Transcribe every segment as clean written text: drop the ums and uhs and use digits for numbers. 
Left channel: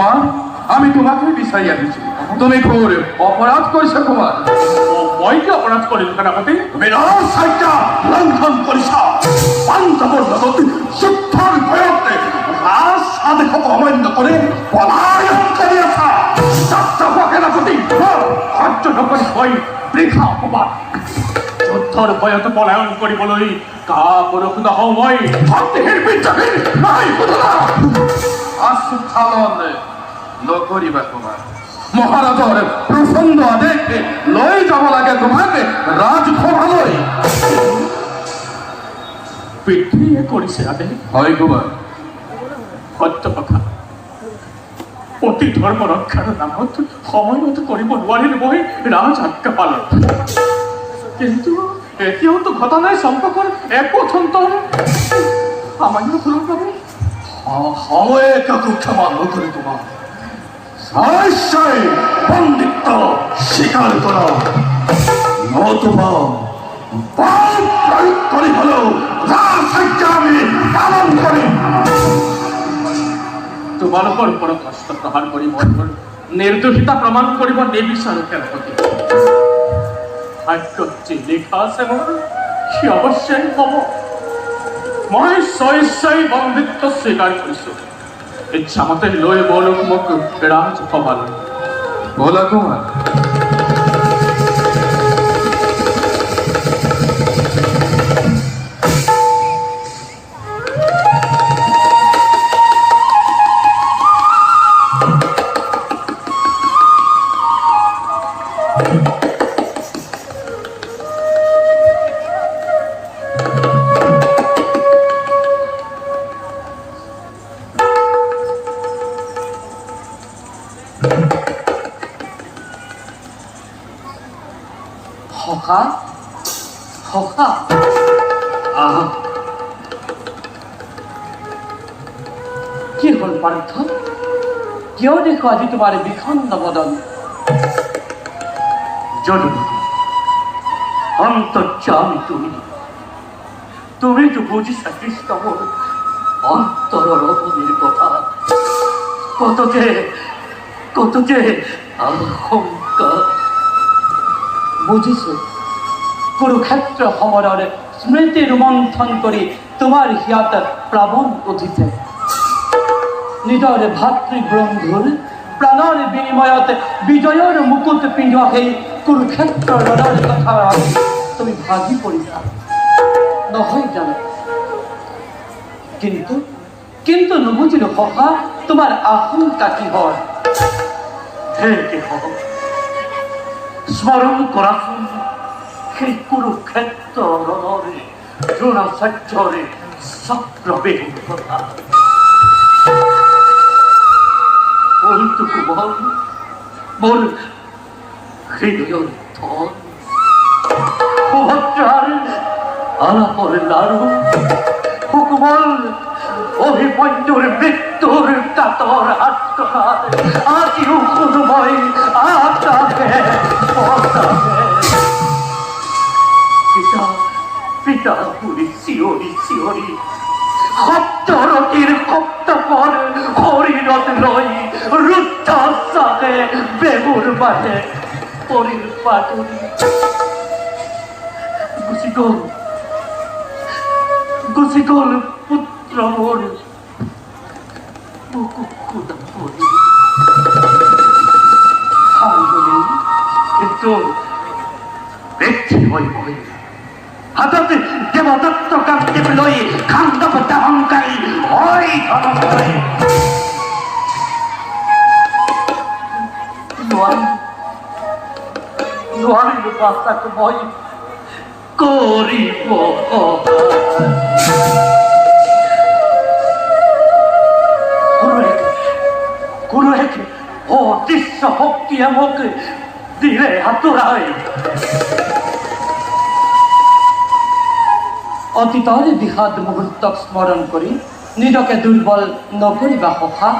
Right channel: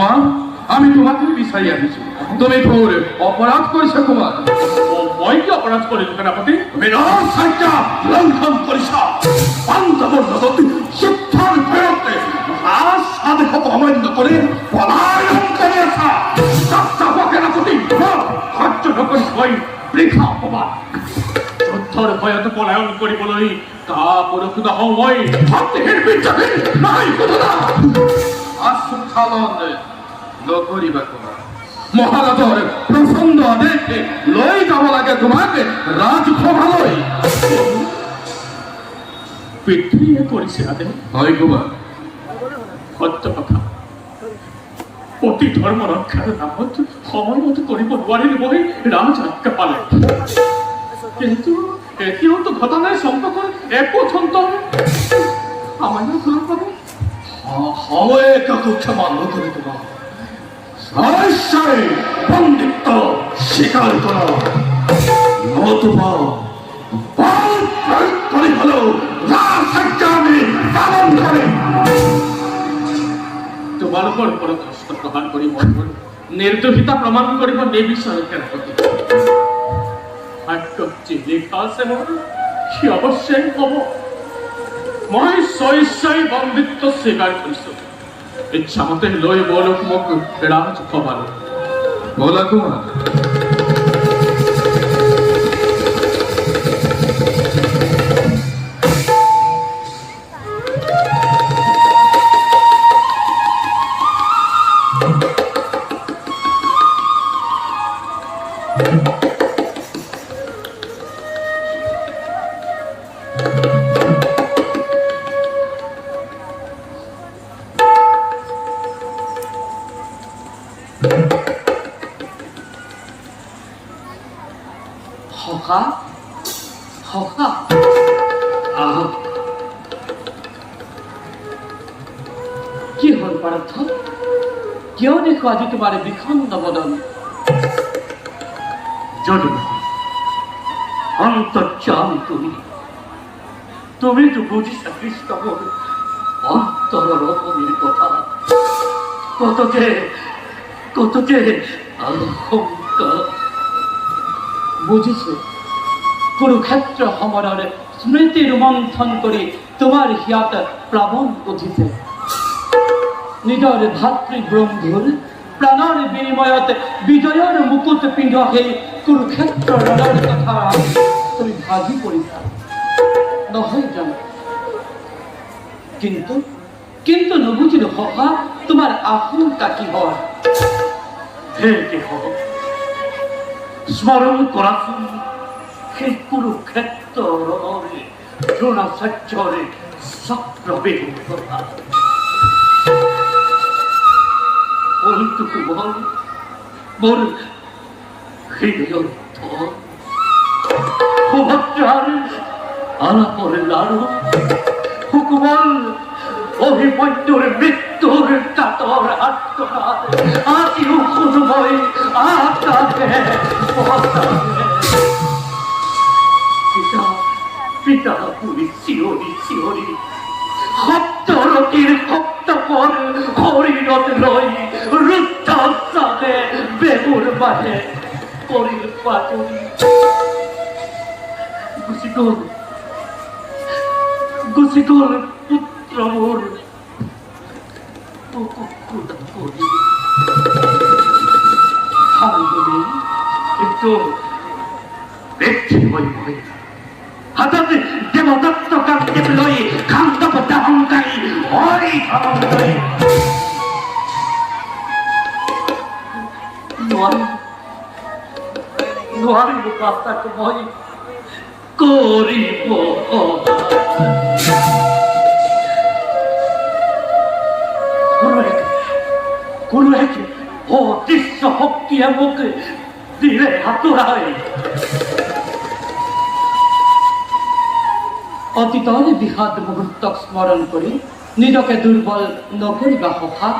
কুমার, আমি তোমাকে বিচারিয়া দিছি, তুমি ঘোর অপরাধ করিস কুমার। মই কি অপরাধ করিল সেনাপতি? তুমি রাজসাজ্ঞা লঙ্ঘন করিস, পাঞ্জাবর নদী শিক্ষার ভয়তে রাজ সাধক অমান্য করে পলায়ন করিয়াছ। সেনাপতি সহ্য নকরি ভয় বৃথা অপমান। যুদ্ধর ভয়ত পলায়ন করিবলৈ কা পরক্ষিত হও মই ভক্তিহীন বিদ্যাহীন নাই বুঝলা। আস্থালন নকরিবা কুমার। মহারাজর প্রচন্ড আদেশে লৈ যাব লাগে তোমাকে রাজসভালৈ। পৃথিৱীয়ে কৰিছে আদেশ। হয় কুমার, সত্য কথা। অতি ধৰ্ম ৰক্ষাৰ নামত সময়মত কৰিব নোৱাৰিল মই ৰাজ আজ্ঞা পালন। কিন্তু এতিয়াওতো ঘটনাই সম্পৰ্কৰ একো অন্তর সামান্য ভুলৰ বাবে সময়ে কাকু ক্ষমা নকরে তোমার। সারাই বন্দিত্ব স্বীকার করো, নতুবা বল প্রয়োগ করে হলো রাজসাজ্ঞা আমি পালন করে। তোমালোকৰ ওপৰত অস্ত্ৰ প্ৰহাৰ কৰি মই মোৰ নিৰ্দোষিতা প্ৰমাণ কৰিব নিবিচাৰোঁ সেনাপতি। ভাগ্যত যি লিখা আছে মোৰ সি অৱশ্যেই হ'ব। মই স্বইচ্ছাই বন্দিত্ব স্বীকাৰ কৰিছোঁ। ইচ্ছামতে লৈ বলক মোক ৰাজসভালৈ। বলা কুমার। সখা, সখা, কি হল পাৰ্থ? কিয় দেখো আজি তোমাৰ বিষণ্ণ বদন? জননী অন্তর্যামী তুমি, তুমি তো বুঝিছা কৃষ্ণ মোর অন্তর রতনের কথা। কত যে আশঙ্কা। বুজিছো, কুৰুক্ষেত্ৰ সমৰৰ স্মৃতি ৰোমন্থন কৰি তোমাৰ হিয়াত প্লাৱন উঠিছে। নিজৰ ভাতৃবন্ধুৰ প্ৰাণৰ বিনিময়ত বিজয়ৰ মুকুট পিন্ধোৱা সেই কুৰুক্ষেত্ৰৰ ৰণৰ কথা তুমি ভাগি পৰিছা নহয় জানো? কিন্তু নুবুজিলো সখা, তোমাৰ আশংকা কি হয়? হে কেহ স্মরণ করাচোন সেই কুরুক্ষেত্র রণরে দ্রোণাচার্যরে চক্রবেগের কথা। বলতো কুমল মোর হৃদয়ের ধন, সুভদ্রার আলাপর লাড়ু, হুকুমল অভিমন্যুর মৃত্যুর কাতর আত্মনাদ আজিও কোনোময় আকাশে পতাবে। পিতা পুরি শিয়রি শিয়রি সপ্তরতির সপ্তপর হরিণত লই রুদ্ধাসাকে বেগুর বাজে পরির পাটুরি গুছি গল পুত্র মোর বুকুকুদা করি। কিন্তু ব্যক্তি হই বই হাততে দেবদত্ত কান্তি লই খান্দব দাহংকারী ওই ধনঞ্জয় নোয়ারিল পাশাক মই করিব। কোনো এক অদৃশ্য শক্তিয়ে মোক দিলে আঁতৰাই। অতীতৰ বিষাদ মুহূৰ্তক স্মৰণ কৰি নিজকে দুৰ্বল নকৰিবা সখা।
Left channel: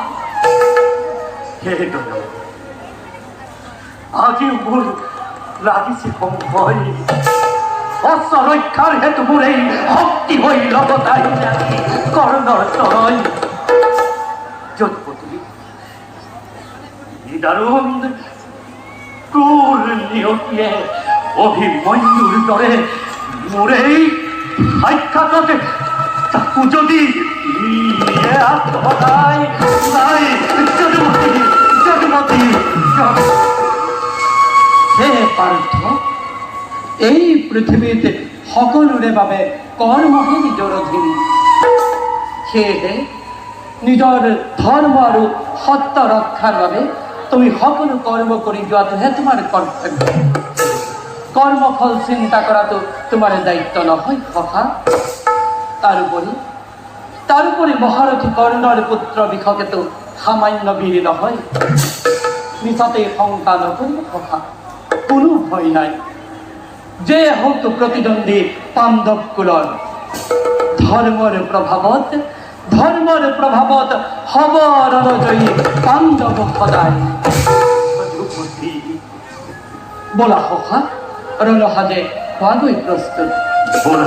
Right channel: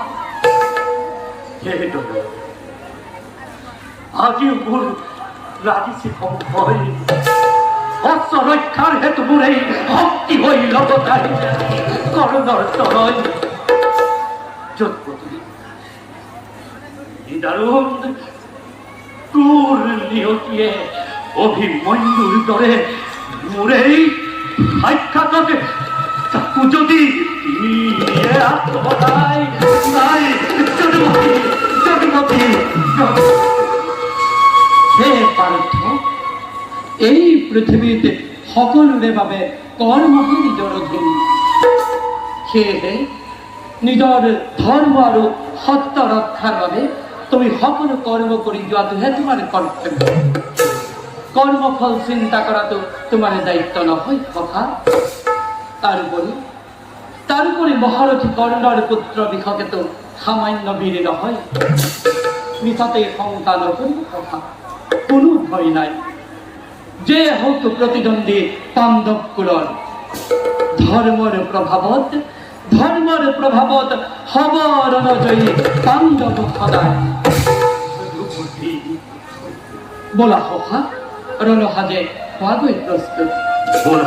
আজিও মোৰ লাগিছে সংশয়। অস্ত্ৰ ৰক্ষাৰ হেতু মোৰ এই শক্তি হৈ লগত আহি কৰ্ণৰ তৰই। যদুপতি দারুণ ক্রূর নিয়তিয়ে অভিমন্যুর দরে মোরেই সাক্ষাৎ তাকু যদি নাই নাই জন্মতি জন্মতি হে পার্থ এই পৃথিৱীত সকলোৰে বাবে কৰ্মহে নিজৰ অধীন সেয়েহে নিজৰ ধৰ্ম আৰু সত্য ৰক্ষাৰ বাবে তুমি সকলো কৰ্ম কৰি যোৱাটোহে তোমাৰ কৰ্তব্য কৰ্মফল চিন্তা কৰাটো তোমাৰ দায়িত্ব নহয় সখা তাৰোপৰি মহাৰথী কৰ্ণৰ পুত্ৰ বিষকেতো সামান্য বীৰ নহয় মিছাতে শংকা নকৰিব সখা কোনো ভয় নাই যে হওক প্ৰতিদ্বন্দ্বী পাণ্ডৱ কুলৰ ধৰ্মৰ প্ৰভাৱত হব ৰণজয়ী পাণ্ডৱ সদায় বলা সখা ৰণসাজে হোৱাগৈ প্ৰস্তুত বলা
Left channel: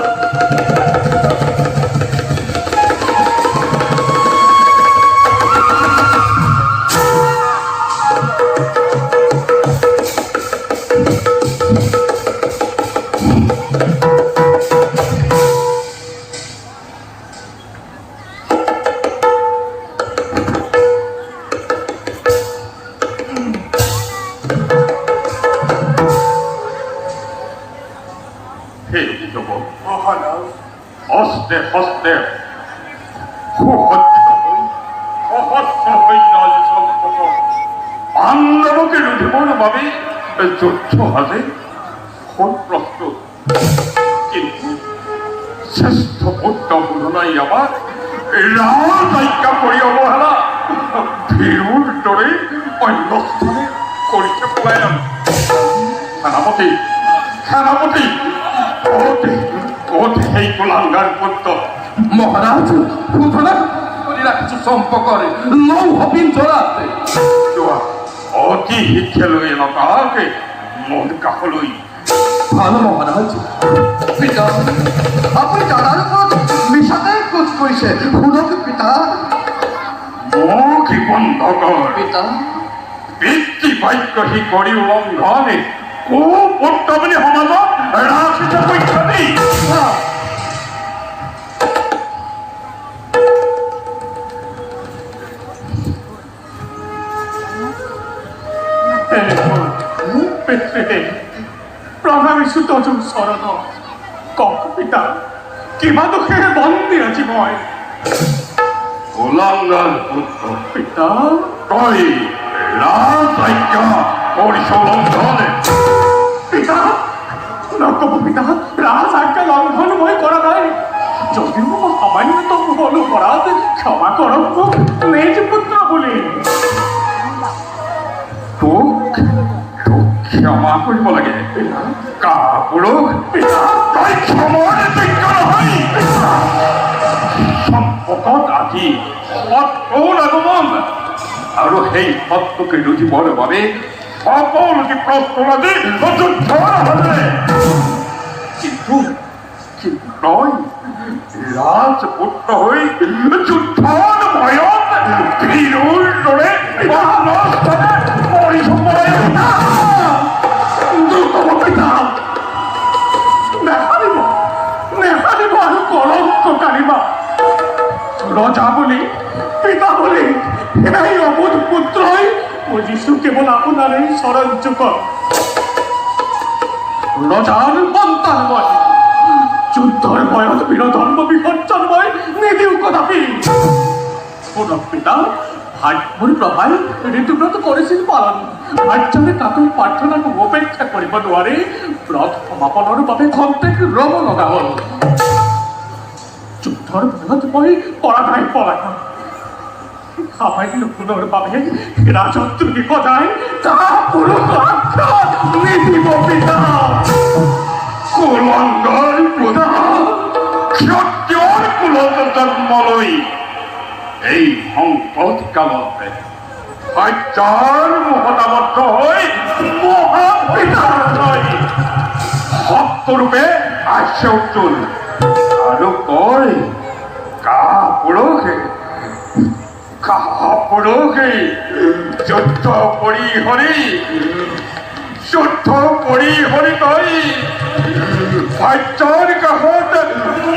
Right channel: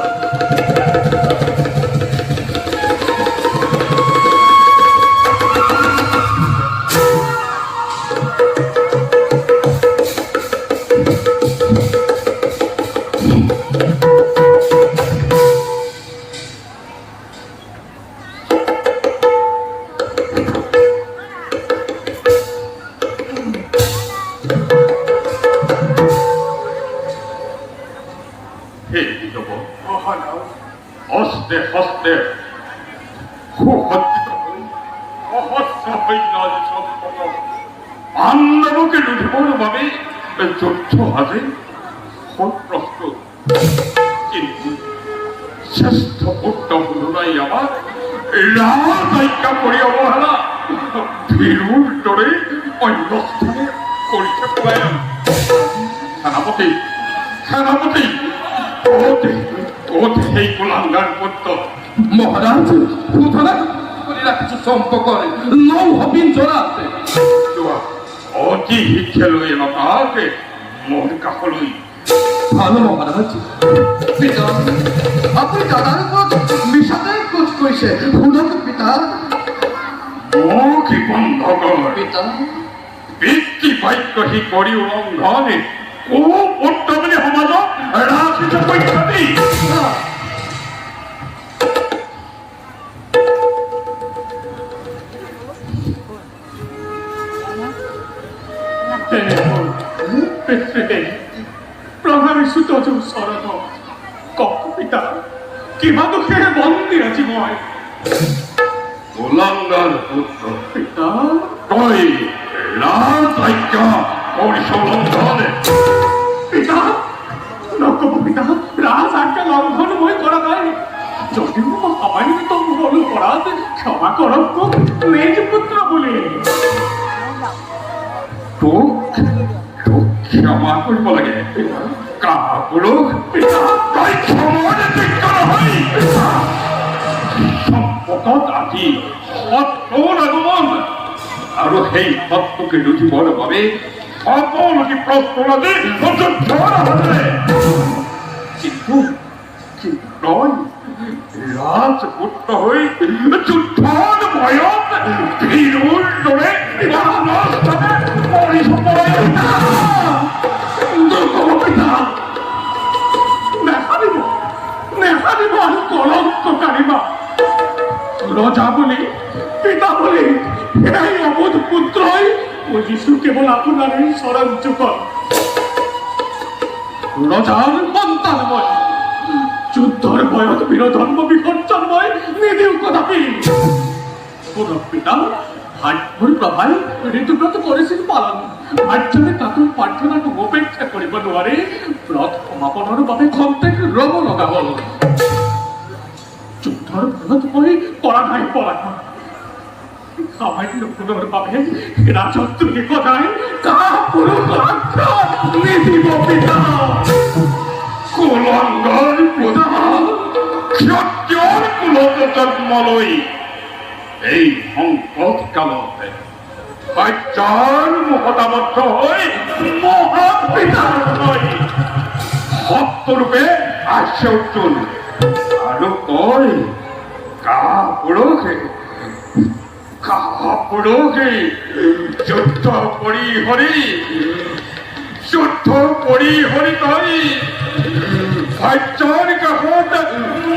হস্তে হস্তে সুসজ্জিত হৈ সহস্ৰ সৈন্য সম্পৰ্ক পাণ্ডৱকে লুটিবৰ বাবে যুদ্ধ সাজে প্ৰস্তুত কিন্তু শ্ৰেষ্ঠ পুত্ৰ শোধনাই আমাক ৰাজআজ্ঞা কৰি অৱহেলা ভীৰুৰ দৰে অন্য স্থানে কৰিছে পলায়ন সেনাপতি ক'ত সেই কুলাংগাৰ পুত্ৰ মহারাজ সুতরাং কলিরা কিছু সম্পর্কে লৌহ পিঞ্জরা আছে অতি শিক্ষা লৈ নকাকে মোৰ কাষলৈ ভালো মহারাজ পিতা আপনি দাদার উপর মিশাতে খোঁজ কৰিছে শুনক পিতা মোক বন্ধ কৰ পিতা পিতৃ বাক্য সি কৰি উলংঘনে পুত্ৰ বুলি সমাজত ৰাজনীতি পক্ষী প্ৰণামিছো তজুৰ চৰণ কক পিতা কিবা দুখেৰে বন্দী আজি মই কুলাংগাৰ পুত্ৰ পিতা তই ৰাজআজ্ঞা কৰিছ উলংঘনে পিতা নকব পিতা ৰাজআজ্ঞা লংঘন মই কৰা নাই যদিও মই সামান্যতম হলো পৰাত ক্ষমা কৰক মোক নিজ পুত্ৰ বুলি তোক ক্ষমা কৰিব লাগে কাপুৰুষ তই ক্ষমাৰ যোগ্য নহয় সম্পৰ্কত আজি সত্ৰৰ আগমন আৰু সেই সত্যকে লুটিবৰ বাবে সকলোকে প্ৰস্তুত আজি যুদ্ধৰ হাতেৰে কিন্তু তই ৰাজপুত্ৰ হৈ যুদ্ধৰ ভয়ত ভীৰুৰ দৰে নেহাৰিব আৰু কলংক কাঢ়িবা ৰজা বুলি পিতা বুলি এই অবোধ পুত্ৰই বুজিছো কেৱল আপোনাৰে চৰণ যুগত ৰজাৰ সন্তান মই যুদ্ধৰ ভয়ত বীৰধৰ্ম বিসৰ্জন মই নিদিওঁ কদাপি শুনক পিতা মোৰ প্ৰভাই ঋতুব্ৰত কৰিছিল পালন ভাৰ্যৰে কাকুৰ প্ৰাৰ্থনাক উপেক্ষা কৰিব নোৱাৰি ব্ৰত সমাপনৰ বাবে খন্তেক ৰব লগা হ'ল যুদ্ধৰ ভয়ত মই পৰা নাই পলায়ন সামান্য পুনৰ বাবে ৰাজত্বকে সদায় কাপুৰুষ নিদিব পিতা কুলংগাৰ পুত্ৰ ক্ষত্ৰিয়ৰ কুলত জন্ম লৈ এই সংকট কালতে সত্যৰ মুখত আবদ্ধ হৈ মহাপিতা সত্যৰূপে আছে উজ্জ্বল আৰু তই কাপুৰুষে যুদ্ধ কৰি হৰি তই ভাজ্যৰ কাষত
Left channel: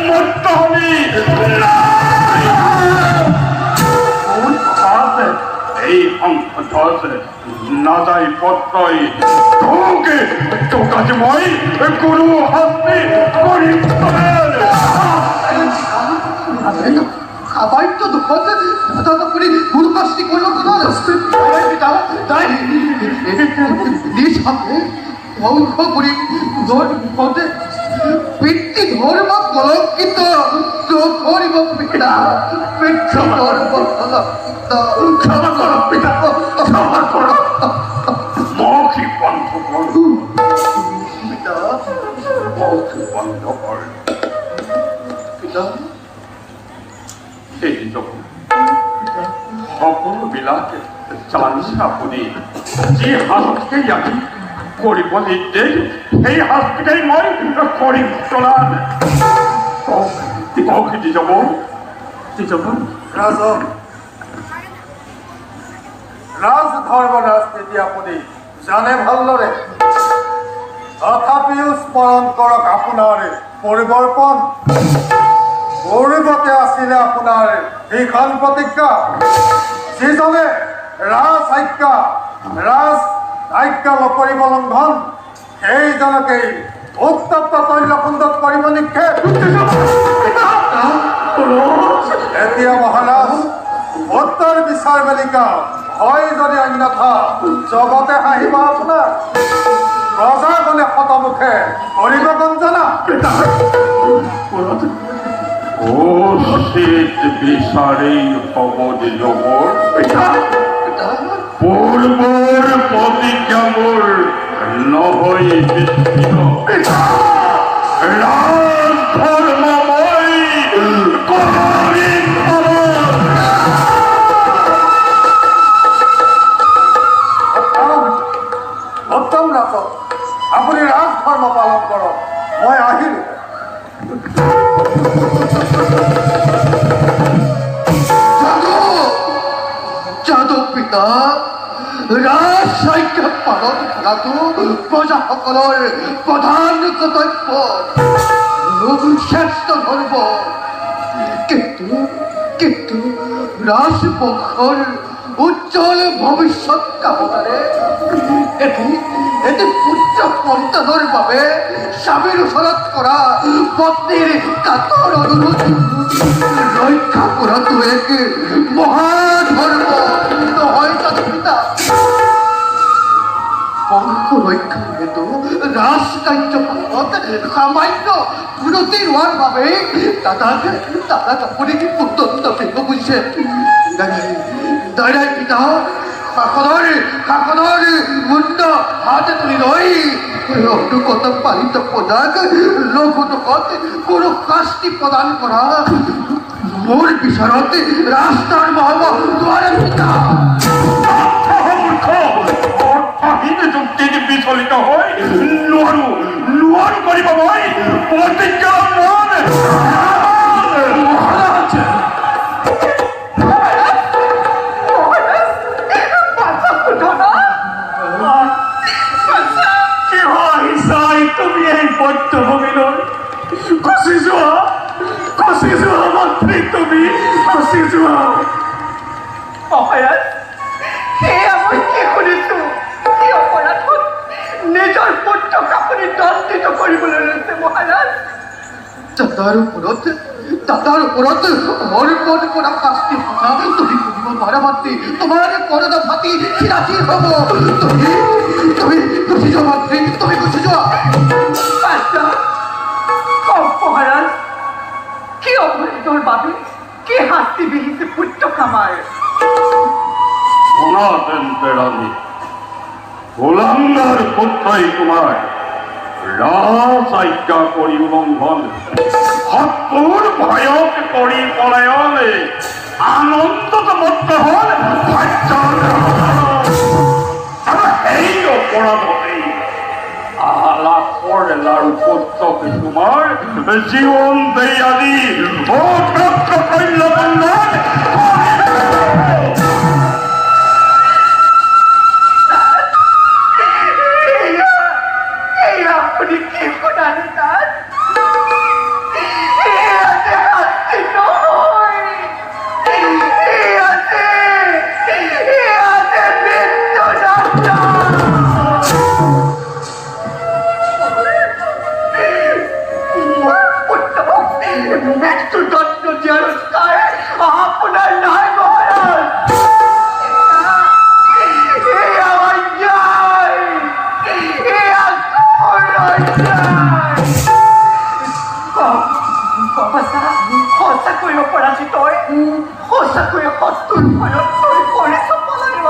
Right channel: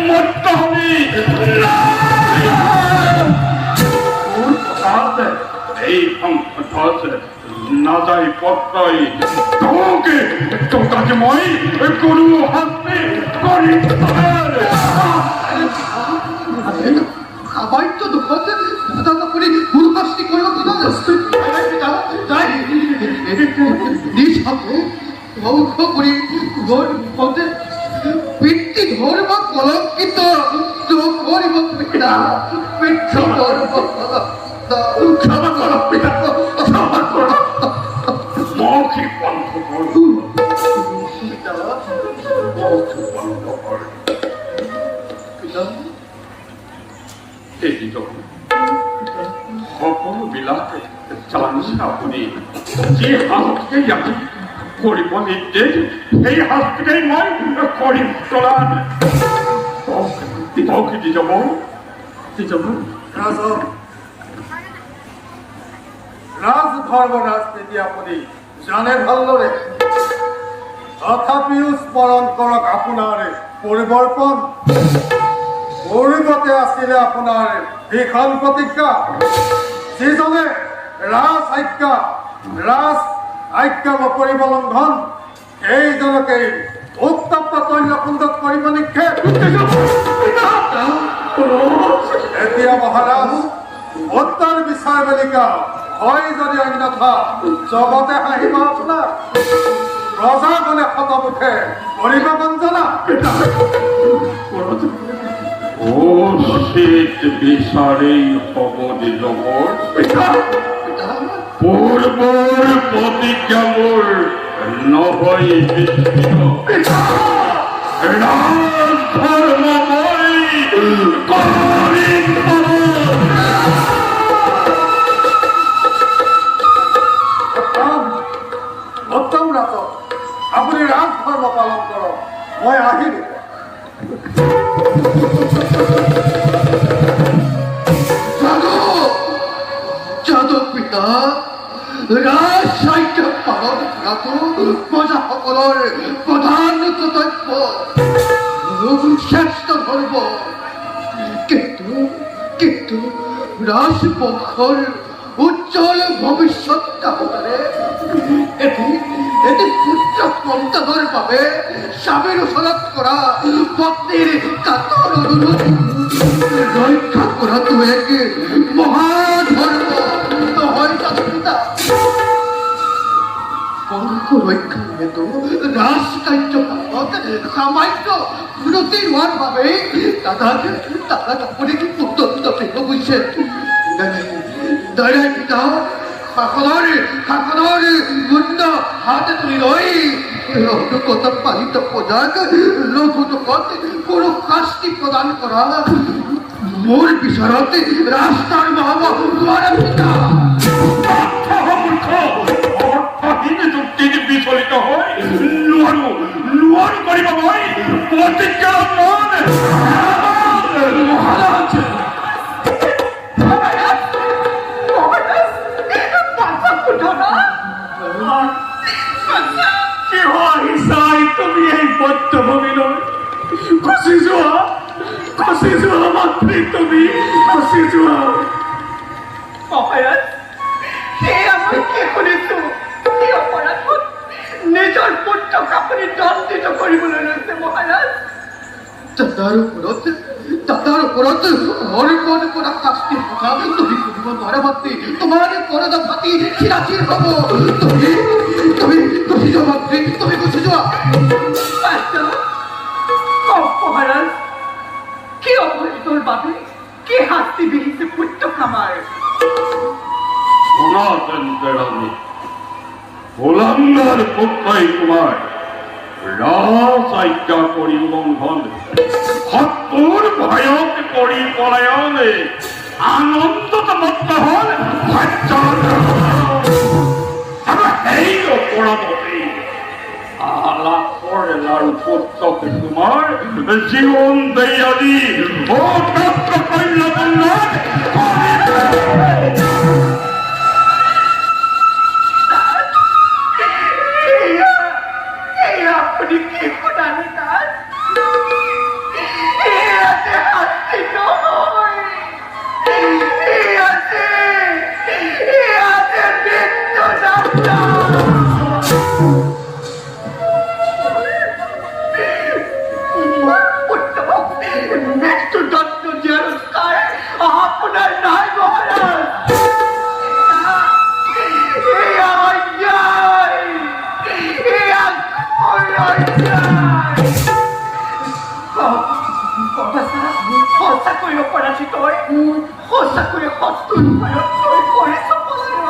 মত্ত হবি এই সংকটত নাযায় পত্ৰই তোক আজি মই গুৰু শাস্তি কৰিম সামান্য দুখত দাদা আপুনি গুৰু শাস্তি কৰিব পিতা তাই নিজ হাতে ধ্বংস কৰি পুনৰ মুখতে পিতৃ ধৰ্ম কলংকিত নকৰিব পিতা পিতৃ ধৰ্ম ক্ষমা কৰ পিতা ক্ষমা কৰ মৌখি বন্ধ কৰ পিতা মৌখি বন্ধ কৰ পিতা এই জগত সকলোবিলাক জানিছে আপুনি যি শাস্তি আমি কৰিব নিৰ্দেশ সেই শাস্তিকেই মই কৰিম চলান দি যাব ৰাজধৰ্ম ৰাজনীতি আপুনি জানে ভালদৰে তথাপিও স্মৰণ কৰক আপোনাৰ পৰিৱৰ্তন পূৰ্বতে আছিলে আপোনাৰ ভীষণ প্ৰতিজ্ঞা যিজনে ৰাজ আজ্ঞা নকৰিব লংঘন সেইজনকেই উত্তপ্ত তৈলকুণ্ডত কৰিব নিক্ষেপ এতিয়া মহাৰাজ উত্তৰ বিচাৰ বেলিকা হয় যদি অন্যথা জগতে হাঁহিব আপোনাৰ প্ৰজাগণে শতমুখে কৰিব গঞ্জনা শীত বিচাৰেই হ'ব দিলবৰ পূৰ্বৰ প্ৰতিজ্ঞাবোৰ নহয় ৰাজধৰ্মময় কৰিম উত্তম ৰাজক আপুনি ৰাজধৰ্ম পালন কৰক মই আহিলোঁ যাদৱ পিতা ৰাজ আজ্ঞা পালন কৰাটো প্ৰজাসকলৰ প্ৰধান কৰ্তব্য শ্ৰেষ্ঠ ধৰ্ম কিন্তু ৰাজবংশৰ উজ্জ্বল ভৱিষ্যত কামনাৰে এটি পুত্ৰ সন্তানৰ বাবে স্বামীৰ ওচৰত কৰা পত্নীৰ কাতৰ অনুৰোধ ৰক্ষা কৰাটো এক মহাধৰ্ম নহয় জানো পিতা বংশ ৰক্ষাৰ হেতু ৰাজ কাৰ্যপালত সামান্য ত্ৰুটি হোৱাৰ বাবে দাদাক আপুনি উদণ্ড দিব বুজিছে দাদাই পিতা শাসনৰ মুণ্ড হাতে তুলি লৈ অনুগত পালিত প্ৰজাক লঘু দুখত কোনো শাস্তি প্ৰদান কৰা মোৰ বিচাৰত ৰাস্তাৰ মহাব নোৱাৰে পিতা যুক্তি বিচলিত হৈ নোৱাৰো কৰিব মই প্ৰতিজ্ঞা মহাৰাজ তুমি এই পথ্যভূমিলৈ খচি যোৱা মাতৃ তুমি খচি যোৱা মহাৰাজ সেয়া মই কি শুনিছো কি অপৰাধত নিজৰ পুত্ৰক আপুনি দণ্ডিত কৰিবলৈ লৈছে মহাৰাজ দাদাৰ ওপৰত হৰমন কৰা শাস্তি কথা তুমি শুনিব নোৱাৰা মাতৃ তোমাৰ পৰদা ফাটি চিৰাচিৰ হ'ব তুমি গুচি যোৱা মাতৃ তুমি গুচি যোৱা মহাৰাজ কি অপৰাধৰ বাবে কি শাস্তি বিহিছে পুত্ৰক আমাৰ সনাতন গোলাঙ্গার পুত্রই তোমার রাজ আজ্ঞা করি উলঙ্ঘন শত্ৰুৰ ভয়ক কৰি পলায়নে আনন্দত মত্ত হল আৰু সেই অপৰাধতেই আলাপৰ লাৰু পুত্ৰকে তোমাৰ জীৱন দেই আদি ভয়ঙ্কর করেছ পলায়ন।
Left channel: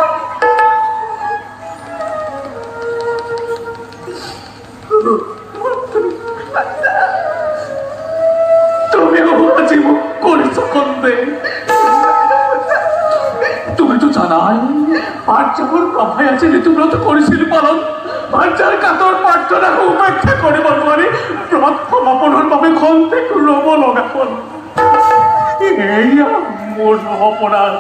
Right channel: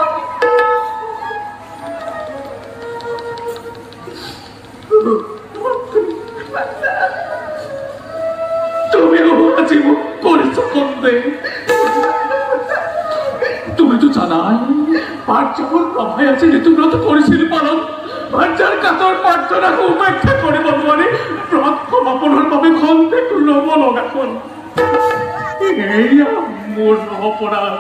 তুমিও জীবন করেছ কন্দে। তুমি তো জানাই পাঠ যখন প্রভায় আছে ঋতুব্রত করেছিল পালন, বাচ্চার কাতর প্রার্থনাকে উপেক্ষা করে বলবারে ব্রত ক্ষমাপনের ভাবে খন থেকে রব লগাখন। এই মোর অপরাধ।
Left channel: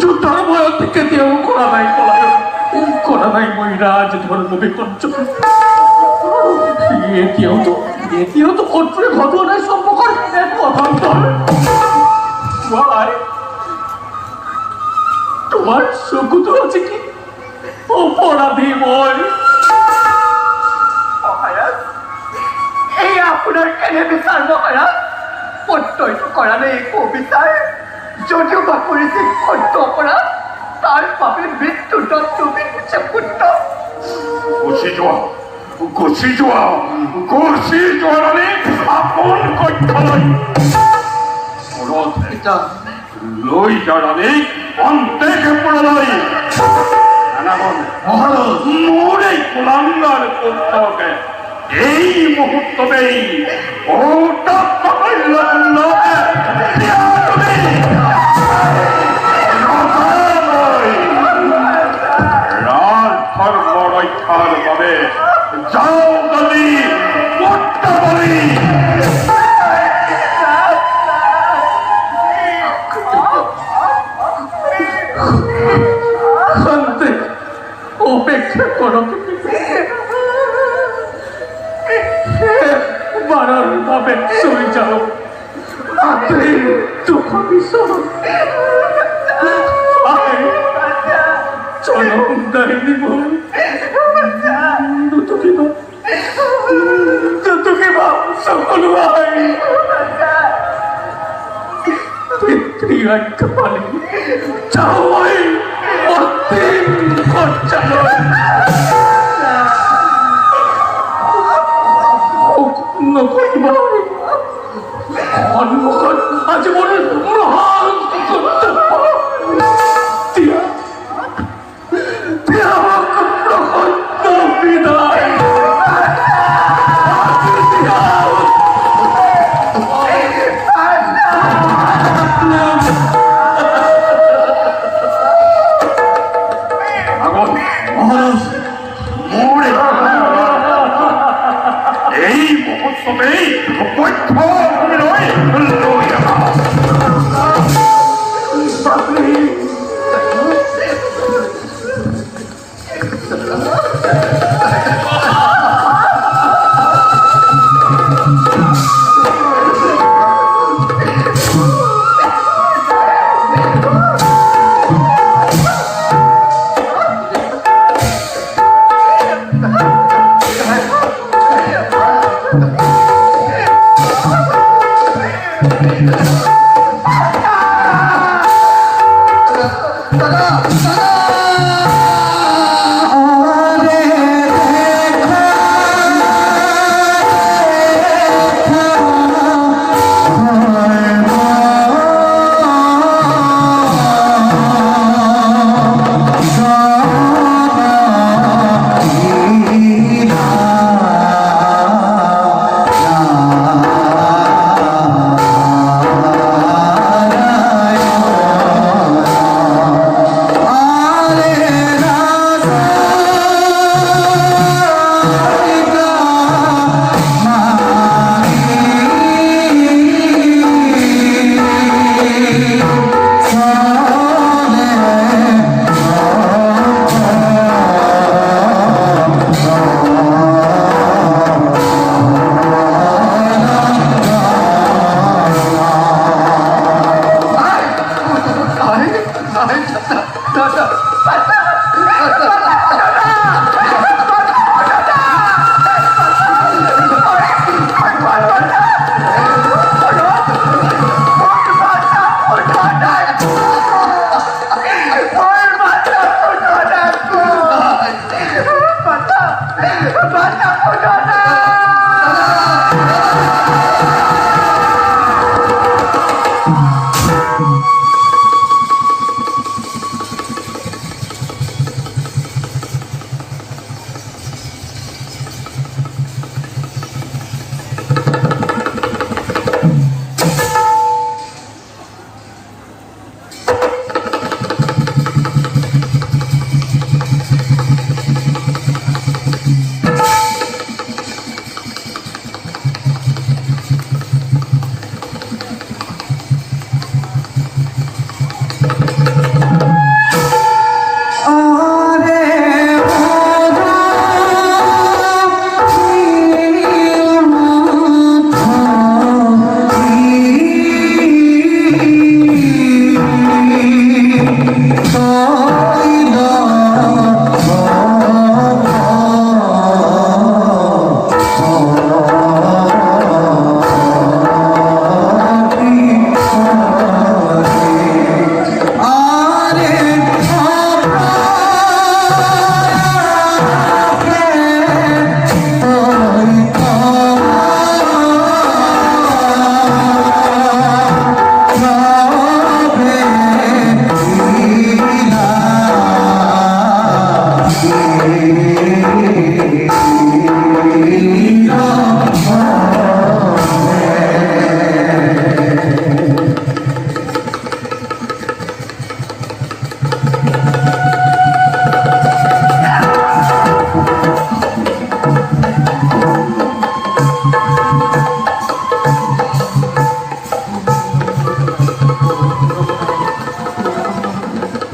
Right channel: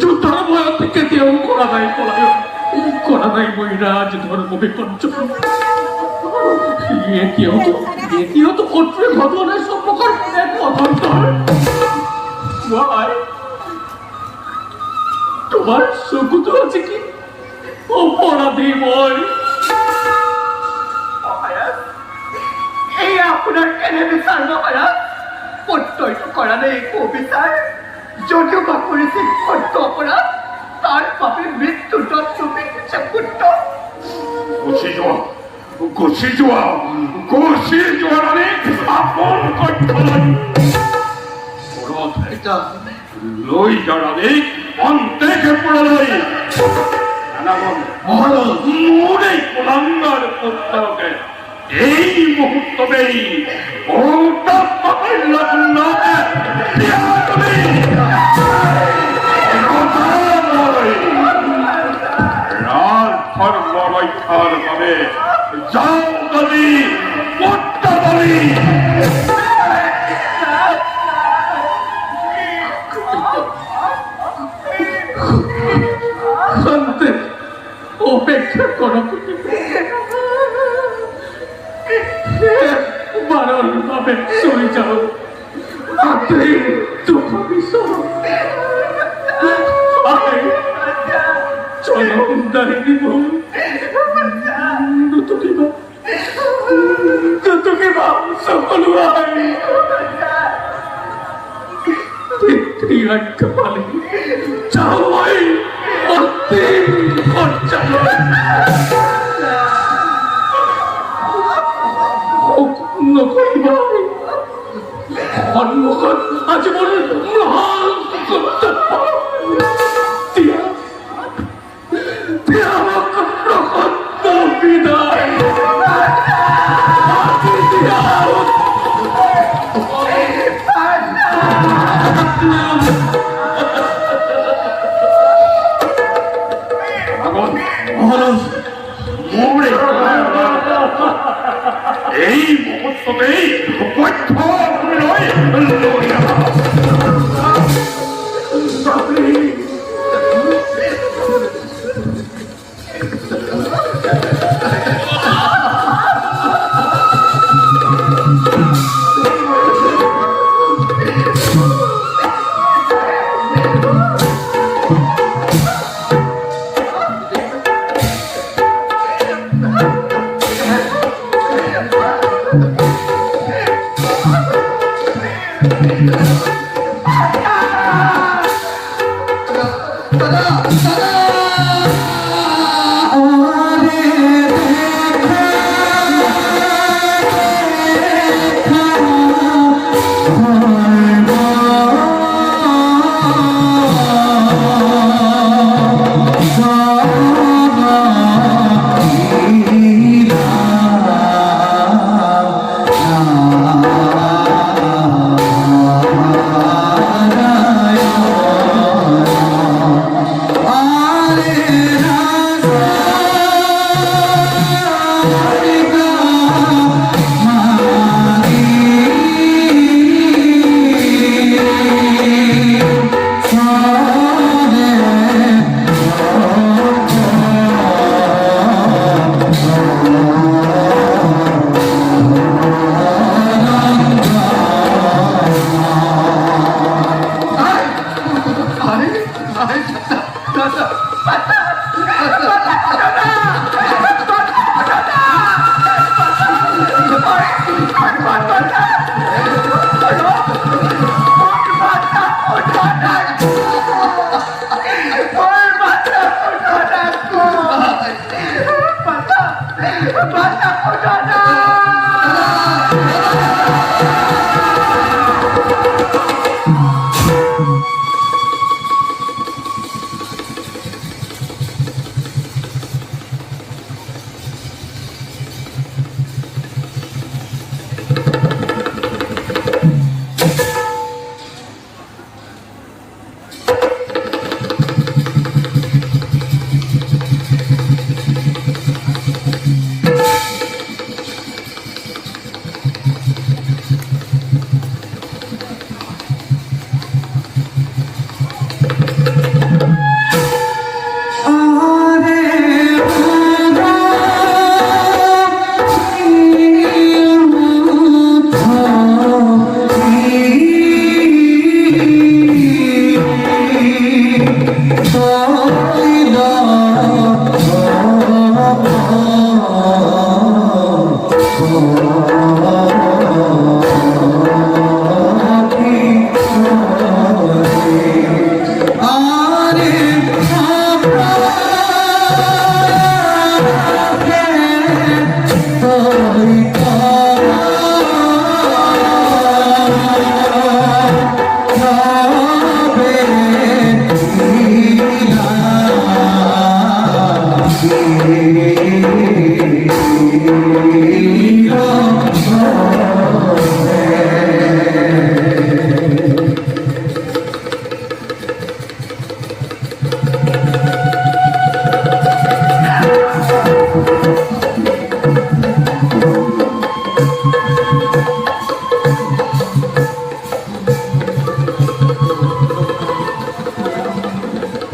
যুদ্ধর ভয় থেকে কেউ করা নাই পলায়ন, করা নাই মহিরাজ ধর্ম বিকঞ্চন। এটিও তো কঠোর ঘটনার সম্পর্ক এক অভান্তর। তোমার সুকুত আছে কি অপরাধী মই? মহারাজ, এই আপনার কেনে বিচার মহারাজ? প্রত্যয় করা নেই বিচার, যদিও বা করেছে সত্য অপরাধ, তার পাপে মৃত্যু দণ্ড বিধিছে পুত্র। গুছি যোৱা মানে আপন কক্ষলৈ লৈ যাৰানে অন্তেকে পুৰলৈ মোৰ এই কুলাঙ্গার পুত্ৰকে এই মুহূৰ্ততেই ধৰ্ম ৰক্ষাৰ বাবে যাও গলি বলি। অপেক্ষা করো, বারণ ভাবে চলে যাও। হাতে দুঃখ বিষয় চলো দাঁড়িয়ে সকল ভাই পিতৃয়াজ্ঞা পালি যাও ভাই অন্তিম খরচা নকরিবার সন্মুখত আজীবন মহান কর্তব্য দিয়া আমাক প্রসন্ন বিদায় এই মুহূর্ততেই বৈধ ভূমিলৈ লৈ আহা।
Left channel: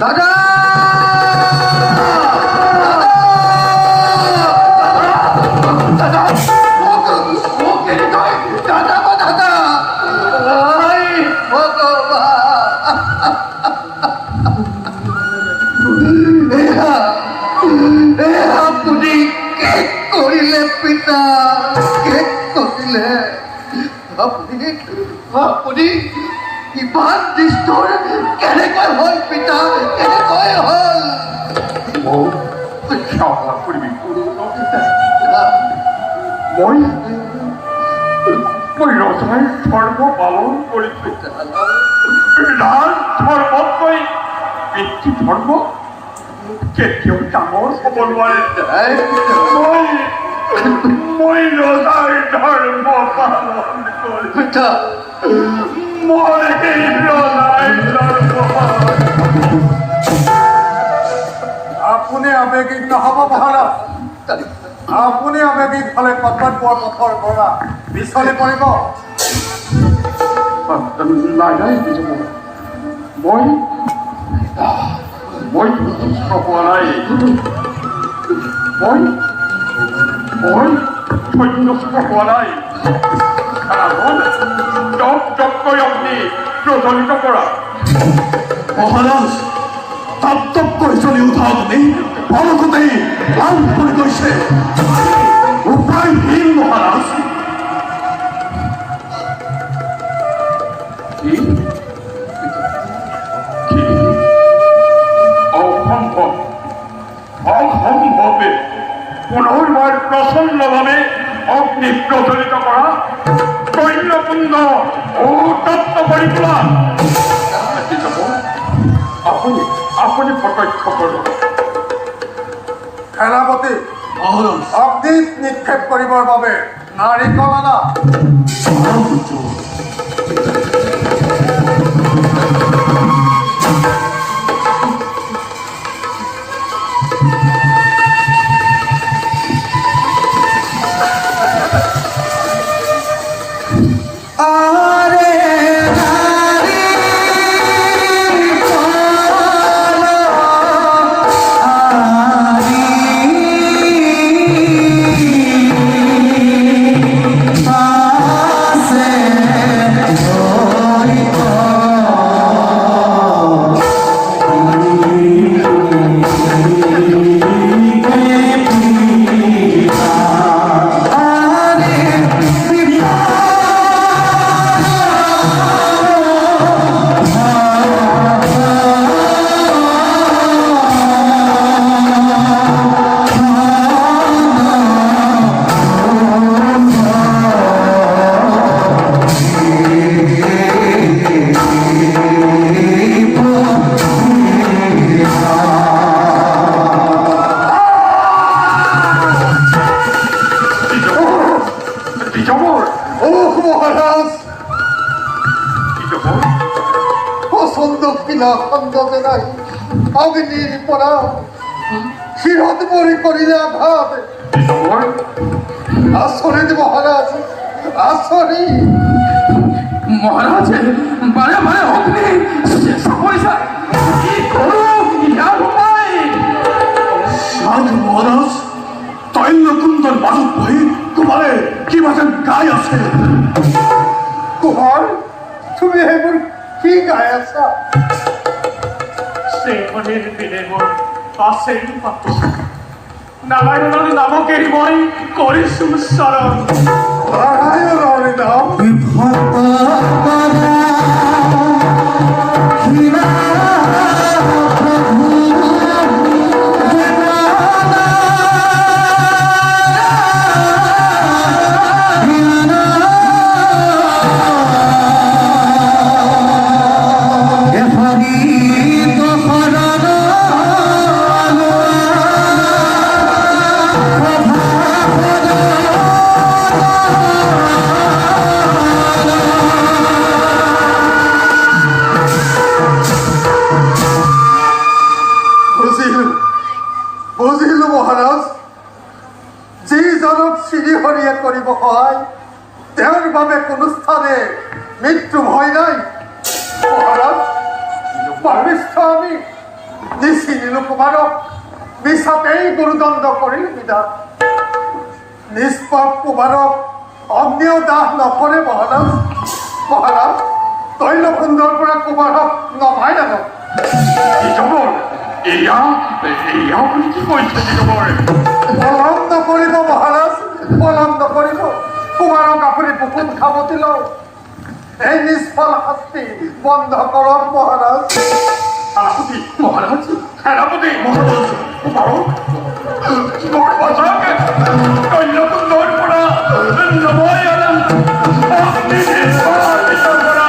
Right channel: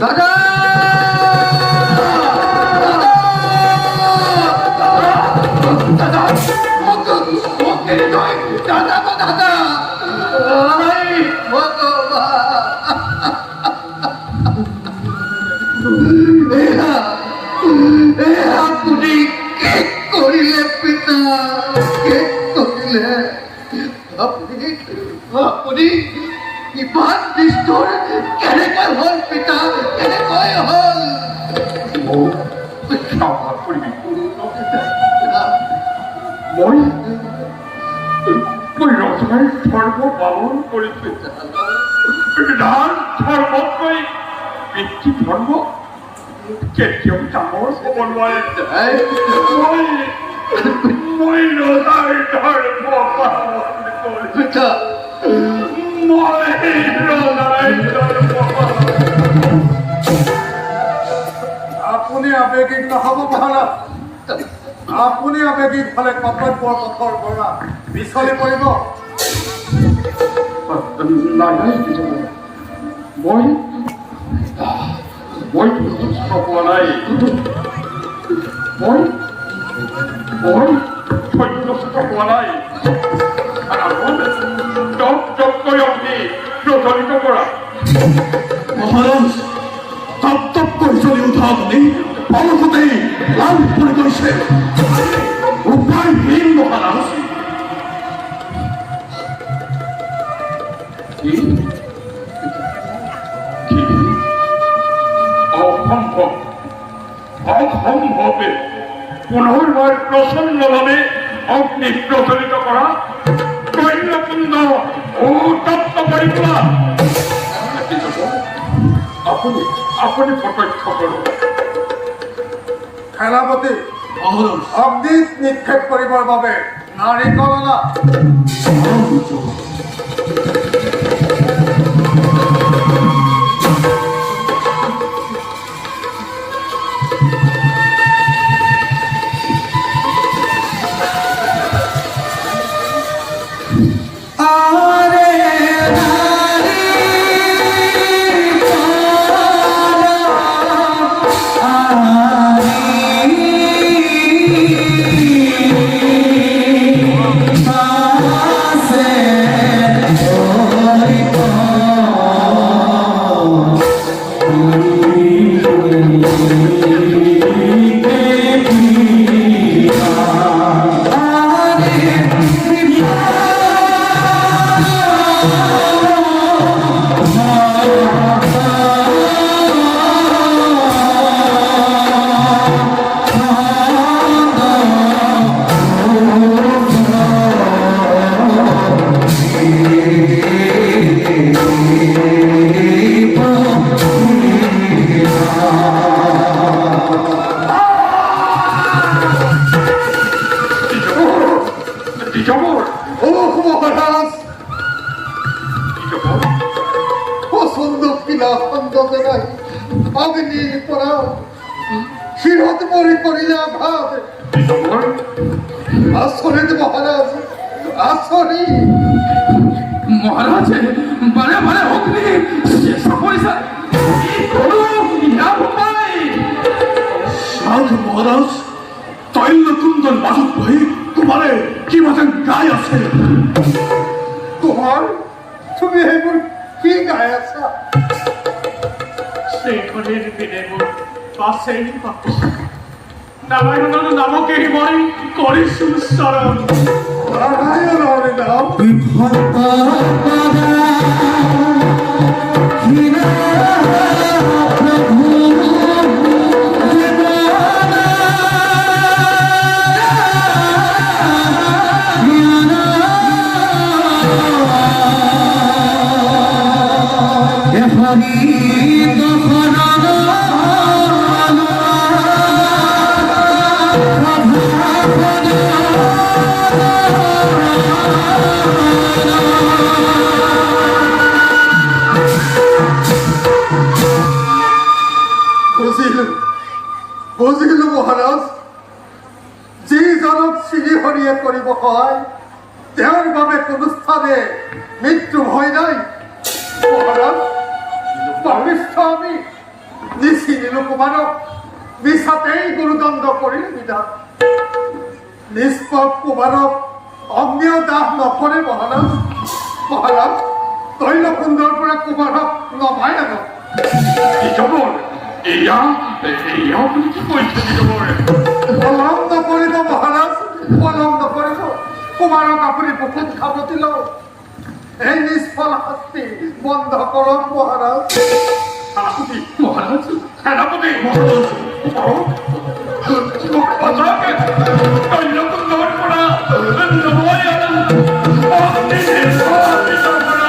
দাদা দাদা ও কেড়ে নয় দাদা বা দাদা আপুনি কে কৰিলে পিতা কে কৰিলে আপুনি আপুনি ইমান নিষ্ঠুৰ কেনেকৈ হ'ল পিতা কেনেকৈ হ'ল ক্ষমা কৰিবি মই ৰজাই ধৰ্ম পালন কৰিছো ৰাজ ধৰ্মতকৈ পিতৃ ধৰ্ম কেতিয়াও ডাঙৰ হ'ব নোৱাৰে মই ৰজাৰ ধৰ্ম পালন কৰিছো পিতা মই ৰজাৰ ধৰ্ম আপুনি আৱেগিক নহ'ব মহাৰাজ আপুনি আৱেগিক হ'লে কৰ্তব্যৰ পথৰ পৰা পিছলি পৰিব নাই নাই মই সন্তুষ্ট হোৱা নাই মই সন্তুষ্ট হোৱা নাই তপকৈ আপুনি প্ৰচলিত কৰা মহাৰাজ তপ্তকৈ জ্বলি উঠা অগ্নি অলপতেই লাল পৰি গৈছে উপায়হীন মহাৰাজ অসম্ভৱে পুনৰবাৰ প্ৰচণ্ডভাৱে অগ্নি প্ৰচলিত কৰা কন্যকুণ্ড উত্তপ্ত কৰি তোলা আপুনি প্ৰত্যক্ষ কৰক সেনাপতি মহাৰাজ অগ্নিত নিক্ষেপ কৰিবৰ বাবে নাৰিকল আনা নাই অগ্নিৰ পৰা শিৰত পৰি কৰিলে আঘাত আচৰিত মহাৰাজ আচৰিত মহাৰাজে বাৰে বাৰে অগ্নি চেষ্টা কৰিছে কি কৰোঁ ইয়াৰ উপায় সাধু মহাৰাজ তৈলকুণ্ডৰ মাজত বহি তোমাৰে কিবা যেন গাই আছে কুমাৰ তুমি সেইবোৰ কি গাই আছা শ্ৰীমণিৰ বিনেমত পাছেই পাতিছো নাৰায়ণৰ নামকেই মই কৰিছো চৰণ নাৰায়ণৰ নাম মহাৰাজ যিজনক শ্ৰীহৰিয়ে কৰিব সহায় তেওঁৰ বাবে কোনো স্থানে মৃত্যু ভয় নাই। মহাৰাজ পাপিষ্ঠ আমি নিচিনিলো কুমাৰক মিছাতেই গুৰুদণ্ড কৰিলে বিধান। নিষ্পাপ কুমাৰক অগ্নিও দাহ নকৰে মহাৰাজ। মহাৰাজ তৈলকুণ্ডৰ পৰা কুমাৰক নমাই আনক। নিজমৰ এয়া বুলি কি কৈছে নিজমৰ? পলম নকৰিব মহাৰাজ, পলম নকৰিব। কুমাৰক আপুনি বুকুত খাবতি লওক। এই নিষ্ফল শাস্তি বন্ধ কৰক মহাৰাজ। সেনাপতি মহাৰাজ, সেনাপতি কুমাৰক মোক বচাওকে তৈলকুণ্ডৰ পৰা নমাই আনা অগ্নিদেৱৰ পৰা।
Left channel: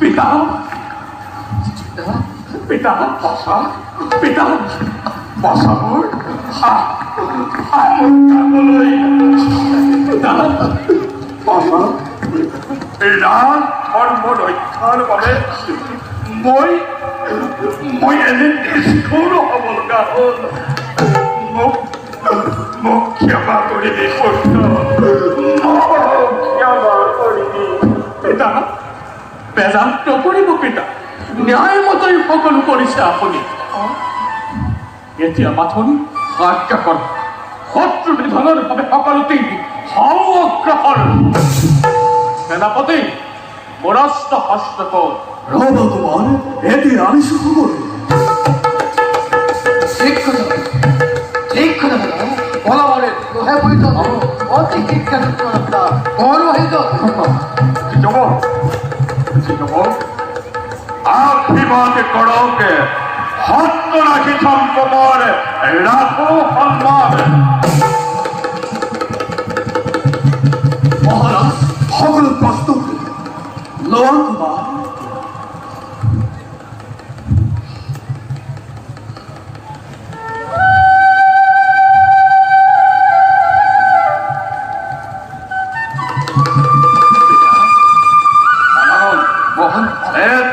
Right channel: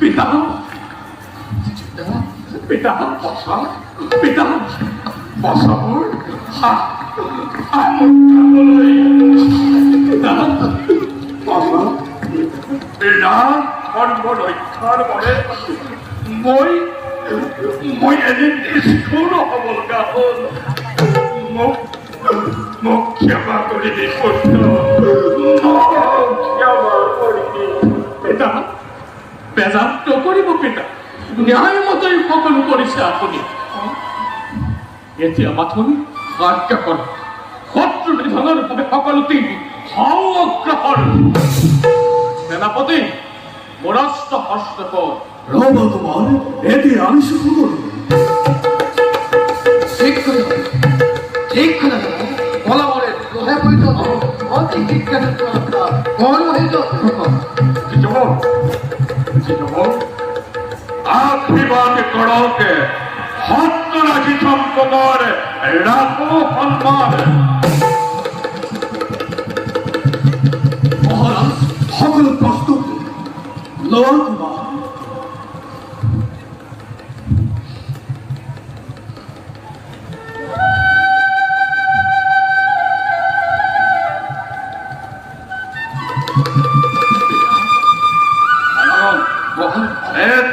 পিতা পিতা বসা, পিতা বসা মোৰ পিতা বসা। ৰাজ ধৰ্ম ৰক্ষাৰ বাবে মই এনে নিষ্ঠুৰ হ'ব লগা হ'ল। মোক ক্ষমা কৰিবি সত্য, ক্ষমা কৰিবি পিতা। বেজাল নকৰিব পিতা, ন্যায়মতেই সকলো কৰিছে আপুনি। এতিয়া মাথোন আজ্ঞা কৰক, শত্ৰু নিধনৰ বাবে সকলোতেই হাও অগ্ৰসৰ। সেনাপতি মোৰস্ত হস্তকত। ৰবা কুমাৰ, এতিয়া আনিছো সকলো। ঠিক কথা দাদা, বলাবলে লোহে পরিচয় অতি শিক্ষাযুক্ত একটা গৌরবাহিত আশীর্বাদ করক, হত্য রাখি সম্পদ রাখো সন্মান। মহারাজ সকলো প্ৰস্তুত লোৱা কুমাৰ।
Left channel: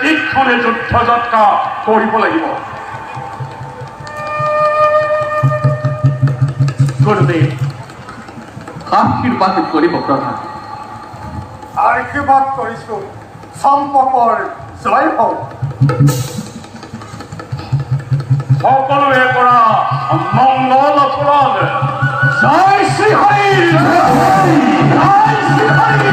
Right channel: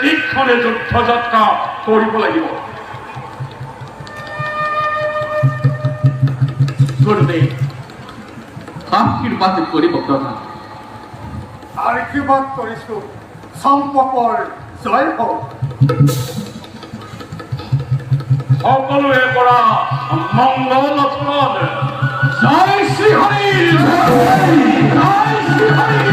তীক্ষণে যুদ্ধ যাত্ৰা কৰিব লাগিব। গুৰুদেৱ আশীৰ্বাদ কৰিব প্ৰধান। আশীৰ্বাদ কৰিছো, চম্পকৰ জয় হওক। সকলোৱে কৰা মংগল আচৰণ। জয় শ্ৰীহৰি, জয় শ্ৰীহৰি, জয় শ্ৰীহৰি,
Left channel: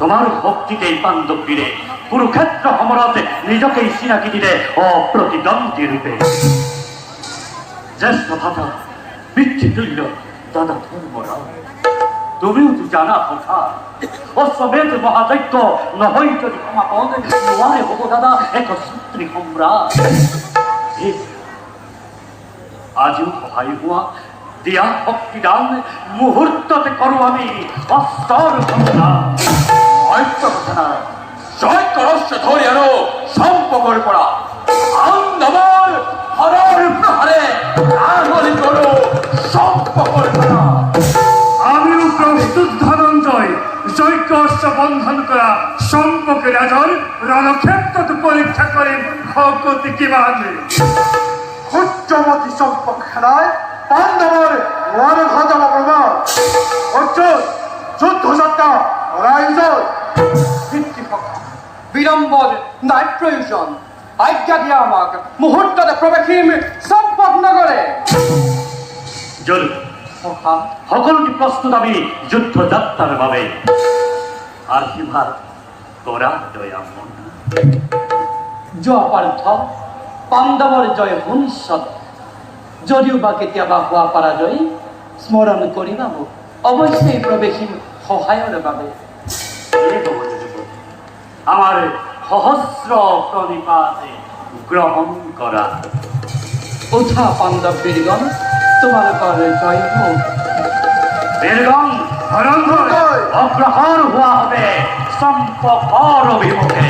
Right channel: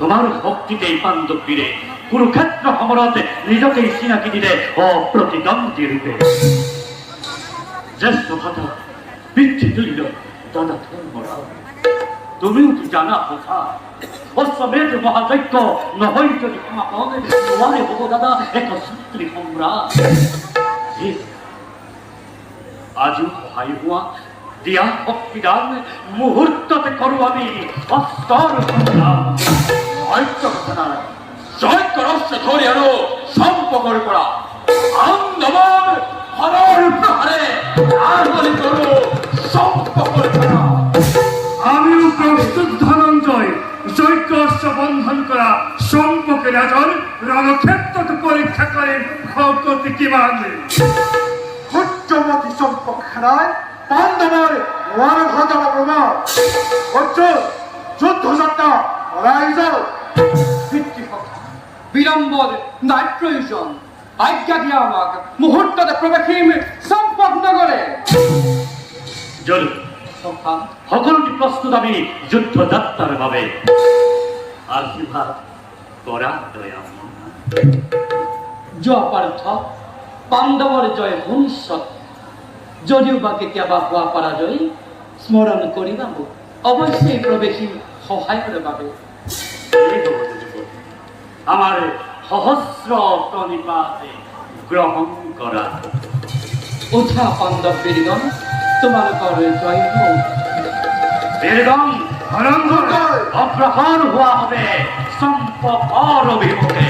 তোমার ভক্তিতে পাণ্ডব বীরে কুরুক্ষেত্র সমরতে নিজকেই চিনাকি দিলে অপ্রতিদ্বন্দ্বী রূপে। জ্যেষ্ঠ ভাতা পিতৃতুল্য দাদা ধর্মরাজ তুমিও তো জানা কথা অশ্বমেধ মহাযজ্ঞ নহয় যদি সমাপন নোৱাৰে হ'ব দাদা এক সূত্ৰী সম্ৰাট আজিও সহায় হোৱা দিয়া শক্তিদান মুহূৰ্ততে কৰোঁ আমি অস্ত্ৰৰ সংগ্ৰাম অন্য কথা নাই যজ্ঞ ৰহস্য ধৰি আৰু সম্পৰ্কৰ পৰা আন্দমৰ হৰৰ প্ৰহাৰে আঙুলি কৰোঁ সম্পৰ্কৰ পৰা আমিও প্রস্তুত ধনঞ্জয় যজ্ঞ বন্ধন করা সম্পর্কে রাজন রণক্ষেত্র পরীক্ষা করেন ভগতি কিমান সূৰ্যমতী চম্পক সেনাই পাণ্ডৱৰ নোৱাৰ ঘৰ প্ৰমাণ অৰ্জুন যুদ্ধযাত্ৰা ৰাইজৰ পিতৃসখা বিলম্বৰ নাই প্ৰয়োজন আজ্ঞা দিয়া আমাক মুহূৰ্ততে প্ৰৱেশিম চম্পক নগৰে জলু সখা সকলোটি প্ৰস্তুত আমি যুদ্ধযাত্ৰাৰ বাবে আশীৰ্বাদ কৰা দয়াময় যোৱা পাৰ্থ পাণ্ডৱৰ জয় সুনিশ্চিত যদিও বা কেতিয়াবা হোৱা পৰাজয় স্মৰণ কৰিবা মোক অৱশ্যেই প্ৰৱেশিম সহায়ৰ বাবে এই হ'ব যুৱতী আমাৰ সহস্ৰ প্ৰণিপাতে গ্ৰহণ কৰা উঠা পাণ্ডৱ বীৰগণ তোমালোকৰ জয় হওক বীৰগণ অগ্ৰসৰ হোৱা হবে চম্পকৰ অভিমুখে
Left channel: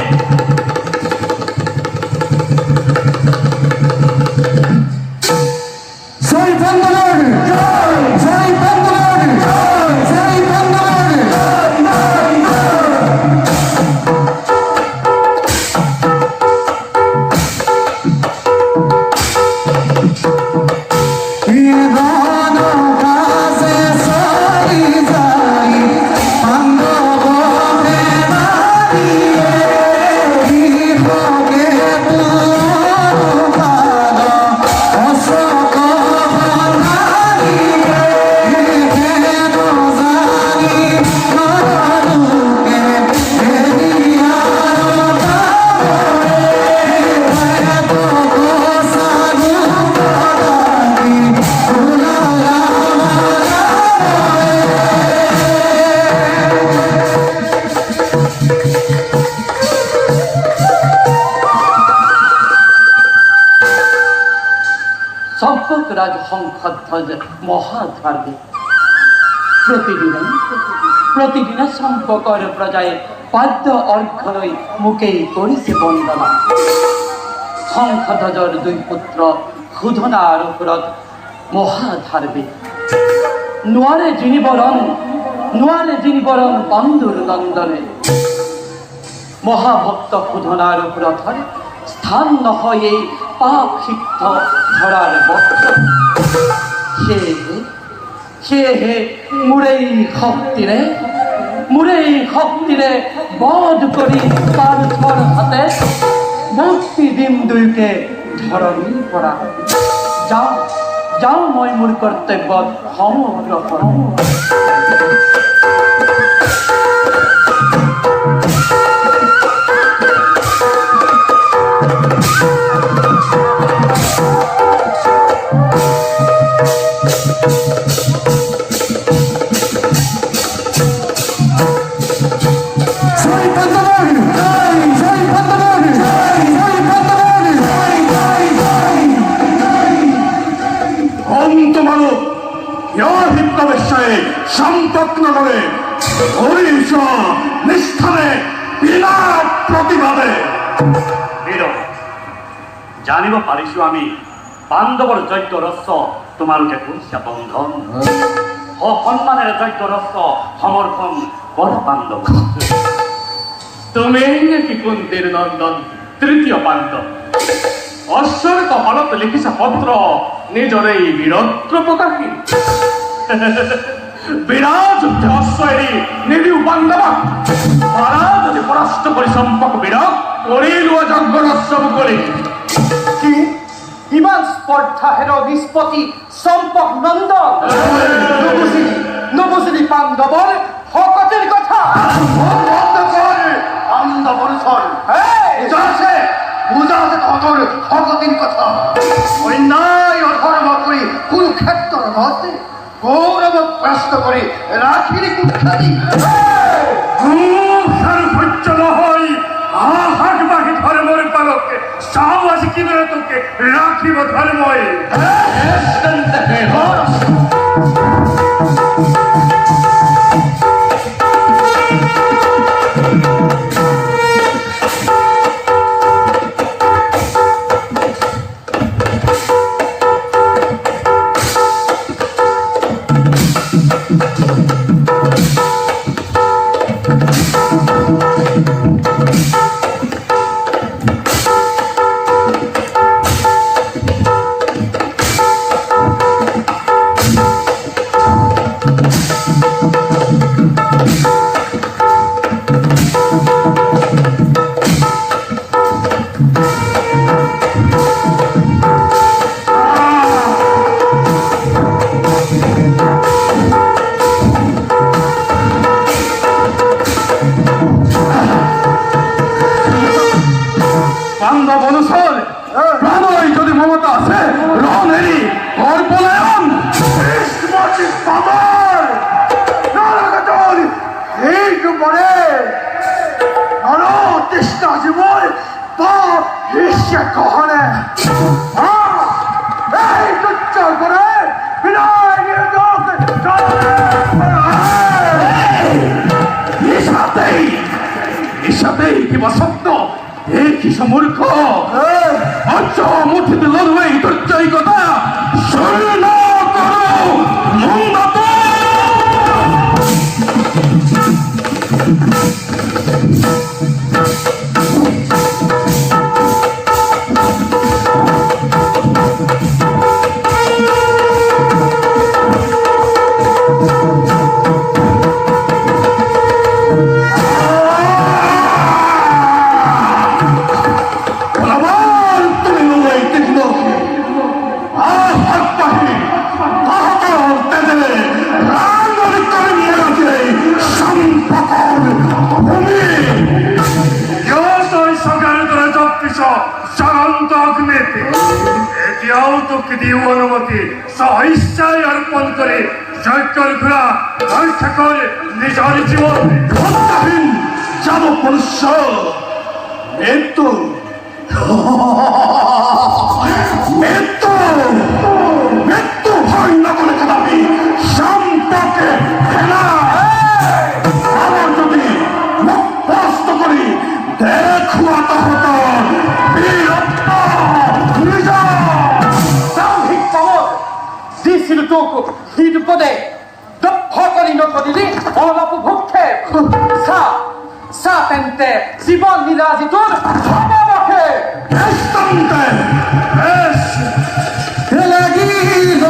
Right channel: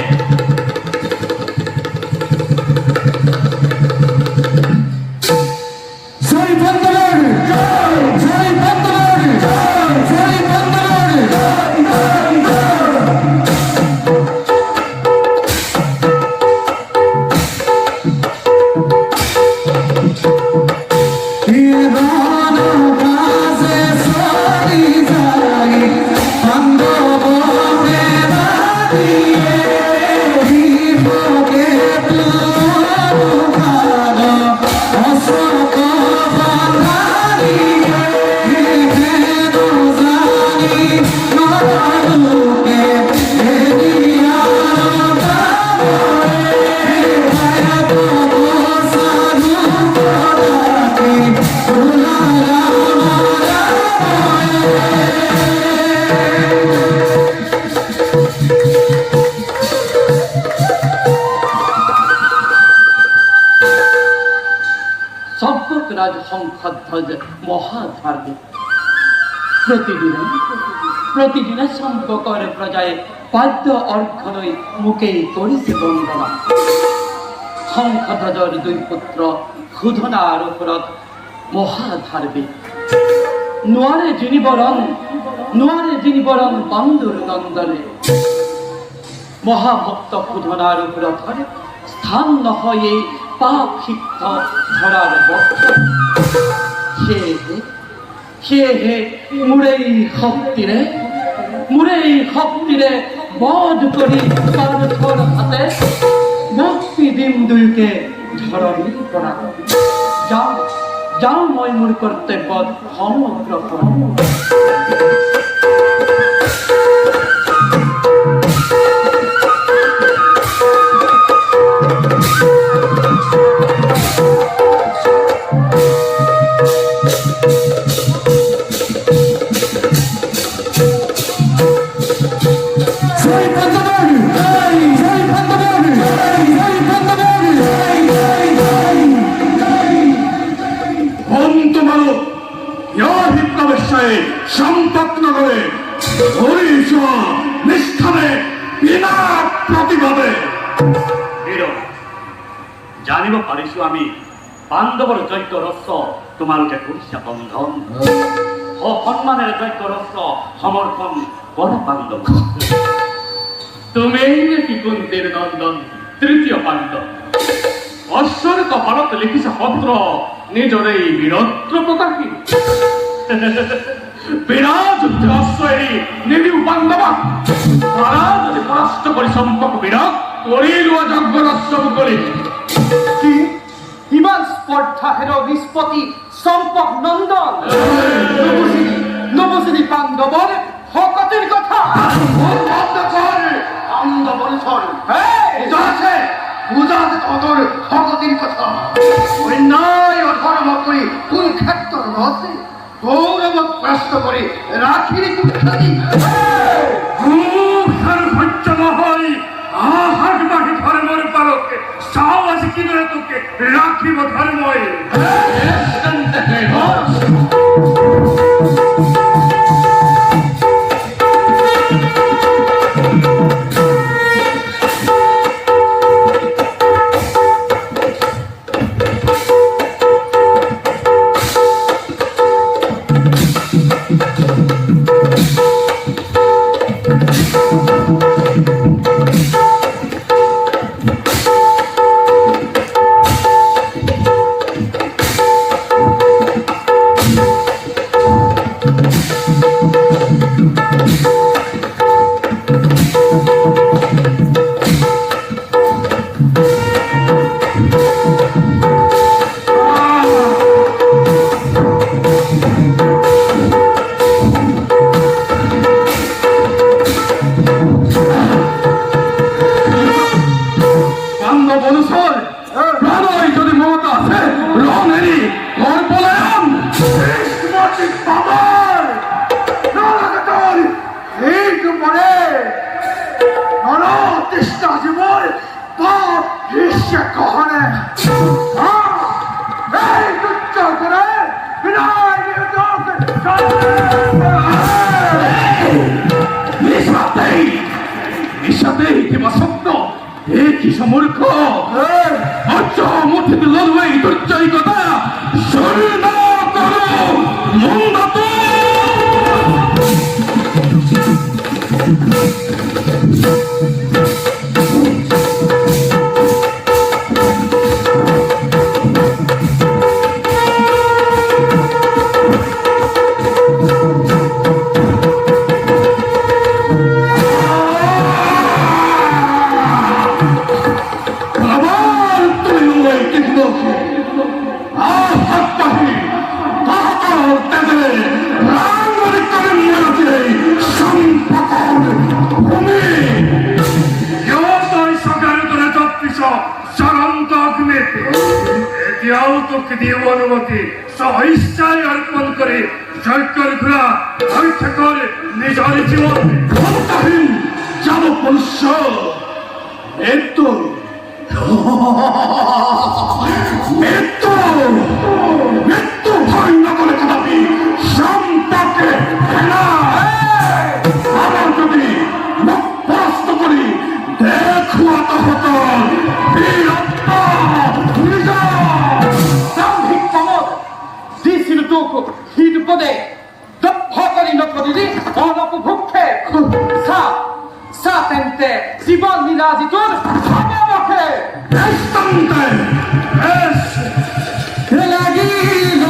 রাজ সংখ্যাধ্বজ মহাধার্মিক প্রতিদিনে সম্পর্কর প্রজায় পাদ্য অর্ঘ লৈ মুকেই কৰিছে বন্দনা সংখ্যাধ্বজৰ দুই পুত্ৰ সুধনা আৰু সুৰত মহাধাৰ্মিক নোৱাৰে জিনিবৰণ বন্ধুৰ নন্দনে মহাভক্ত সুধনা আৰু সুৰথৰ স্থান নহয় এই পাপ সিদ্ধ ধরার বক্ষ সেয়েহে মোৰেই শক্তিৰে বধ কৰি পাৰ্থৰ হাতে মুক্তি দিম দুয়োকে ধৰণীৰ পৰা যাওঁ মই মোৰ কৰ্তব্যত সমগ্ৰ সম্পদ নগরে হরিষ নিষ্ঠানে বিনা প্রতিবাদে জানিব পাৰিছো আমি পাণ্ডৱৰ যজ্ঞ ৰস্য তোমালোকে কৰিছা বন্ধন সন্মানেৰে যজ্ঞ ৰস্য সমৰ্থন কৰা পাণ্ডৱ তুমি নেকি কুন্তীৰ নন্দন তৃতীয় পাণ্ডৱ অশ্বৰে কপালত লিখিছা পত্ৰ নিজৰে এই বীৰত্ব প্ৰকাশী বিৰাজ অশ্ব এৰি নিদিও পাণ্ডৱক পাৰা যদি পৰাস্ত কৰি চম্পক বীৰক কৰি লোৱা যজ্ঞ ৰস্য মুকলি কি ইমান স্পৰ্ধা হেৰ নিষ্পত্তি চম্পক নন্দন নবুজিলি পাণ্ডৱৰ শকতিৰ কথা বুজা আছে তহঁতৰ শকতিৰ কথা অন্যায় অধৰ্ম কৰি কোনো ক্ষেত্ৰত নহতে গৌরব গ্রস্ত করে রাখির কুখ্যাতি। সর্বোচ্চ নহয় আহাট বাকি ধর্মের পালকে সাহস কিনে তোকে রাখিব ধর্মই। বান্ধব অনুসর প্রাণই যদি মমতা আছে রণেরই কর পলায়ন। এইটু পরে তৃষ্ণা জীবন পাপ হিসে কহনে এই তুচ্ছ করে বিদায় নিয়ে নিশাতেই কিংবা সত্য একই সমূর্খ মুঠিত লড়বে দুর্জয় কথা শূন্য করো মন্দাত। এতিয়াও তোকে দিও অনুমতি সহিষ্যায় অর্পণ করে জয়কর ঘোড়া রক্ষা করে নিজের জীবন। যাব মনুষ্য মৃত্যু মৃত্যু মৃত্যু ভয় না বলে কদাপি সম্পর্কে আমার যদি মুখ প্রস্ত করি দেখুয়া তো হতো দিছিল তোক হিট পদে দক্ষ কৰি নকৰিলি অলপ ভুক্ষে চা তেন্তে জীৱন লীলা তোৰ সমবখে লাগিল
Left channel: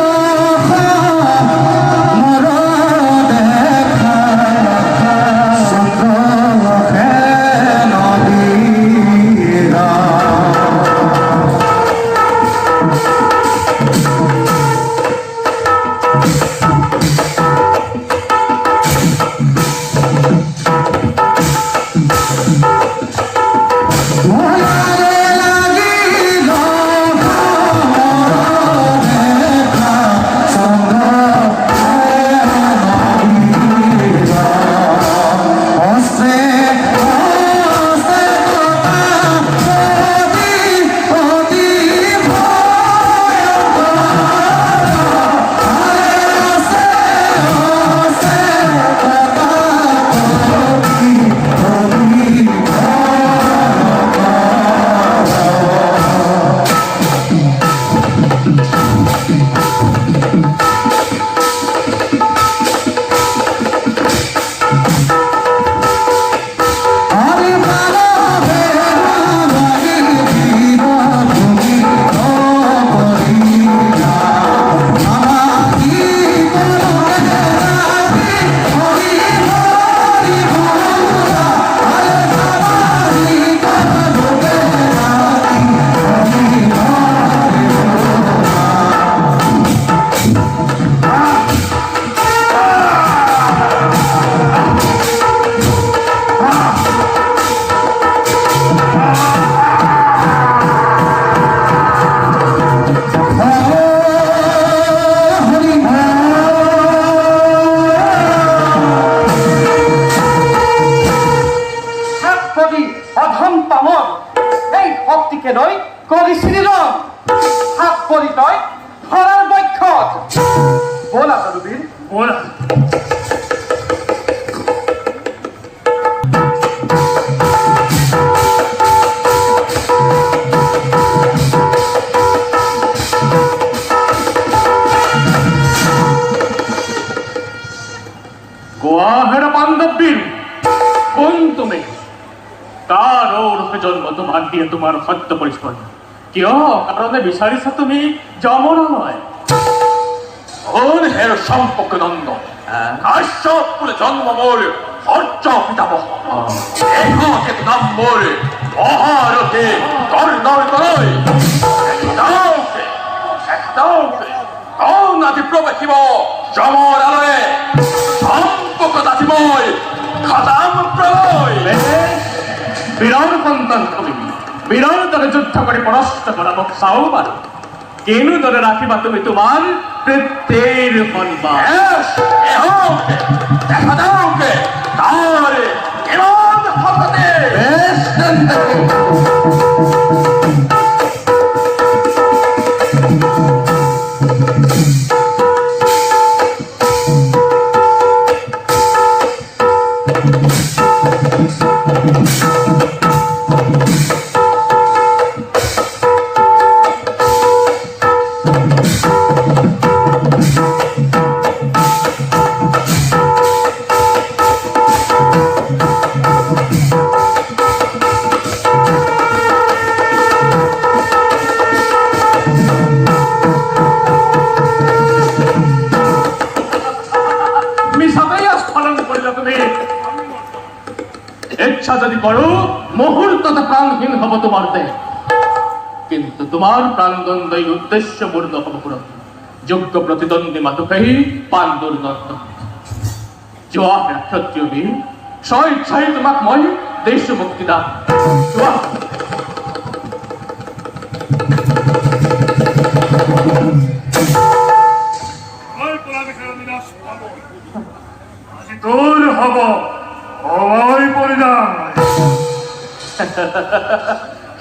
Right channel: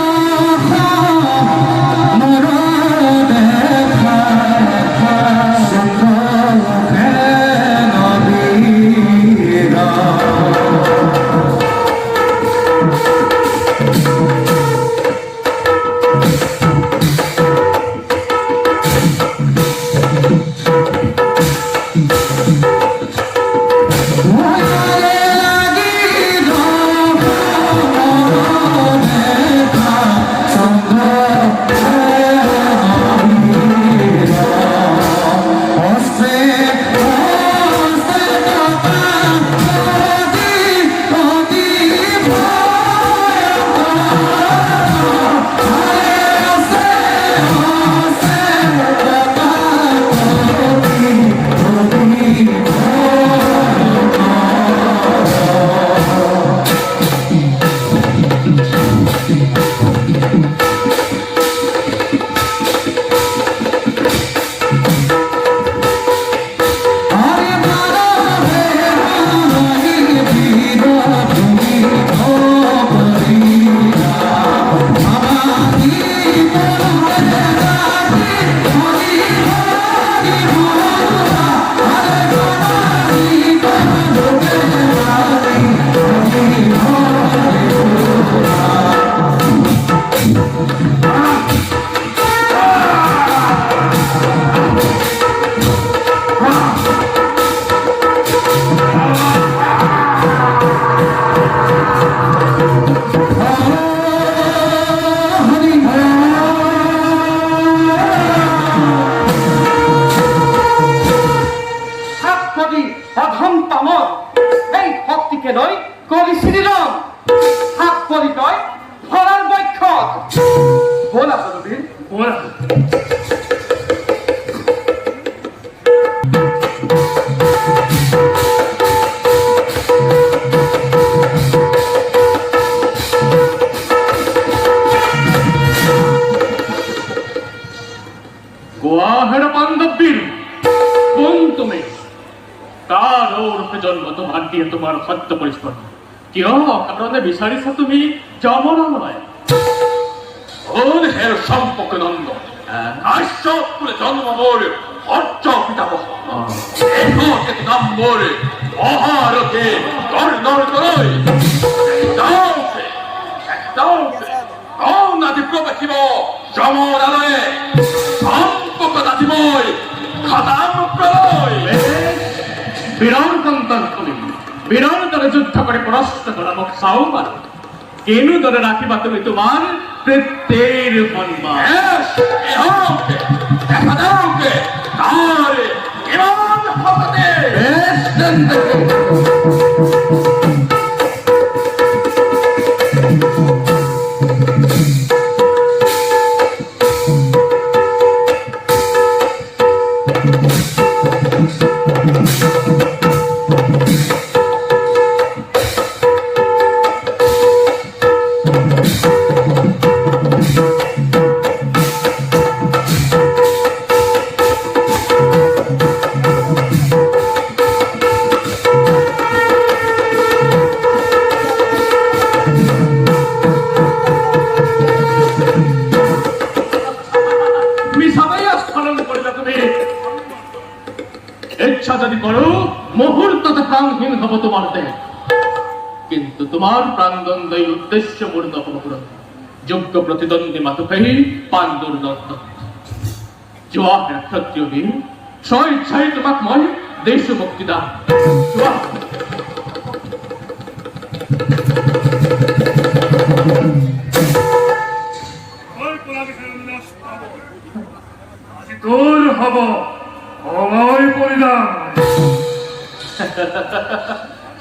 অধম পামর এই শক্তিকে লৈ কৰিছিলি ৰং হাত পৰিচয় ধৰাৰ বক্ষত ব'লা তদুবীৰ ওরা গোয়াহেরা পাণ্ডববীর কোন তুমি কার ওরফে জন্ম তোমার দিয়ে তোমার সত্য পরিষ্কার কিয় কারণে বিচাৰিছা তুমি যমৰালয় কোন হের সম্পর্ক নন্দ কাশ্যপ কুলে জন্ম মোর হর্য পিতামহ এত নাম মোর মহারথে কর্ণর করই কোন আদি প্রবেশিব যমর আলয়ে সম্পর্ক দাসিময় খতাম প্রলয় বীৰৰ সন্তান তুমি বীৰৰ দৰে যুদ্ধ কৰি পৰাস্ত কৰা মোক চাও পাৰো কেনেদৰে ৰাখিবা তুমি তোমাৰ পিতৃৰ সন্মান দেখা দাও কে তার ইমান হকতে বেশ জানতে মিছাতেই স্খলন কৰিলা তুমি ইচ্ছা যদি করো মুহূর্ততে প্রাণহীন হব তোমার দেহ কিন্তু তোমার প্রাণদণ্ডই উদ্দেশ্য মূর্ত হব পুরো যোগ্য প্রতিদ্বন্দ্বী মাতুকাহী পাণ্ডুর দত্ত যোৱা ক্ষত্রিয় বীর স্বইচ্ছাই তোমাক মই দেশ মুক্তি দাম যোৱা তোর হব হওয়াই পরিণাম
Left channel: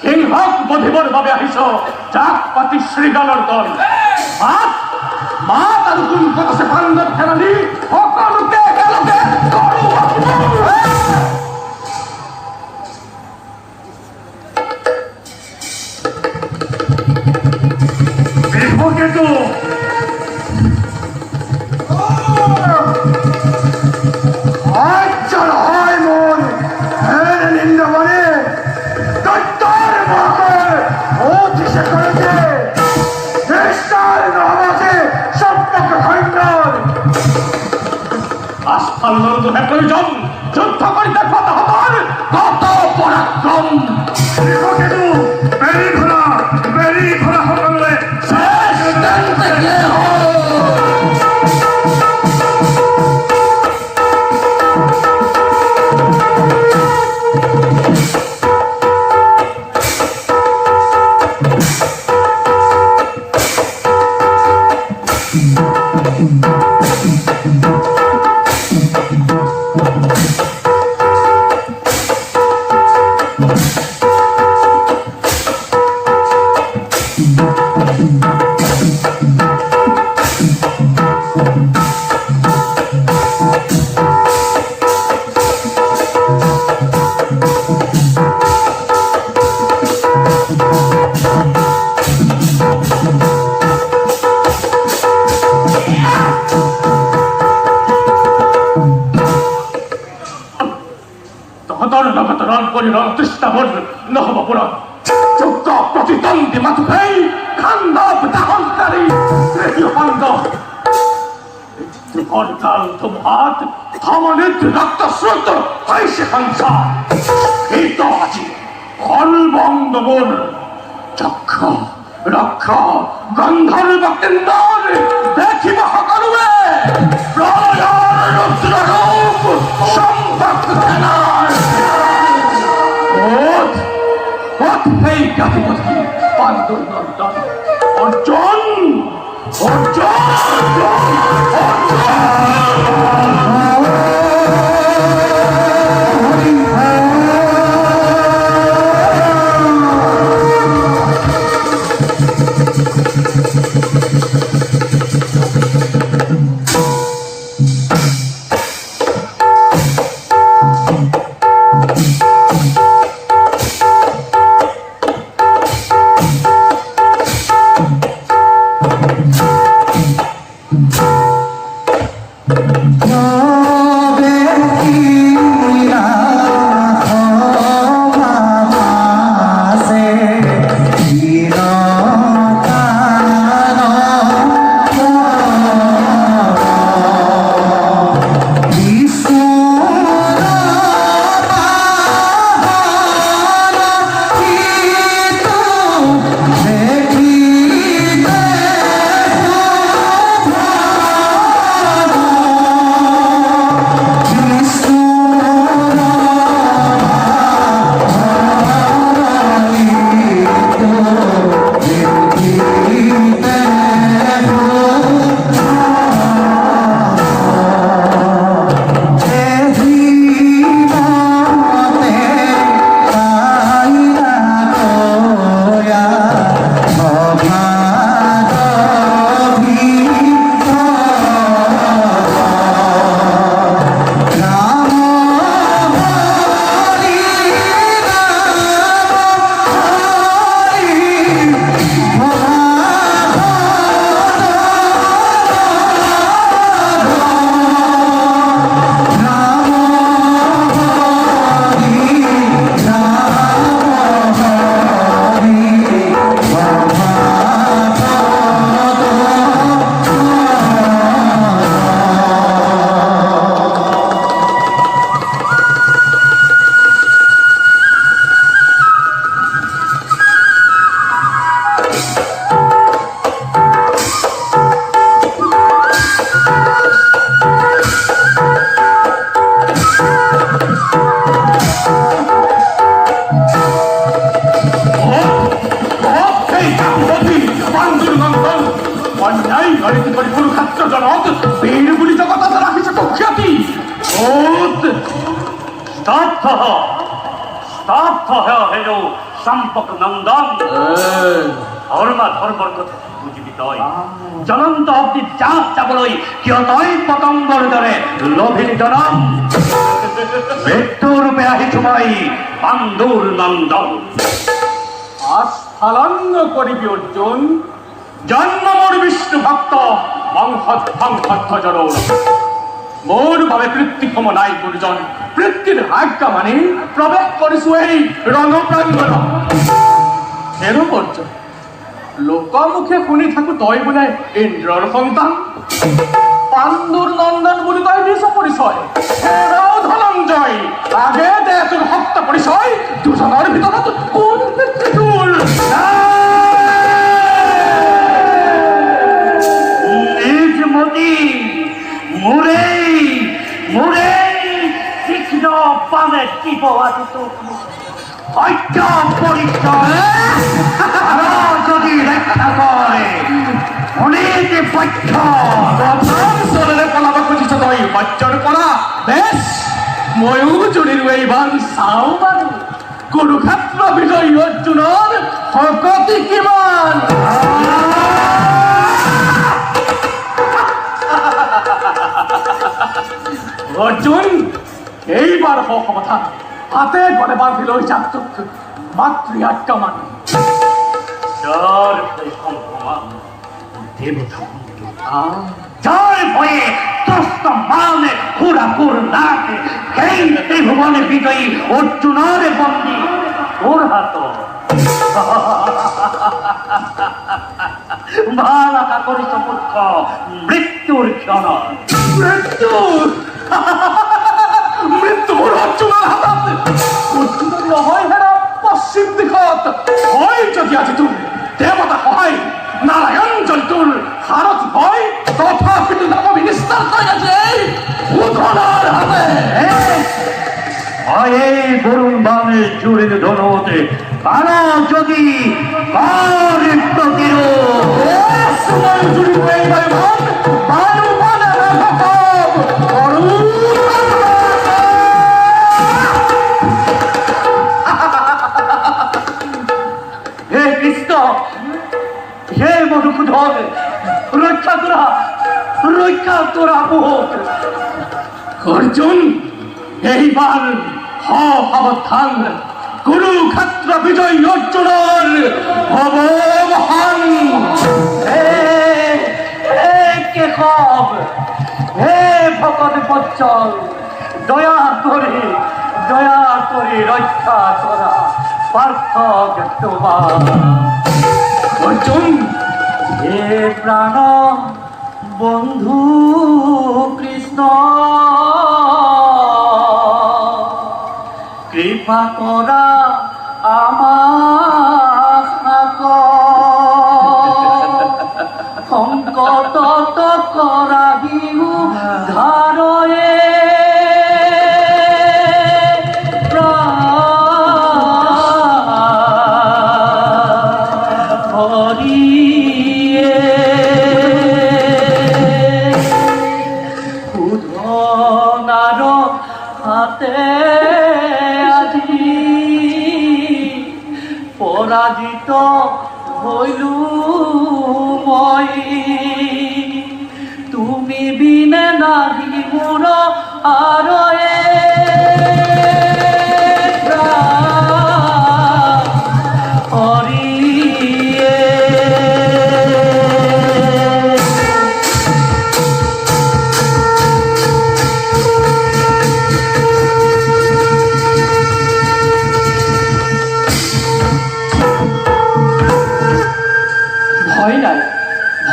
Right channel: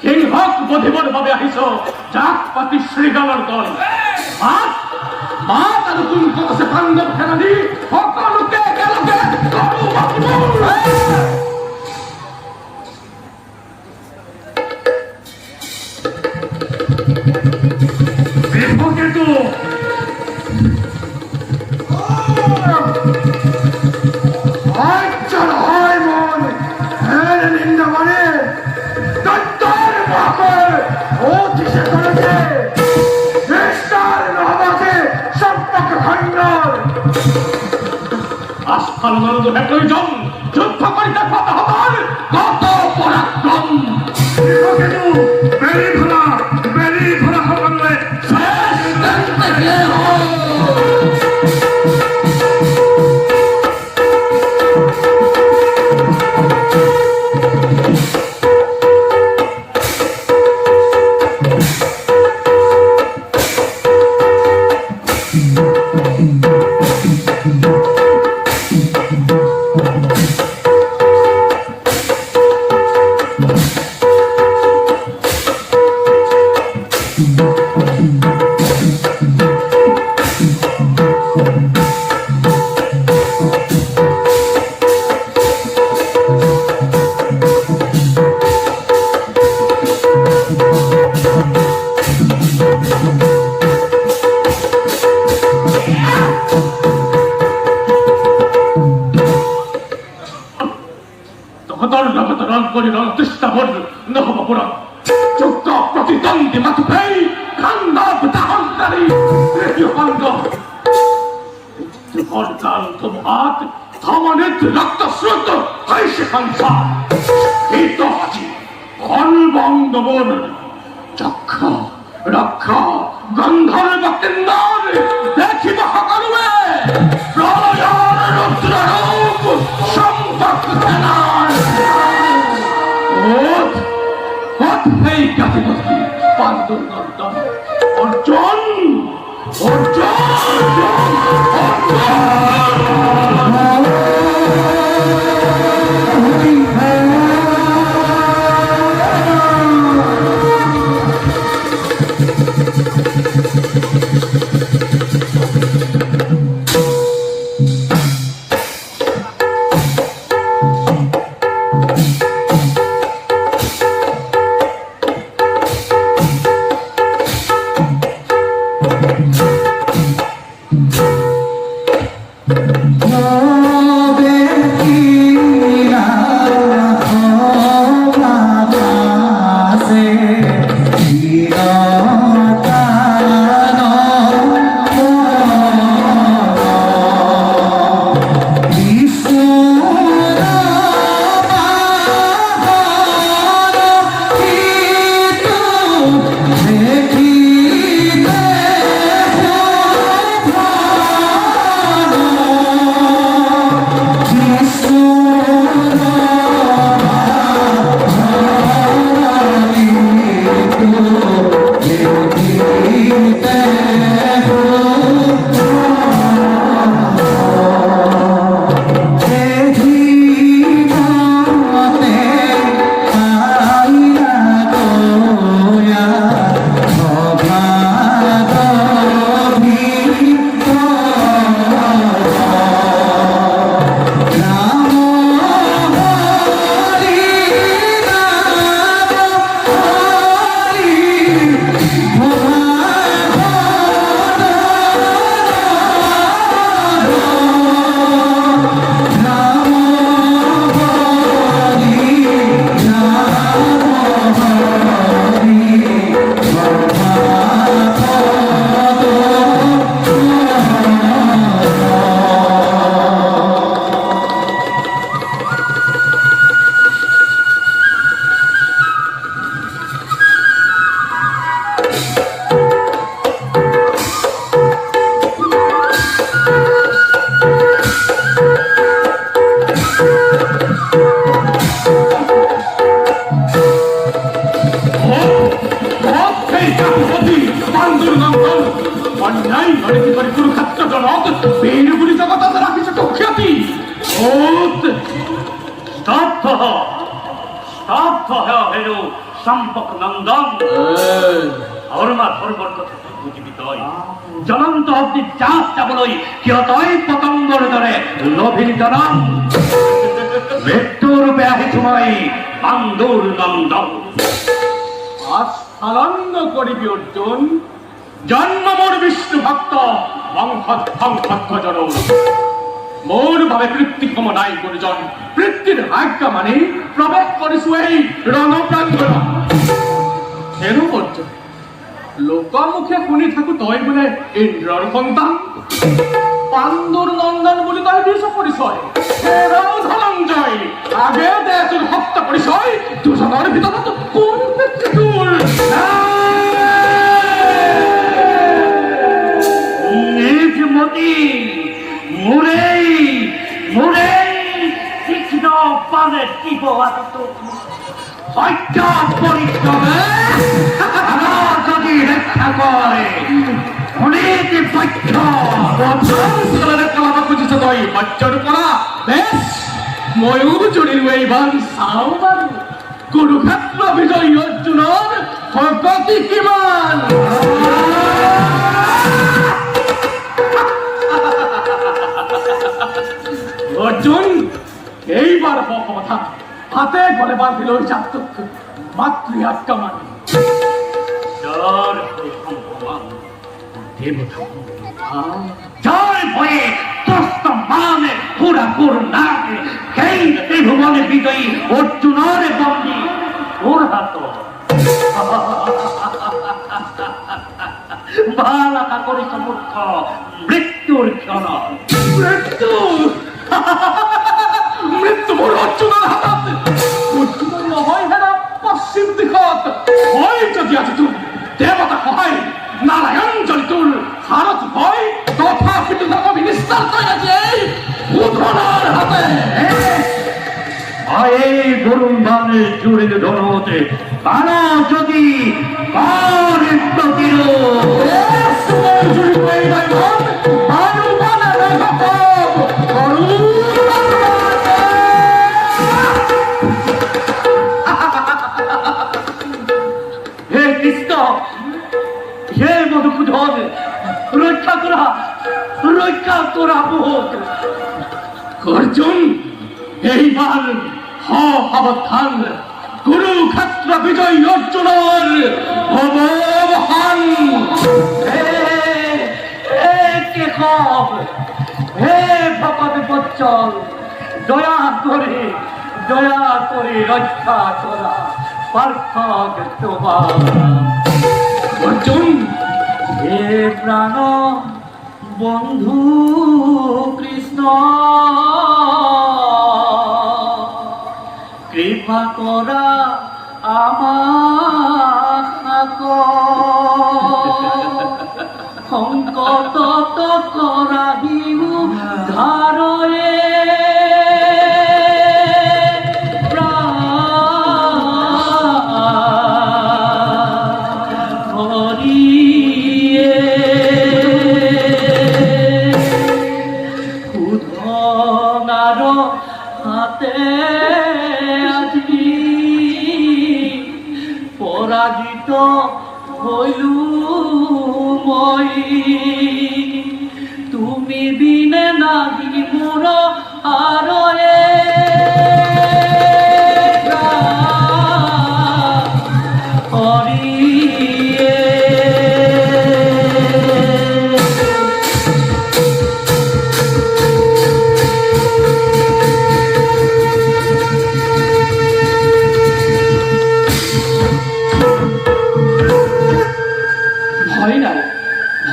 সিংহক বধিবৰ বাবে আহিছ জাক পাতি শ্ৰীগালৰ দল মাত মাত আৰু কোনখন আছে পাণ্ডৱ সেনানী সকলোকে একেলগে কৰো বিভকেতু আচ্ছা হয় মন হ্যাঁ নিন্দা মানে দত্তর মকর অতিশে করেছে নিষ্ঠার নহবাসে সম্পর্ক খণ্ডন আস্ফালনৰ দুহে প্ৰয়োজন যুদ্ধ কৰিতে কত হবৰ কত পৰাক্ৰম বিভকেতু বেৰি ঘোৰা সকলোৱে শেষ দন্তে কে হয় তহঁতৰ লগত ৰণ কৰি ৰণ তৃষ্ণাবোৰ নহব পুৰণ যোগ্য প্ৰতিদ্বন্দ্বী মাথোকাই খাণ্ডৱ দাহনকাৰী তৃতীয় পাণ্ডৱ যুগৰ কাল ধুমুহাত ধমনীত ৰক্তস্ৰোত হৈছে সংসাৰ হিত আজি সৰ্বংগ মোৰ যক্ষ ৰক্ষ গন্ধৰ্ব কিন্নৰ দেখিব সকলোৱে প্ৰলয়ৰ ৰুদ্ৰৰূপ সম্পৰ্ক সেনাৰ সেই গাতিপতি পাণ্ডুৰ নন্দন অৰ্জুন অৰ্জুন নরেটি করে কুরুক্ষেত্র জনক বীর বুলি জগত রাখিছে কুখ্যাতি স্তব্ধ হেন সম্পক নন্দন ধর্মা ধর্মর কথা বুঝিবি তই জ্বলন্ত অগ্নি চাপ চাবলই কিয় তই পতঙ্গর দরে লোভীর জনম মৃত্যুরূপে আহিছু মই পাণ্ডুর নন্দন আস্ফালন্য করিবি অর্জুন। জন্ম মোর বিষ্ণু ভক্ত বংশধ্বংসধ্বজর মোর ভাবে পৃথিক্ষম নাই গুরুজন পৃথিবীর আজ্ঞা মানে প্রবেশ করিছু এই রণপ্রাঙ্গণ এর পর্যন্ত লোকমুখে শুনি থাকো তই বোলে ইন্দ্ৰৰ সন্তান পাণ্ডুৰ নন্দন বুলি তই দিছ পৰিচয় ধনঞ্জয় আগে দে তোৰ সত্য পৰিচয় দুজনৰ ভিতৰত কোন তোৰ নিজ মতি মোৰেই তীক্ষ্ণ পানে দিব আদিতো সত্য পৰিচয় আৰু যদি ৰক্ষা কৰে অনেক পক্ষ চলেৰে পলাব খুজিছ তই সত্যৰ পৰা বেছ ময়ো জুৰিলো এইবাৰ চাওঁ বাৰু কুৰুক্ষেত্ৰ বিজয়ী অৰ্জুনৰ শক্তি কিমান অৰ্জুন এইবাৰ সমাধান হাতে গলে বান্ধি লৈ যাক তোক মাতৃ আজ্ঞা মানি যার ভয়ে ত্রস্ত মানে পুরাপুর নাকে সেই ত্রিভুবনে বিজয়ী অর্জুনের বন্দী ওর হাত ভালাকা করিস মূর্খ মৃত্যুর ক্ষণ মৃত্যু মোর অর্জুনের হাতত অর্জুনের নহয় হেৰা পশ্চিম দিশত হয় যদি আজি তোৰ দেৱতা সহায় নারায়ণ যদি তোৰ হাৰত হয় তথাপিতো নকবি নিস্তাৰ তই আজি এই উধনাৰ হাতে এই বৰুণ বাণে জুড়িল ধনতে কারা যদি কার প্রতিরোধ জুড়িল এই ভাইমান বানু বানে রাঘব করুণ হে কৃষ্ণ হে মধুসূদন রক্ষা তোরা বহুত অর্জুন এইবার সাবধান কুরুক্ষেত্র বিজয়ী অর্জুনের অবহান হে কেশব হে ভগত বচ্চল দয়া করে রক্ষা করা পার্থক তোমার অর্জুন হে প্রাণ বন্ধু কৃষ্ণ কৃপা করা আমার সংকট করা বিহু ধারয়ে হাতে আজি পরাজিত হইলু মই তুমি বিনে নাহি মোর আরয়ে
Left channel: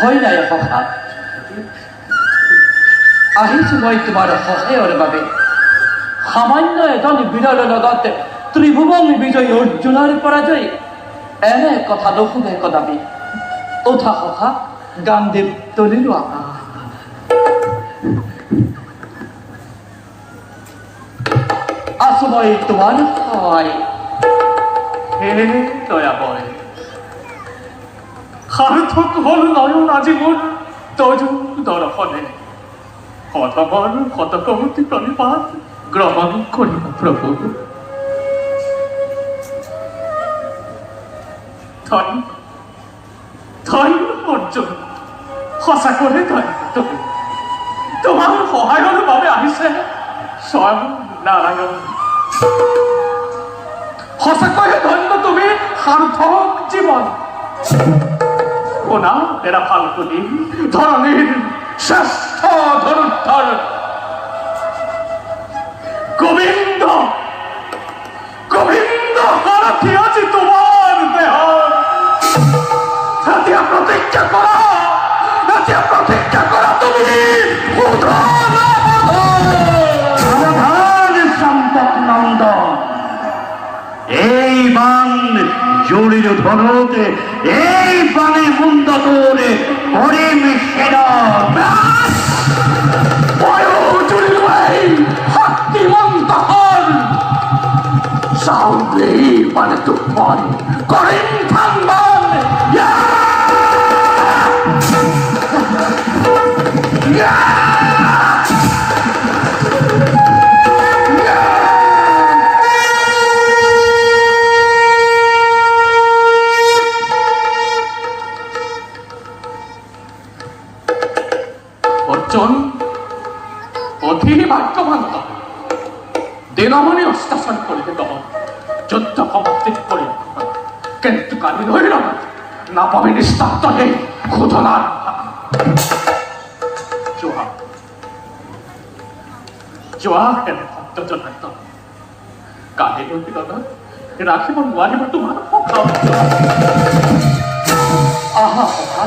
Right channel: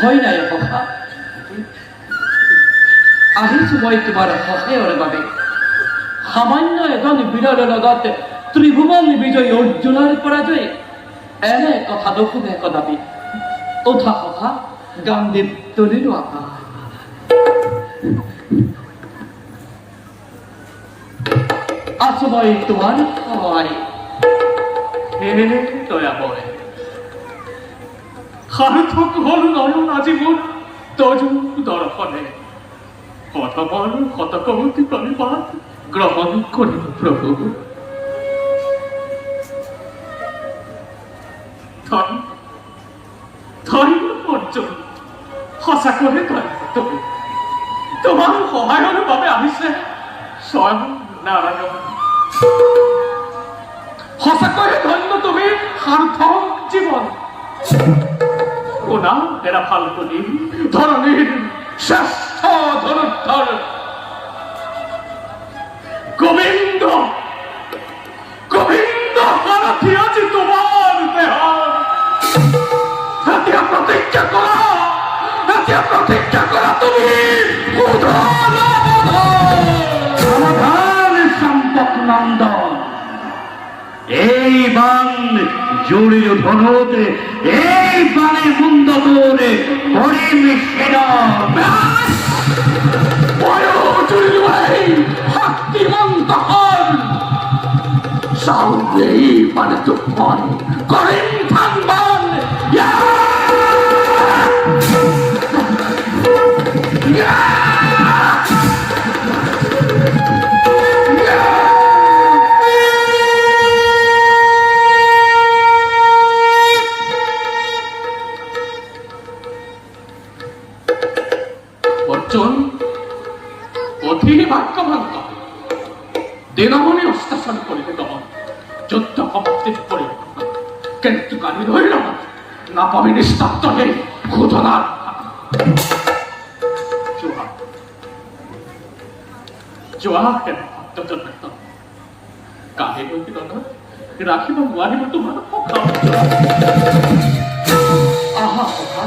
ভয় নাই সখা আহিছো মই তোমাৰ সহায়ৰ বাবে সামান্য এজন বীৰৰ লগত ত্ৰিভুৱন বিজয়ী অৰ্জুনৰ পৰাজয় এনে কথা নুশুনে কদাপি উঠা সখা গান্ধীৱ তুলি লোৱা আছো মই তোমাৰ সহায় হে দয়াময় সাৰ্থক হল নয়ন আজি মোৰ তজু দর্শনে হতবল হতকৌতি প্রণিপাত গ্রহণ করিব প্রভু। ধন্য ধন্য অর্জুন, সঁচাকৈয়ে ধন্য তুমি। তোমাৰ সহায়ৰ বাবে আহিছে স্বয়ং নাৰায়ণ। সঁচাকৈয়ে ধন্য তুমি, সাৰ্থক জীৱন। শুনা এৰা ফাল্গুনী, ধৰণীৰ শ্ৰেষ্ঠ ধনুৰ্ধৰ গোবিন্দ গোবিন্দ সাৰথি আজি তোমাৰ দেহত। এতিয়া প্ৰতিজ্ঞা কৰা, এতিয়া প্ৰতিজ্ঞা কৰা তুমি সাবধান সম্পদ নন্দন, এই বান জড়ির ধনুতে, এই বানে মুন্দ তোরে হরিম সেনা শক্তিমন্ত হন সামনে মানে তুফান করিম থানবান। অর্জুন অধি ভাগ্যবান দিনমণি অস্তাসন করিবে গমন, যুদ্ধ সমাপ্তি করিবে কিন্তু কালি ধরিল না পাবি নিস্তাপ্ত হে ক্ষুধনার জোহা জোহা হেন ভক্ত জনাৰ্দন, কালি ধৰিল ৰাখিব নোৱাৰিব তোমাৰ সকাম। আহা সভা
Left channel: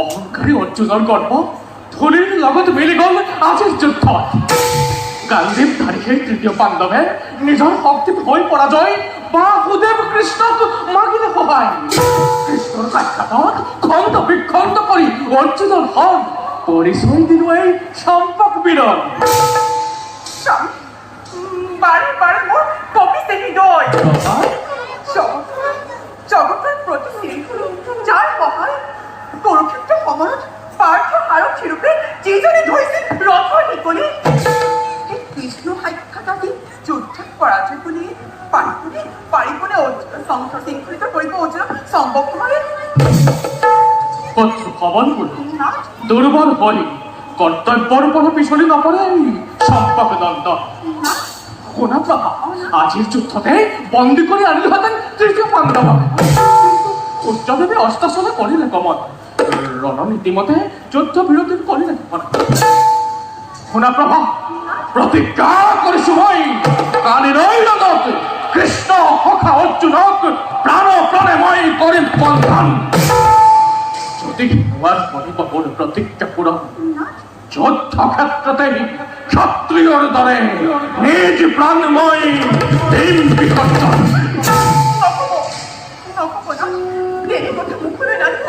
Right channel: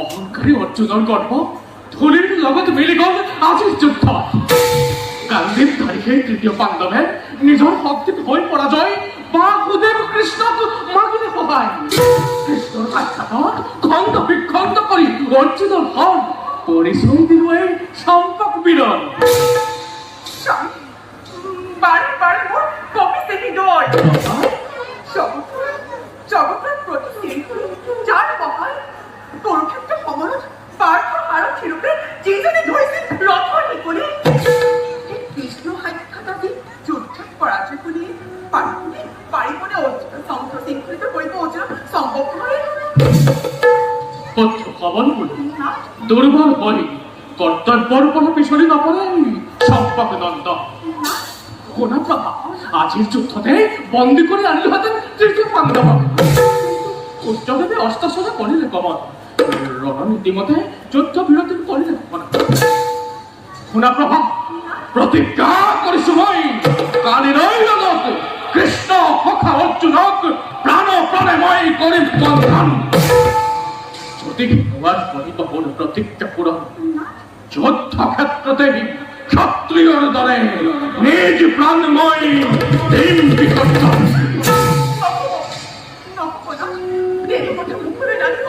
অহংকাৰী অৰ্জুনৰ গৰ্ব ধূলিৰ লগত মিলি গ'ল আজিৰ যুদ্ধত। গান্ধীৰ তাৰিখে তৃতীয় পাণ্ডৱে নিজৰ শক্তিত হৈ পৰাজয় বাসুদেৱ কৃষ্ণক মাগিলে সহায়। কৃষ্ণৰ সাক্ষাতত খণ্ড বিখণ্ড কৰি অৰ্জুনৰ হন পৰিচয় দিলো এই চম্পক বীৰন। বাৰে বাৰে মোৰ কপিছে হৃদয় জগতৰ প্ৰতি যাৰ সহায় কুৰুক্ষেত্ৰ যিজনে ধৰিছিল ৰথৰ নিকলি সেই কৃষ্ণ সাক্ষাৎ আজি যুদ্ধত পৰাজয় বুলি পাৰিবনে শৃংখলিত কৰিব অৰ্জুনক সম্ভৱ তোমাৰ পুত্ৰ পৱন বুলি না দুৰ্বল হৈ কৰ্তব্যৰ পৰা পিছলি নপৰে চম্পক দন্ত শুনা প্ৰভা আজিৰ যুদ্ধতে বন্দী কৰি আনিলোহেঁতেন তৃতীয় পাণ্ডৱক সূৰ্যদেৱে অস্তাচলে কৰিলে কমল ৰণনীতিমতে যুদ্ধ বিৰতি কৰিলে কমল শুনা প্ৰভা প্ৰতিজ্ঞা কৰিছোঁ মই কালিলৈ লগত কৃষ্ণ সখা অৰ্জুনক প্ৰাণে মই কৰিম বন্ধন যদি নোৱাৰ কৰিব মোৰ প্ৰতিজ্ঞা পূৰণ যুদ্ধ ক্ষেত্ৰতে ক্ষত্ৰিয়ৰ দৰে নিজ প্ৰাণ মই দিম বিসৰ্জন নক'ব না দেৰি কথা মুখলৈ নানিব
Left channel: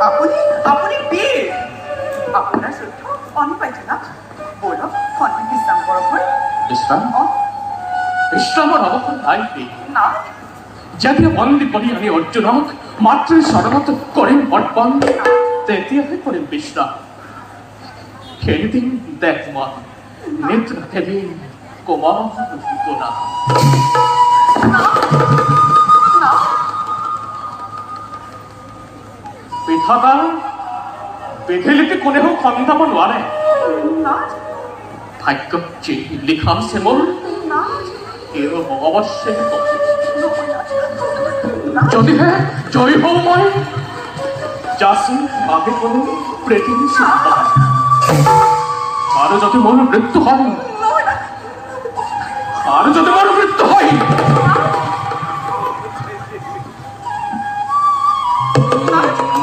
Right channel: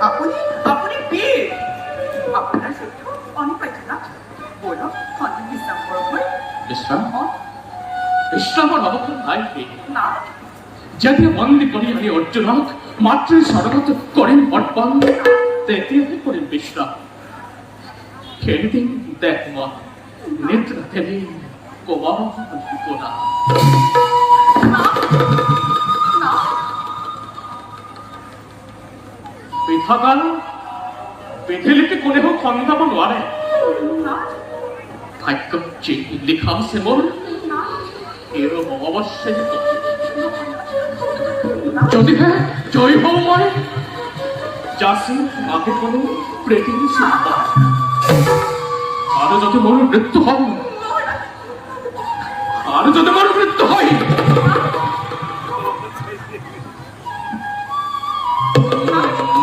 আপুনি বীৰ আপোনাৰ যুদ্ধ অনিবাৰ্য না বলক খন্তেক বিশ্ৰাম কৰক মই বিশ্ৰাম বিশ্ৰামৰ অৱসৰ নাই না যেতিয়া বন্দী কৰি আনি অৰ্জুনক মাতৃৰ চৰণত কৰিম অৰ্পণ তেতিয়াহে কৰিম বিশ্ৰাম সেইদিন দেখ মই নিদ্ৰা খেলি কোমল কোনা না বিধাতা বিধিলিপি কোনেও খন্দাব নোৱাৰে না ভাগ্যত যি লিখা আছে মোৰ না এই অৱশ্যেই যদিহে জয় হওঁ মই যাচি আগে কোনো প্ৰেতিৰ চিন্তা আৰু যদি মোৰ মৃত্যু হয়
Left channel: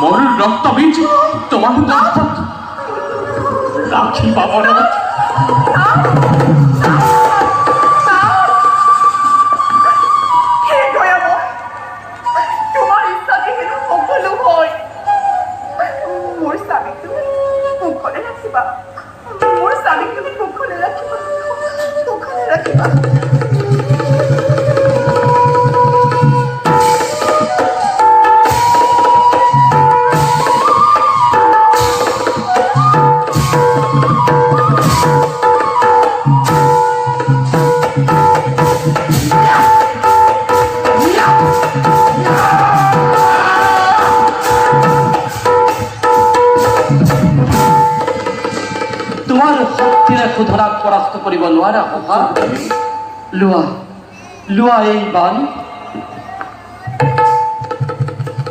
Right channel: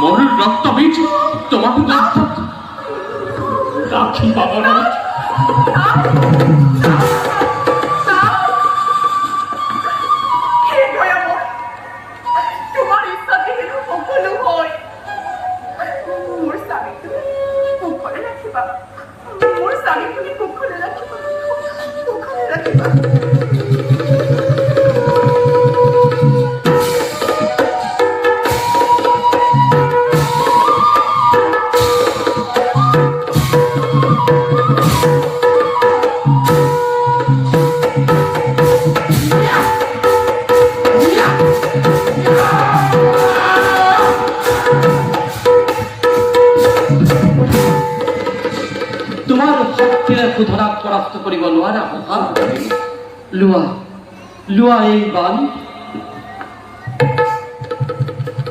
মোৰ ৰক্ত বীজ তোমাৰ গাঁঠত ৰাখি পাব নহয় হে দয়াময় তোমাৰ ইচ্ছাতে হেনো সকলো হয় মোৰ স্বামীক তুমি কুশলে ৰাখিবা মোৰ স্বামীক তুমি কুশলে ৰাখিবা তোমাৰ শক্তিৰে সুধৰাক পৰাস্ত কৰিব নোৱাৰা সভা লোৱা এই বান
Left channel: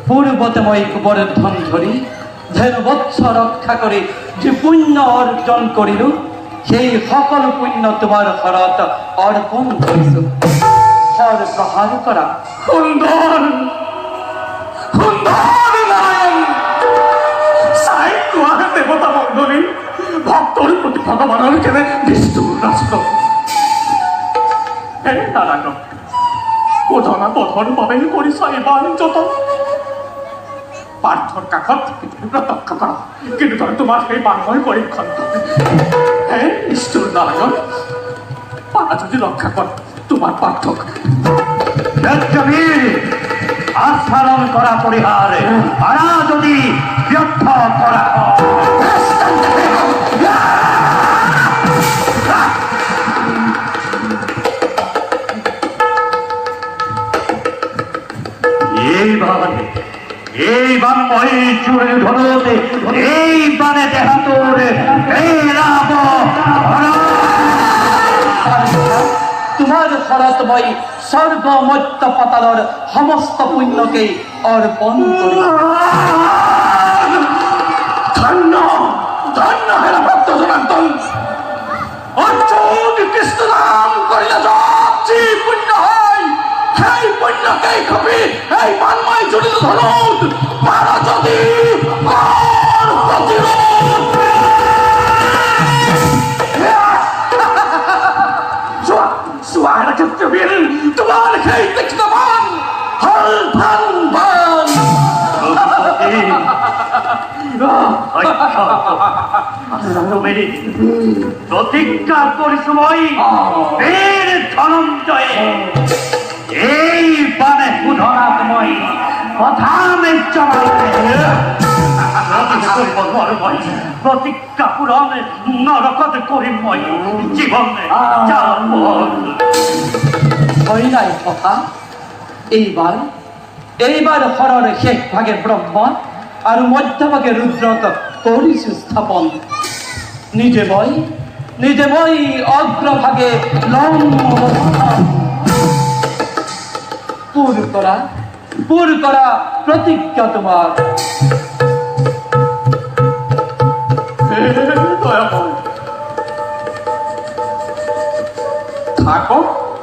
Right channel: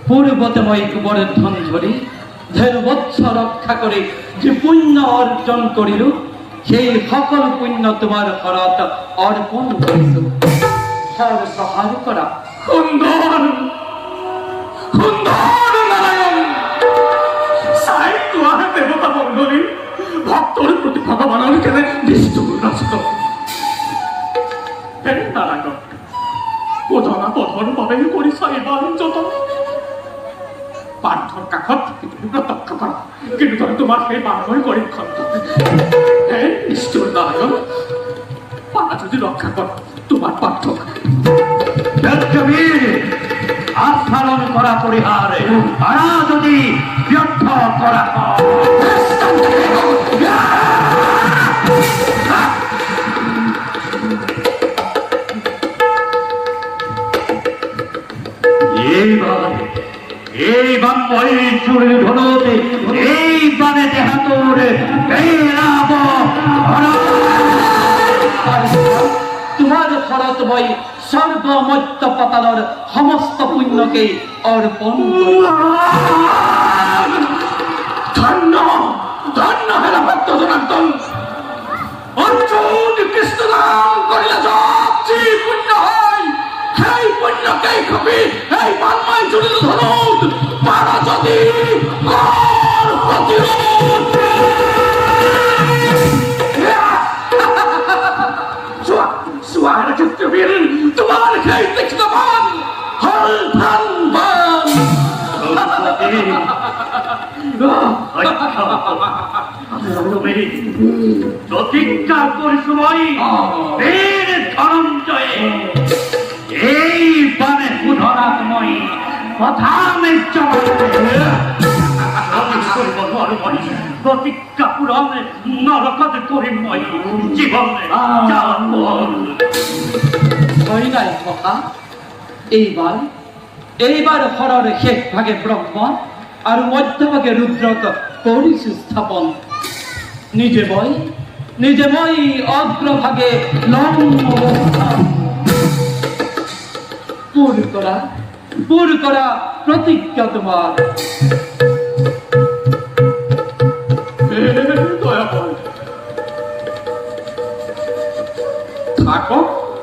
পূৰ্বতে মই গোবৰ্ধন ধৰি ধেনু বৎস ৰক্ষা কৰি যি পুণ্য অৰ্জন কৰিলোঁ সেই সকলো পুণ্য তোমাৰ ঘৰত অৰ্পণ কৰিছোঁ প্ৰহাৰ কৰা সুন্দৰ নাৰায়ণ চাই নোৱাৰে দেৱতা মণ্ডলী ভক্তৰ প্ৰতি ভগৱানৰ কেনে নিষ্ঠুৰ ৰাষ্ট্ৰ হে নাৰায়ণ শোধনা বধৰ বাবে কৰিছা এইবাৰ যতন পাৰ্থৰ কাষত প্ৰত্যক্ষ কৰা কিন্তু তই তোমাৰ সেই বান্ধৰ কৰি খন্ত হে নিষ্ঠুৰ নাৰায়ণ পাৰা যদি ৰক্ষা কৰ তোমাৰ পাৰ্থক আস্ফালন কৰা পৰিহাৰ পাৰা যদি ব্যৰ্থ কৰা এই বান মই চুৰি ধৰোতে এই বানে দেহাটোৰ পেলাব তোমাৰ ঘৰত মই সৰ্বমত্য পাতালৰ সমস্ত পুণ্যকে অৰ্পণ কৰিম ধন্য হেৰা ভক্ত জনাৰ্দন অৰ্জুন কৃষ্ণ নাম কৰিলে যত যি পুণ্য হয় সেই পুণ্যকেই খপি এই বানমাই জুৰিলো ধনত পাৰা যদি কৰ প্ৰতিৰোধ চোৱা হেৰা ক্ষেত্ৰবীৰ তোমাৰ সেই তীক্ষ্ণ বাণ হল ভান বাণ প্ৰতিজ্ঞা কৰিছো মই বীৰ ধনঞ্জয়ে এই বানে শোধনাত মই প্ৰধান প্রতিজ্ঞা পূরণ নরকত করিময় জীবনে হয় নাই কথা। এইবার হরর শেষ ভাগে ব্রহ্মা আর মধ্যভাগে রুদ্রক করিস স্থাপন। নিজে মই অগ্রভাগে পুর করা প্রতিজ্ঞা তোমার। দয়াময় থাকো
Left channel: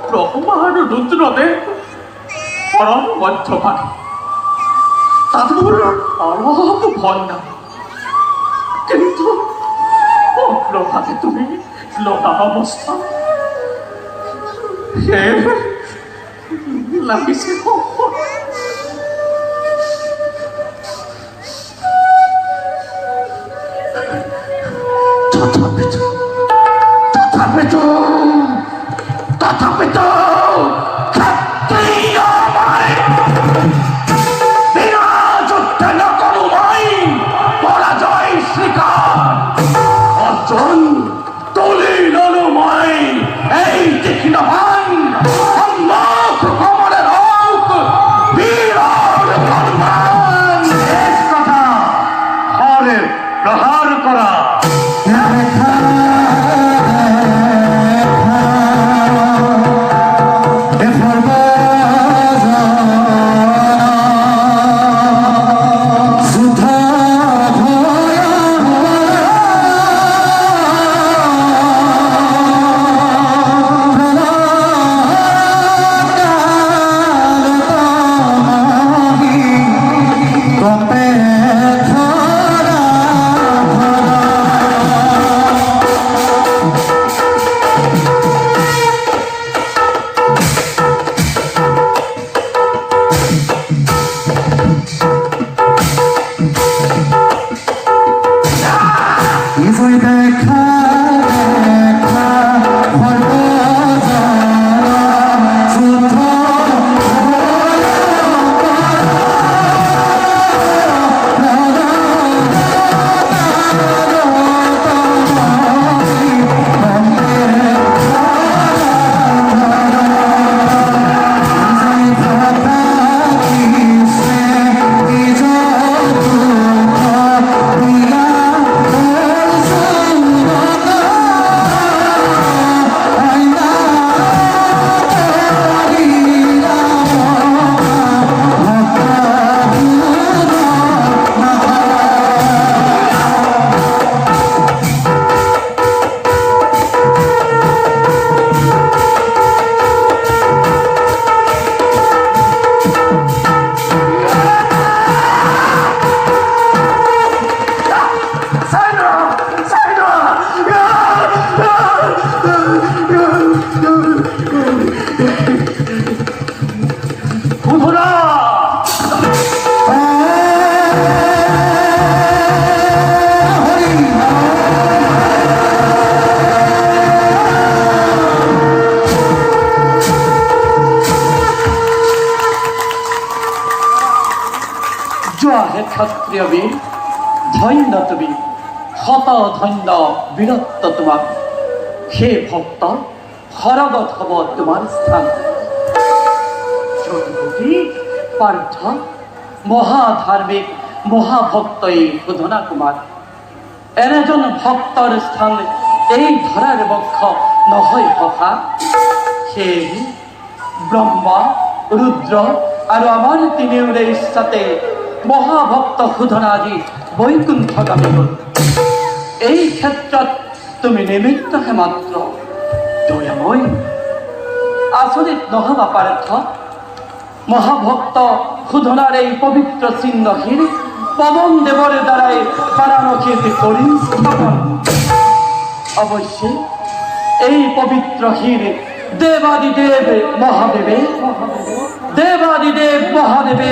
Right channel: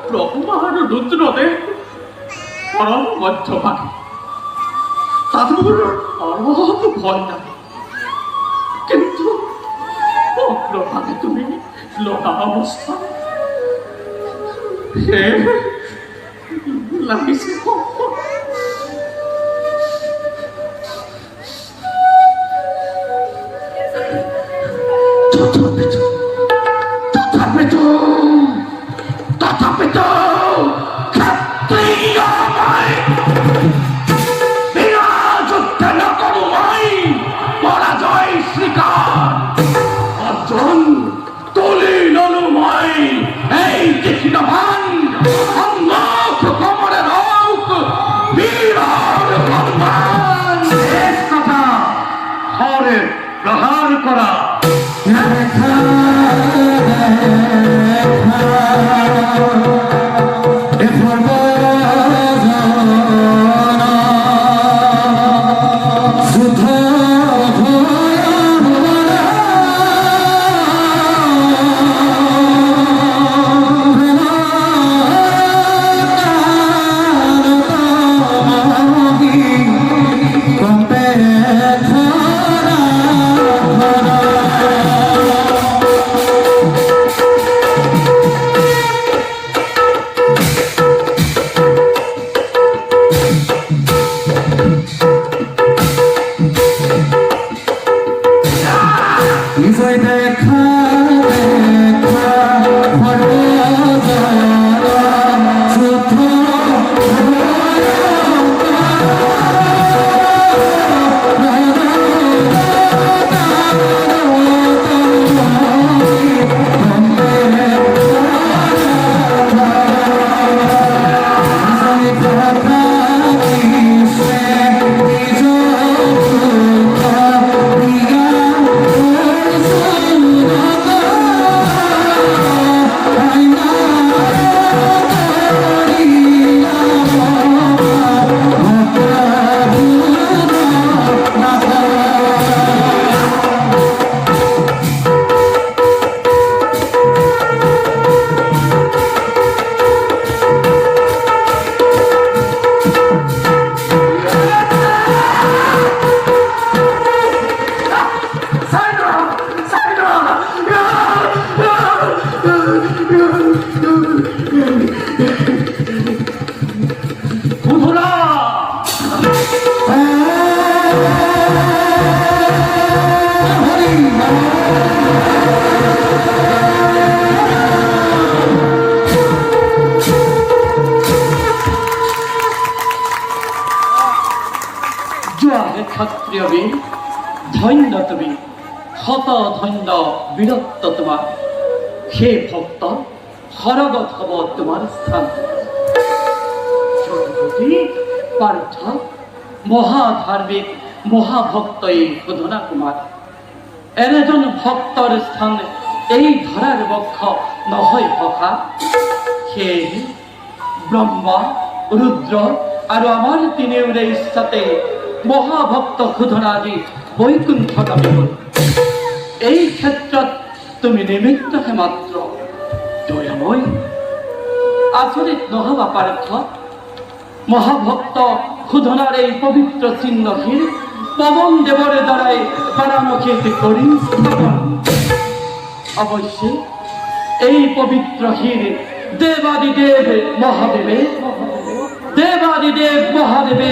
ব্রহ্মার রুদ্রদেব পরম মধ্যভাগে, তাদের অরব ভয় না, কিন্তু অগ্রভাগে তুমি লোহা অবস্থা লাগিছে। তথাপিত ক্ষত্রিয়ময় বিনা যুদ্ধে ন করুময় পরাজয় স্বীকার অর্জন দলিল অনুময় এই দেখিনবান সম্মুখ কমরে রোগ বীর সম্মান কথা হরে প্রহার করা। ক্ষত্রিয় বীর, ধন্য তুমি, হত ধন্য বীরত্ব তোমার। হে ভক্ত, হরগত হব তোমার স্থান। যদুপতি পার্থ মহাধার্মিক মহাভক্ত এই সুধনা কুমার, এনেজন ভক্তর স্থান এই ধরার বক্ষ নহয় ভকা। হে ব্রহ্মা রুদ্র আর আমার তিনিওরে ইচ্ছাতে মহাভক্ত সুধনাজি বৈকুণ্ঠগামী হল। এই ক্ষেত্ৰত তুমি নিমিত্তহে মাত্ৰ। দয়াময় আচৰিত নহবা পাৰ্থ, মহাভক্ত সুধনার এই পবিত্র চিহ্নহীন পবন দেবর দ্বারাই বারাণসীত করি স্থাপন। অবশ্যই এই পবিত্র হীর দেবাদিদেব মহাদেবে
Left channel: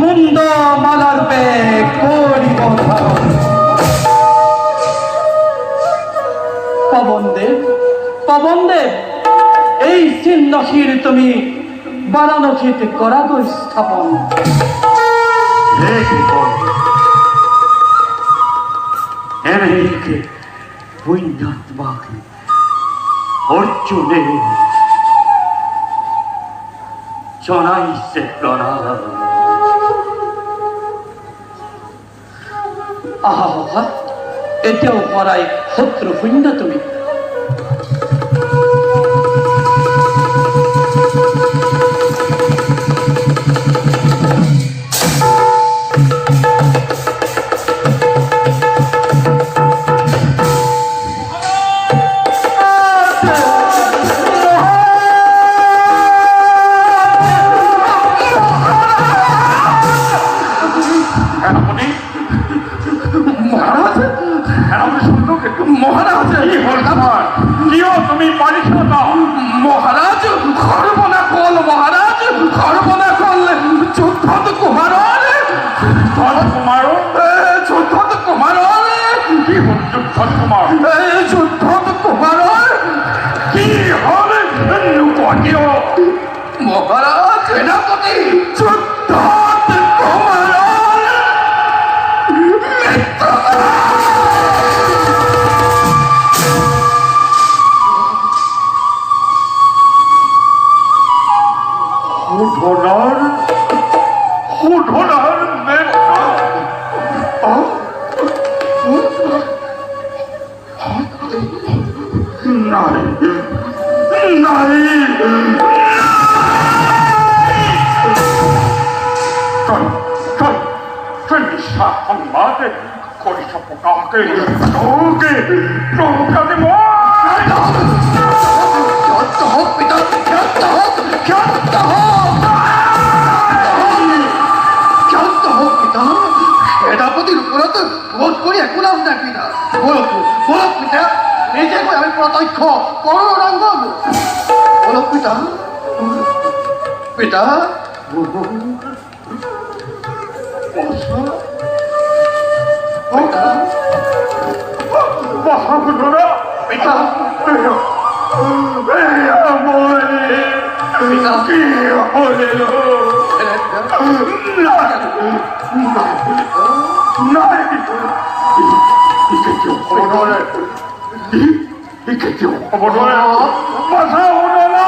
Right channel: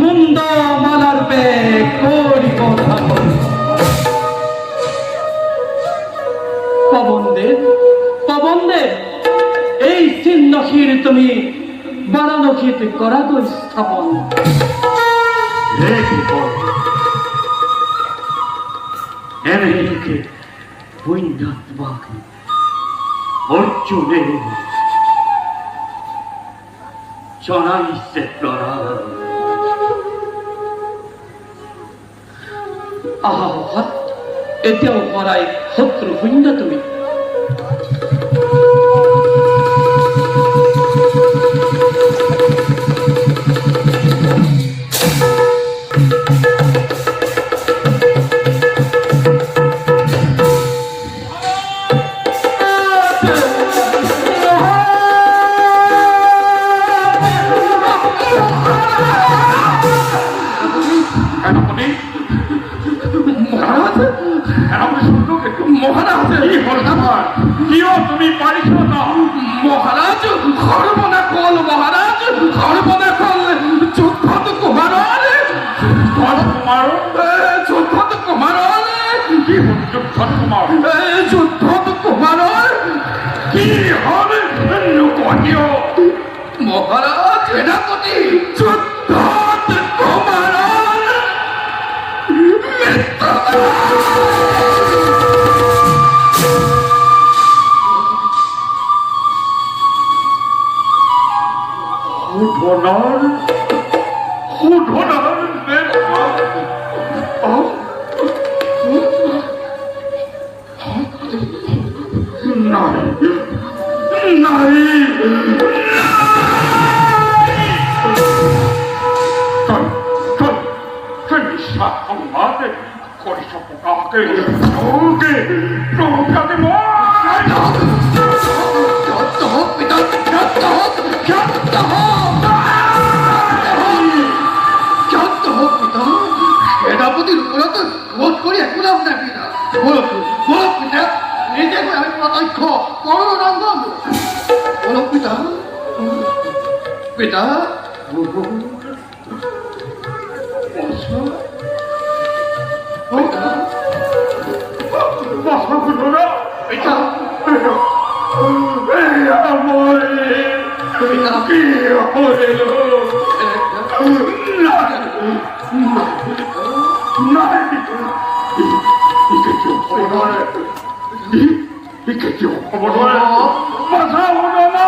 মুন্ড মালা রূপে করিব ধারণ। পবনদেব এই চিহ্নহীর তুমি বারাণসীতে করা গো স্থাপন। এইকে পুণ্যাত্মাকে অর্জুনে জনাইছে প্রণাম। আহা এতিয়াও পৰাই শত্ৰু শূন্য তুমি। সেনাপতি মহারাজ, সেনাপতি শুনলো কিন্তু মহারাজ কি হল আমার? কিয় তুমি পাৰিছ না? মহারাজ সৰ্বনা কল, মহারাজ সৰ্বনা কল। যুদ্ধত কুমাৰৰ যুদ্ধত কুমাৰৰ কি হল? যুদ্ধত কুমাৰ যুদ্ধত কুমাৰৰ কি হল? কিয় মহারাজ? সেনাপতি যুদ্ধত কুমাৰৰ শোধনাৰ নাই নাই, তই মিছা সংবাদ কৰিছ প্ৰকাশকে। প্ৰকাশে মই ক্ষান্ত হোক পিতা, ক্ষান্ত হোক, ক্ষান্ত হোক, ক্ষান্ত হোক পিতা। সেনাপতিৰ ওপৰত বোধ কৰি একো লাভ নাই পিতা। বলক বলক পিতা, নিজে গৈ আমি প্ৰত্যক্ষ কৰো ৰংগন। বলক পিতা, পিতা। পিতা, কি হলিল? নাই, ইকে কেউ হ'ব নোৱাৰে, ইকে কেউ হ'ব নোৱাৰে। বাধা হ'ব না।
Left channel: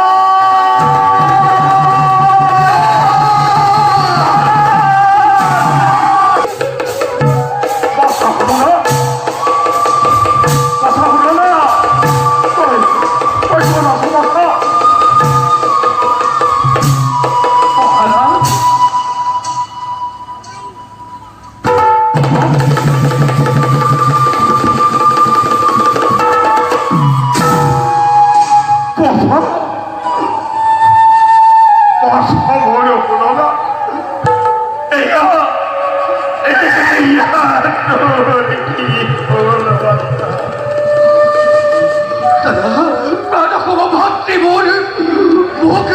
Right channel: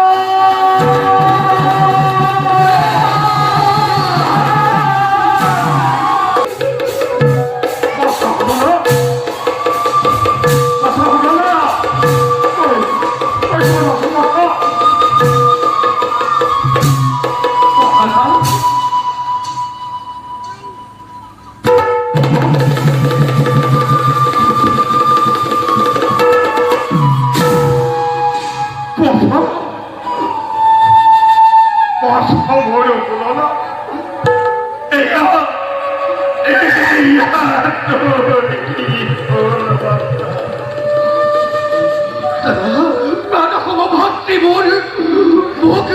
ভাতৃবোৰ মোক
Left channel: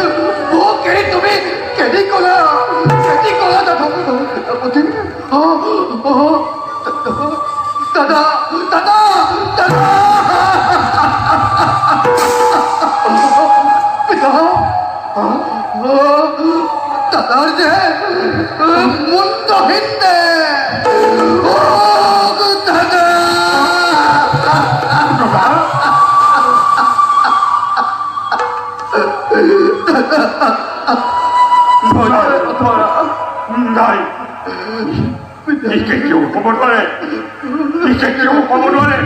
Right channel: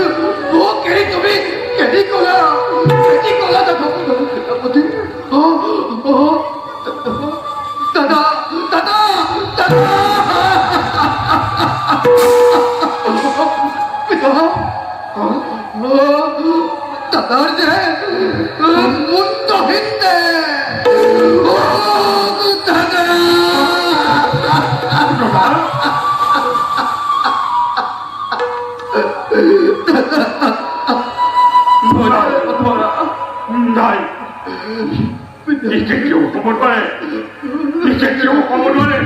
মোক এৰি তুমি কেনি কলা দাদা? দাদা দাদা দাদা পিতা, দাদাৰ যে মুণ্ডহীন দে দাদা। নাই, ইকে কেউ হ'ব নোৱাৰে, ইকে কেউ হ'ব নোৱাৰে।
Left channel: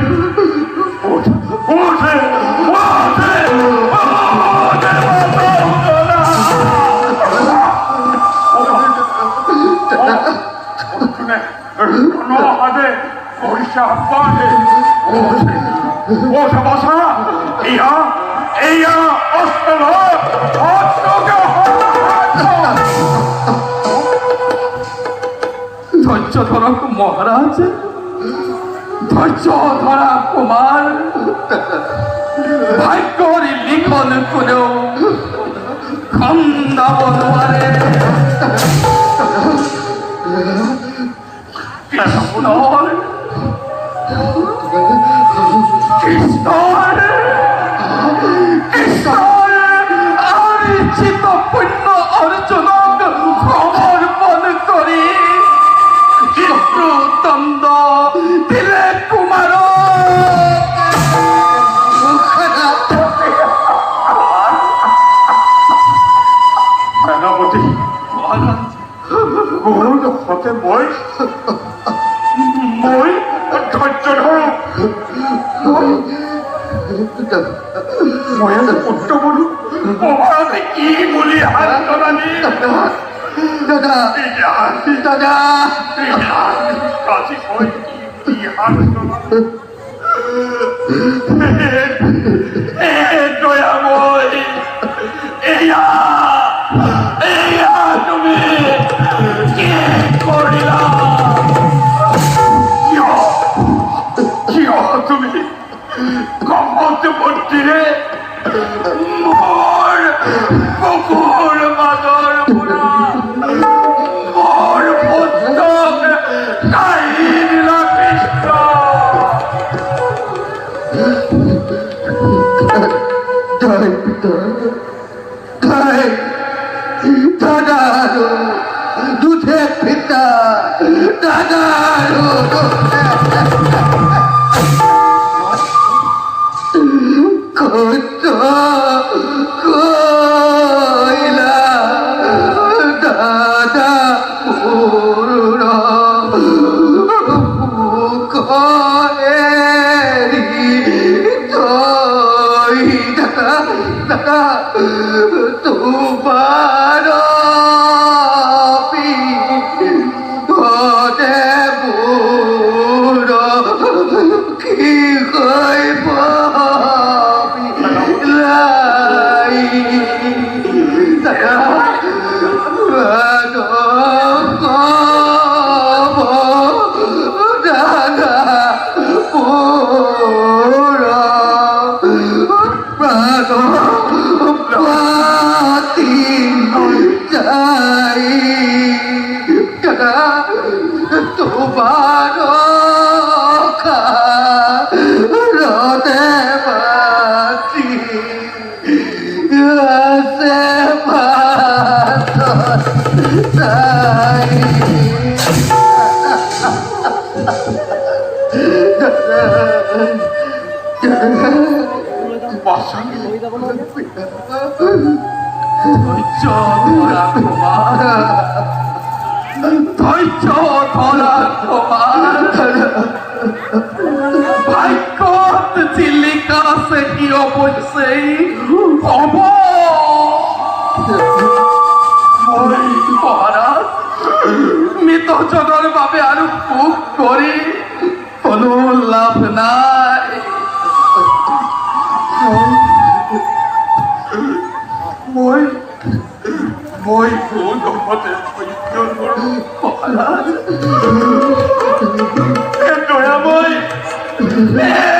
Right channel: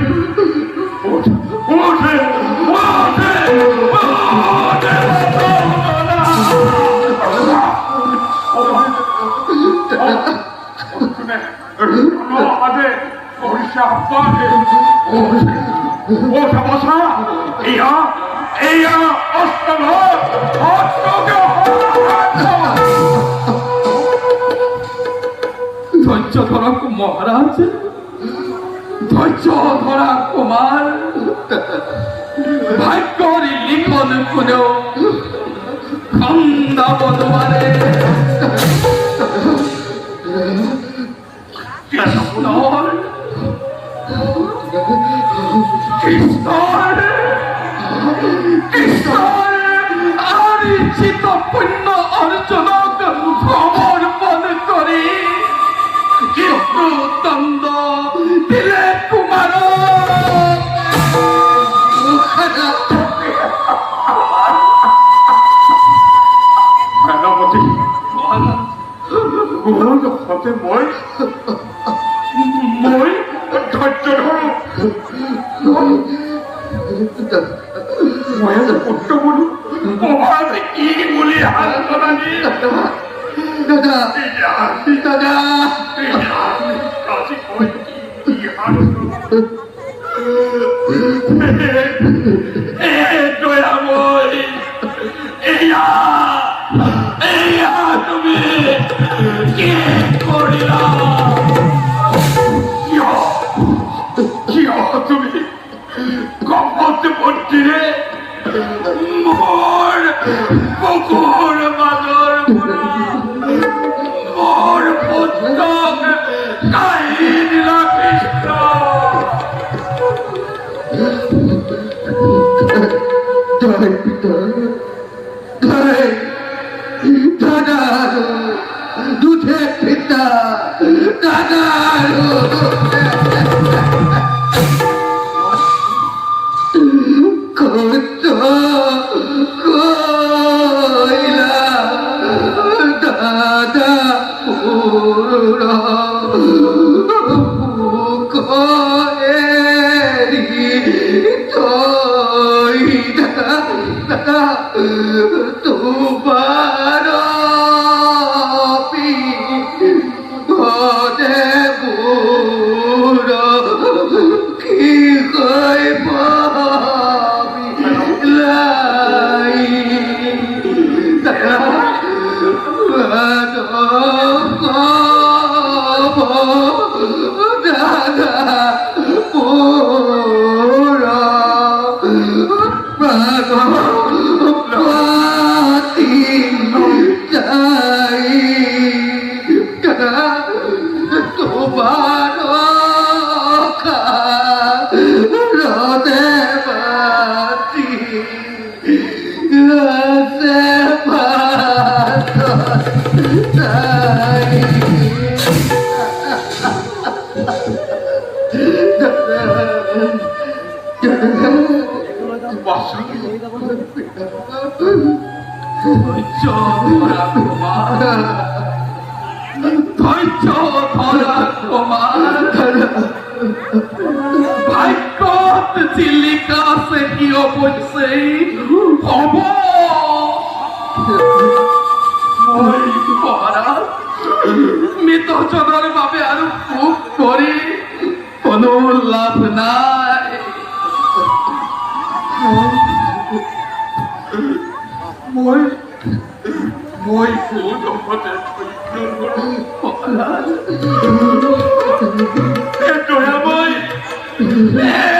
ধৈর্য ধরা মহারাজ, ধৈর্য ধরা কুমার। ভাগ্যর লিখন কোনেও খন্দাব নোৱাৰে। কৃষ্ণৰ আৰ্জিত পুণ্য অৰ্জুনক সমৰ্পণ কৰি দণ্ড দিলে কুমাৰৰ মোৰ হতে মই ধৈৰ্য ধৰো মই আজি পুত্ৰ বোলো মহাৰাজে কি বুলি সান্তনা দিয়ে দাদা দাদা আজি মই কি সান্তনা দয়াময় এয়া তুমি কি কৰিলা কিয় তুমি কমত বুদ্ধিৰে মোৰ বুকুৰ মাজৰ পৰা মোৰ পুত্ৰক কাঢ়ি দিলা কৃষ্ণ জয় পিতা জয় দাদারো দুধে পিতা দাদারো কত কইলা দাদা পুরা দাদা তোমার কি কইব লাই দাদা দাদা পুরা পাতি যাই দাদা তোমার রদে পাতি যাই ভাগ্যত চিলিকা আছে কি অৱশ্যে হ'ব মই মহাৰাজ মৃতজনৰ বাবে আৰু সুখ কৰি কোনো লাভ নাই মই কোনোমতে সহ্য কৰোঁ মহাৰাজ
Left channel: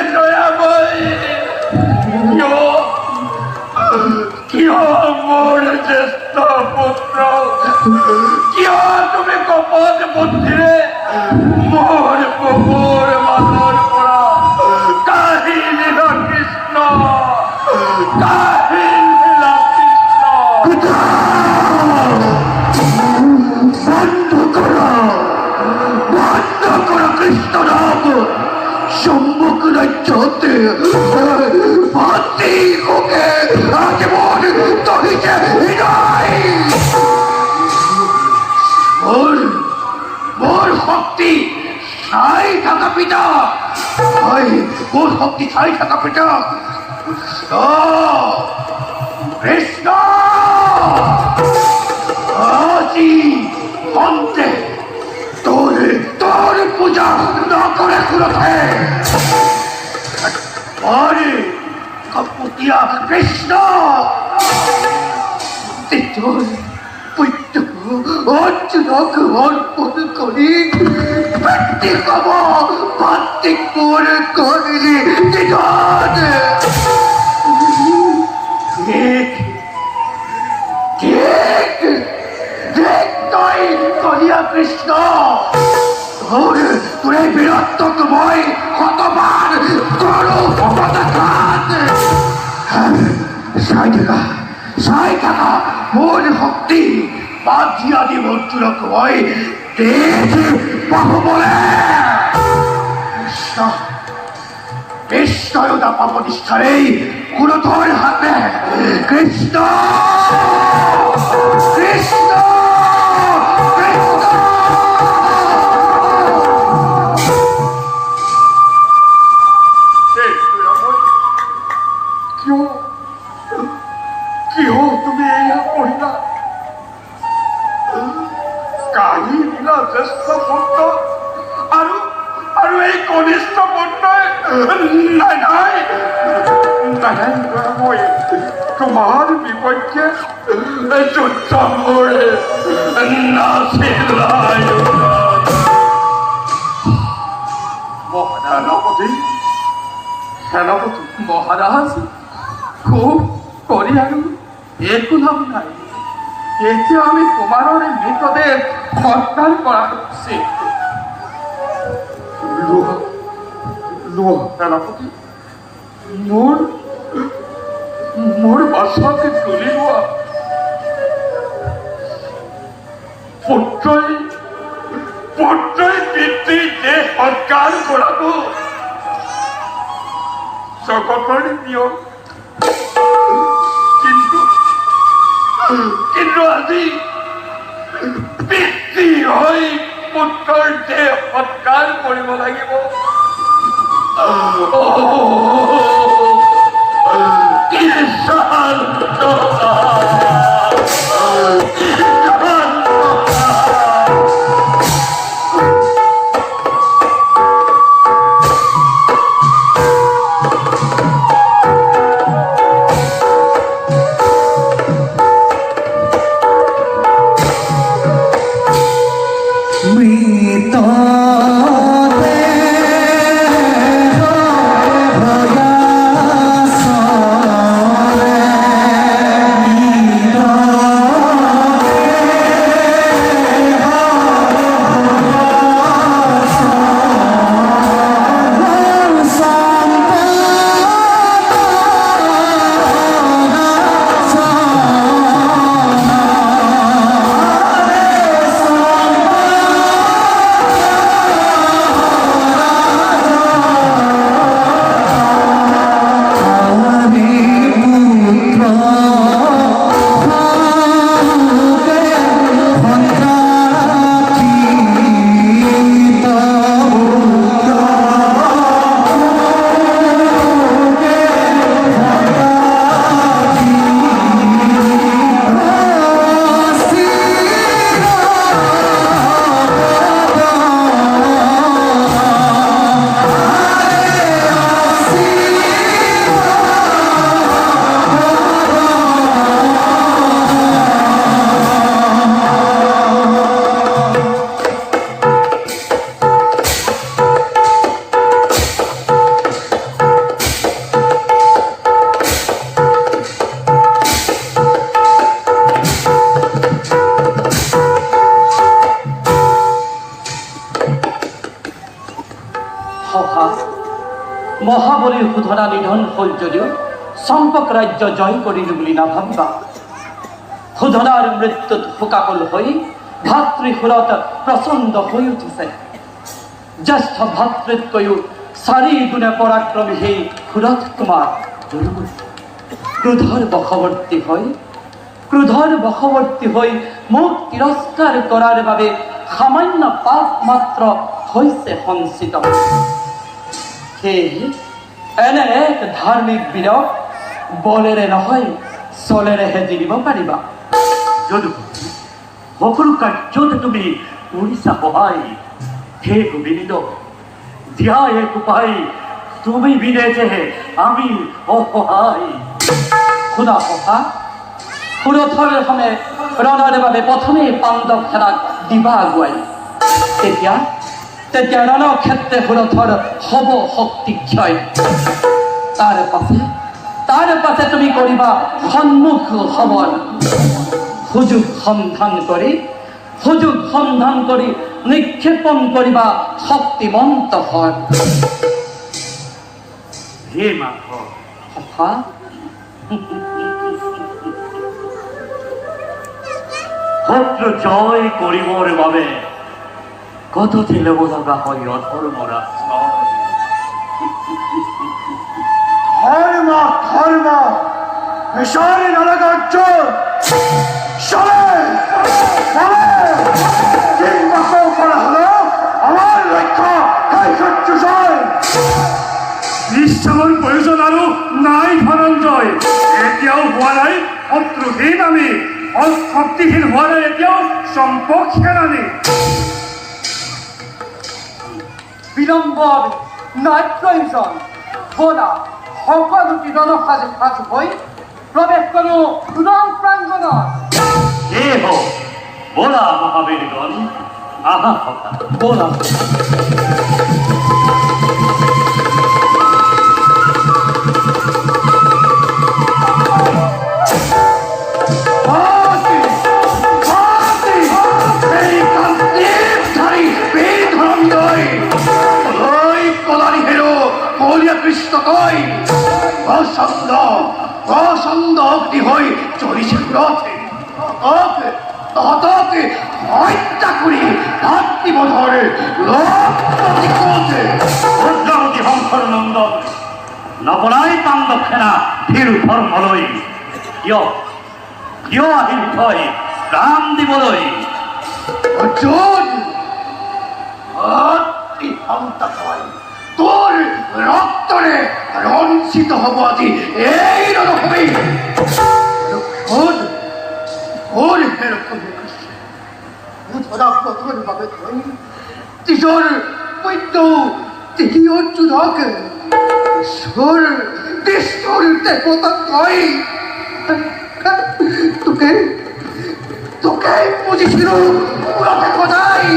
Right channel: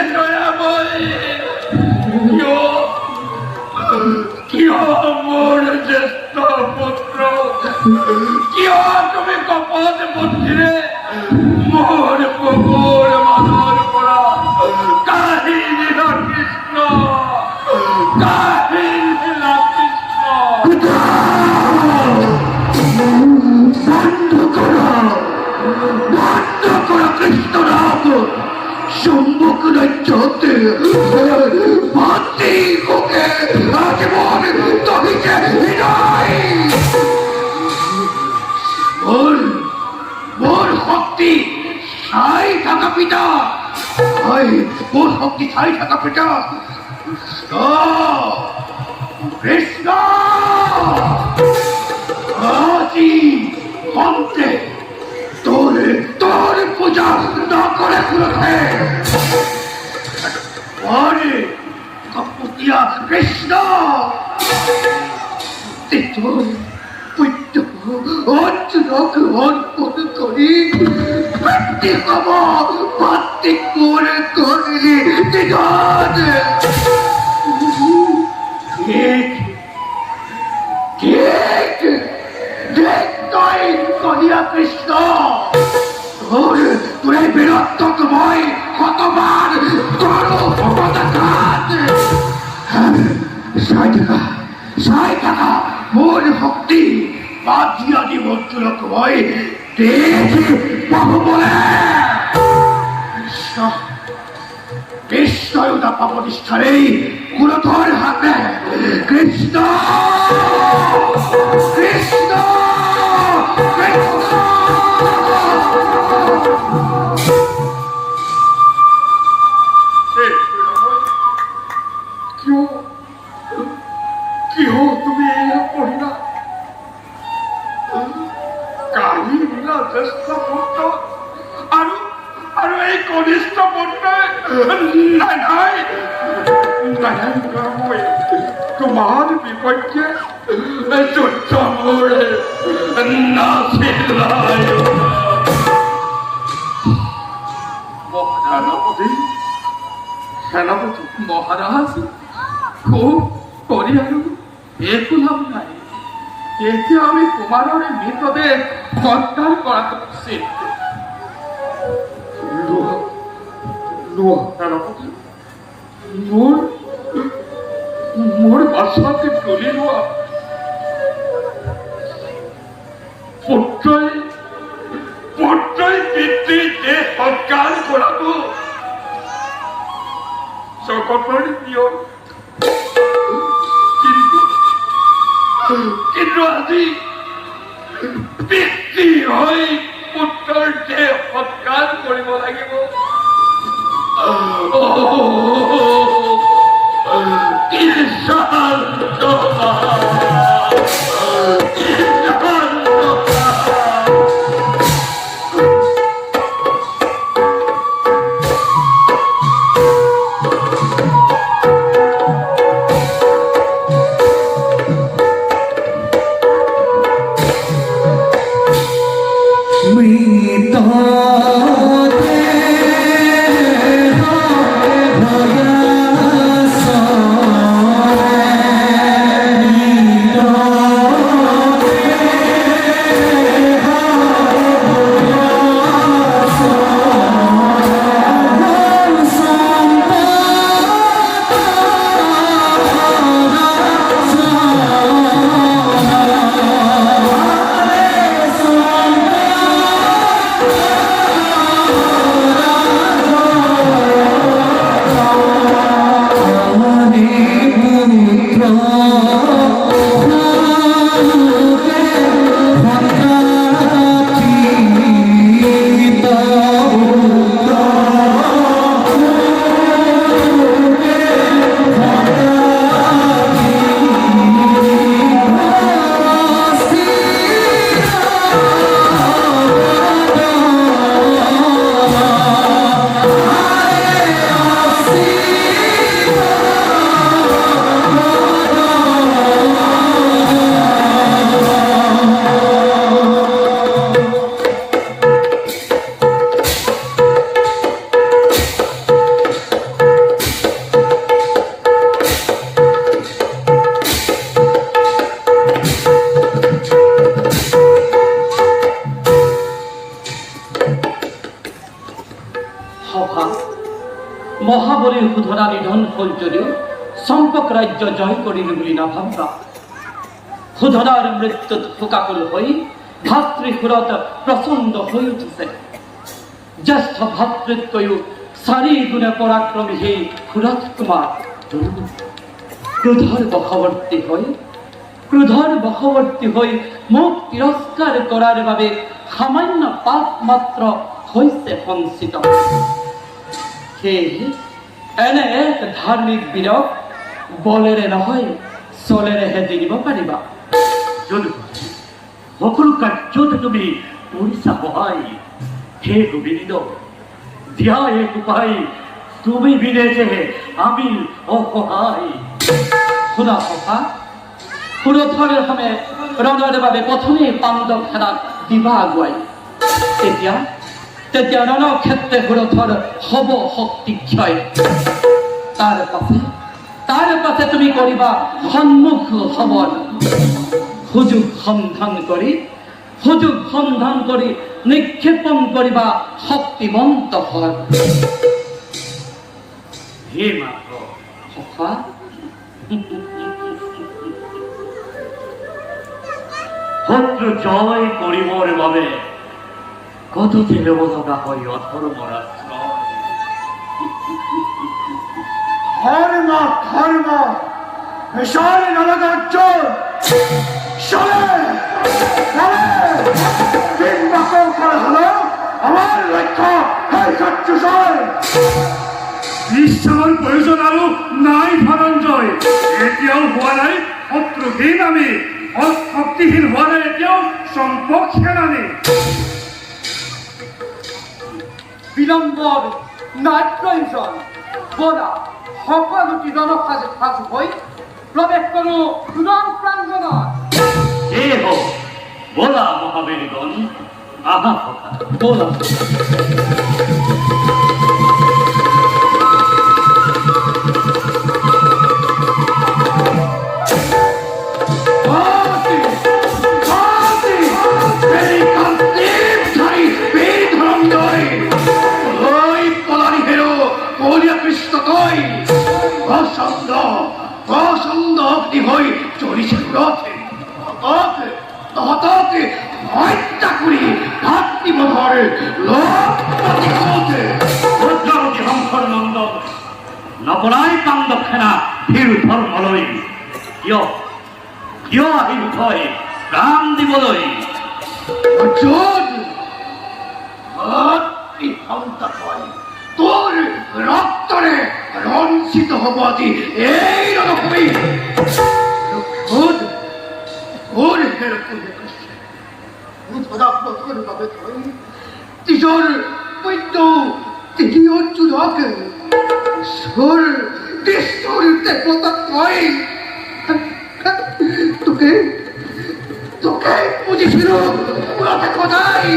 দয়াময় কিয় মোৰ জ্যেষ্ঠ পুত্ৰ কিয় তুমি কপট বুদ্ধিৰে মোৰ বুকুৰ মাজৰ পৰা কাঢ়ি নিলা কৃষ্ণ কাঢ়ি নিলা কৃষ্ণ বন্ধ করো কৃষ্ণ নাম সম্মুখ রাজ্যতে ভাতি হোকে আজীবন তহিতে হৃদয় মোর শক্তি সাই থাকা পিতা মোর শক্তি সাই থাকা পিতা কৃষ্ণ আজি অন্তে তোর পূজা না করে কুলতে আরে কপুতিয়া কৃষ্ণ তোর পুত্র অর্জুনক অর্পণ করি ব্যক্তি কব ভাত্তি করে করিলি দিগত ঠিক ঠিক দেখ তুই কলিয়া কৃষ্ণ তোরে বীরত্বময় কতবার করো পদাঘাত সাই টাকা মোর শক্তি বাজিয়া দিব অর্জুনক মই তেজ পাব বলে নিশ্চয়তা পাব নিষ্ঠারেই কুরথর হাতে কৃষ্ণ কৃষ্ণ কাঢ়ি নিলা জ্যেষ্ঠ পুত্ৰ আৰু এই কনিষ্ঠ পুত্ৰই নাই মই তোমাৰ বিপক্ষে যুদ্ধ কৰে নাছিল। সেনাপতি মহারাজ খুব করি আৰু একো লাভ নাই। এতিয়া আমি কুমাৰৰে মৃতদেহ সৎকাৰ কৰা উচিত। লোৱা সেনাপতি, মোৰ বাছাকে তুলি লোৱা। পুত্ৰই পিতৃৰ দেহ সৎকাৰ কৰাটো জগতৰ নিয়ম, কিন্তু আজি পিতৃ হৈ পুত্ৰৰ দেহ সৎকাৰ কৰিব লাগিব। কি শান্ততা! মহাবলীৰ শোধনা নিধন হ'ল যদিও চম্পক ৰাজ্য জয় কৰিলো বুলি নাভাবিবা। শোধনাৰ মৃত্যুত শোকাকুল হৈ ভাতৃসুৰত প্ৰচণ্ড হৈ উঠিছে। জ্যেষ্ঠ ভাতৃতকৈও 4 গুণে পৰাক্ৰমী সেই সুৰথ কুমাৰ ক্ৰোধৰ বশৱৰ্তী হৈ মোক তিৰস্কাৰ কৰাৰ বাবে সামান্য পাপ মাত্ৰ হৈছে সঞ্চিত। সেয়ে এনে এক ধাৰ্মিক বীৰক বলেৰে নহয় চলেৰেহে জিনিব পাৰিবা। সকলো কাৰ্যতে তুমি কৰিছা সহায়। হে গোবিন্দ, দিয়া এক উপায়, তুমি বিনে যে আমি অসহায়। শুনা সখা, সুৰথৰ সমে ৰণৰ বাবে প্ৰথমেই পাণ্ডৱ সেনাক দিবা আগুৱাই। তেতিয়া ৰণক্ষেত্ৰে সুৰথৰ হব শক্তি ক্ষয়। তাৰ পাছে তুমি কৰিবা সন্মুখ সবল। সুযোগ সন্ধান কৰি নিক্ষেপণ কৰিবা শক্তিমন্ত হৰ। হে মাধৱ, সখা, শত্ৰু জয় কৰিবৰ বাবে কত যে ল'ব লগা হয় অধৰ্মৰ আশ্ৰয়। ধর্ম মিশরে নরকার্যর চলে হলো আমার লক্ষ্য বিশ্রামৰ প্ৰয়োজন আৰু নাই ধনঞ্জয়। এতিয়াও হোৱা নাই শত্ৰুহীন, আমি শক্তিহীন হোৱা নাই এতিয়াও চম্পক সেনানী বিলম্বর নাই প্রয়োজন বলা সকলোটি রণসাজে সাজু হৈ প্রবেশ করো রণ প্রাঙ্গণত কে হো বলা মহাবীরগণ আহা কথা বলা হাতে হাতে এই কান্তিধারী বীর ধরণীয় ওই পলারি হেরো মৌলিয়া কৃষ্ণ কই প্রসন্ন অগ্নি হই চলিছে রথে তহতকে হত্যা করি ভাতৃবধর লোকপতি কোথে রুদ্রমতি হংসর নন্দন নপরাই পাণ্ডব সেনা ফির ধর্মলৈ কিয় আহিল থৈ প্ৰাণ দিবলৈ অর্জুন অতি হন্তা কয় তোর রক্তরে রঞ্চিত হব আজি এই রণভূমি ওর হেরকম তিজোর বৈদ্য তিনি অর্জুনক ঈশ্বর ঈশ্বর দেবতা কয় তোকে তোকে বুঝেছিল পুরাতে কোথায়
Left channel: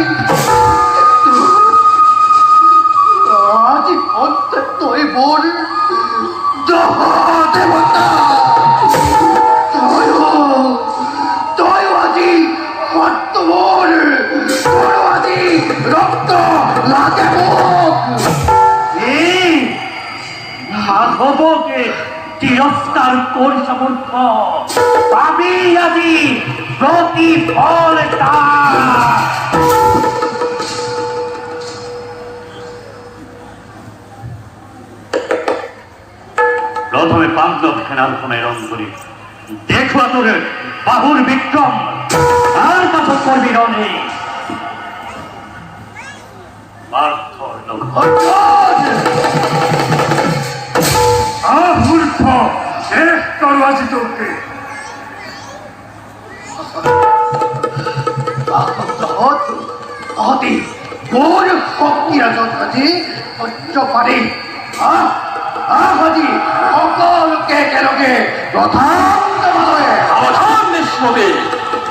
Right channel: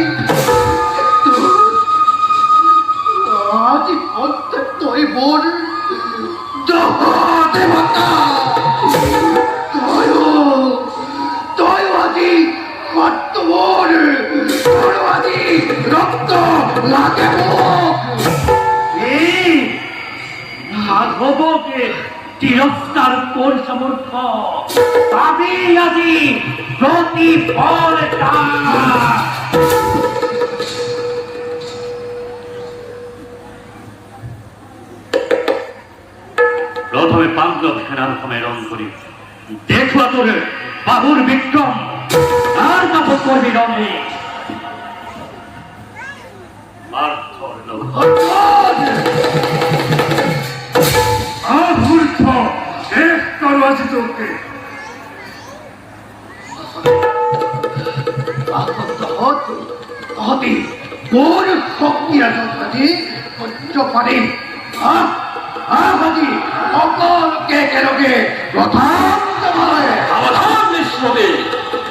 আজ অন্ত তোই বোন দেবতা তয় আজি কর্তবর তোর আজি রক্ত লাগে মুখ এই মাধবকে তিরস্কার করি সমর্থ পাবি আজি প্রতিফল তার প্রথমে পাণ্ডব সেনার সময় করি দেখো তোর বাহুর বিক্রম তার পাথর করবি রণে পার্থর লক্ষ্য মূর্খ শেষ করো আজি তোকে অতি কোন শক্তি আছে সহ্য পারে আজি সকলকে একেলগে প্রধান সাবধান নিষ্পতি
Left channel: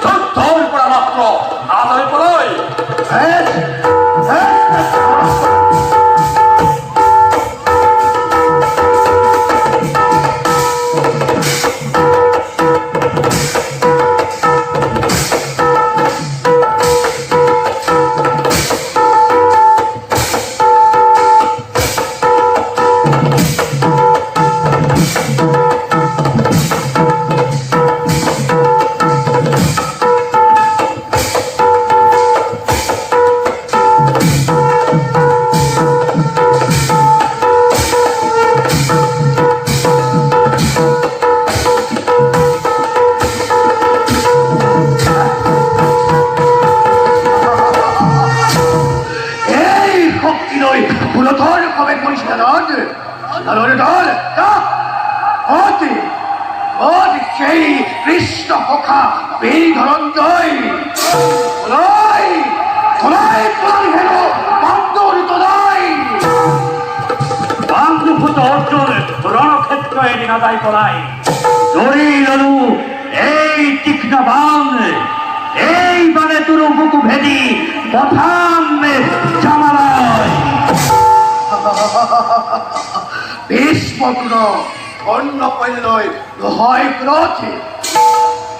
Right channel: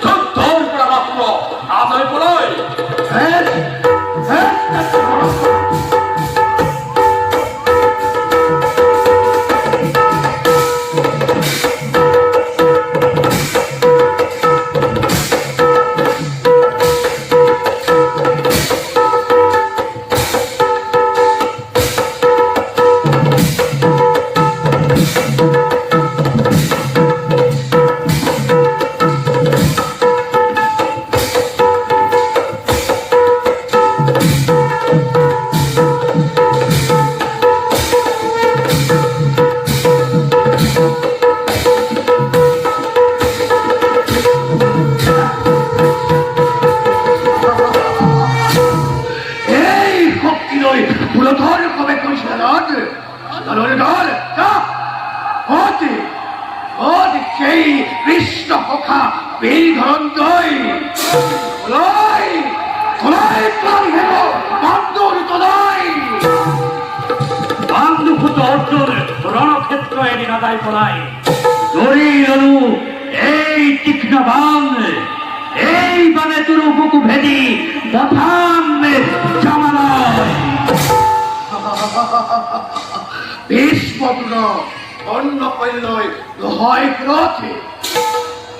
যুদ্ধর পৰা মাত্ৰ আজৰি পৰৈ পুরোধর কবে করিস না দল অতি অতি সেই কৃষ্ণ পোখা বীর ধরন্তই তোলাই তোলাই প্রাণ হেল বান্দর তোলাই বান্ধুভূত অর্জুন রণক্ষেত্র এদিন আদায় করাই দড়ি ললু এই তীক্ষ্ণ বাণ এই বাণে তুরু বুকু ভেদি পথাম জামালয় ভীষ্মপুর অন্য পল্লয় হয় ক্রোধে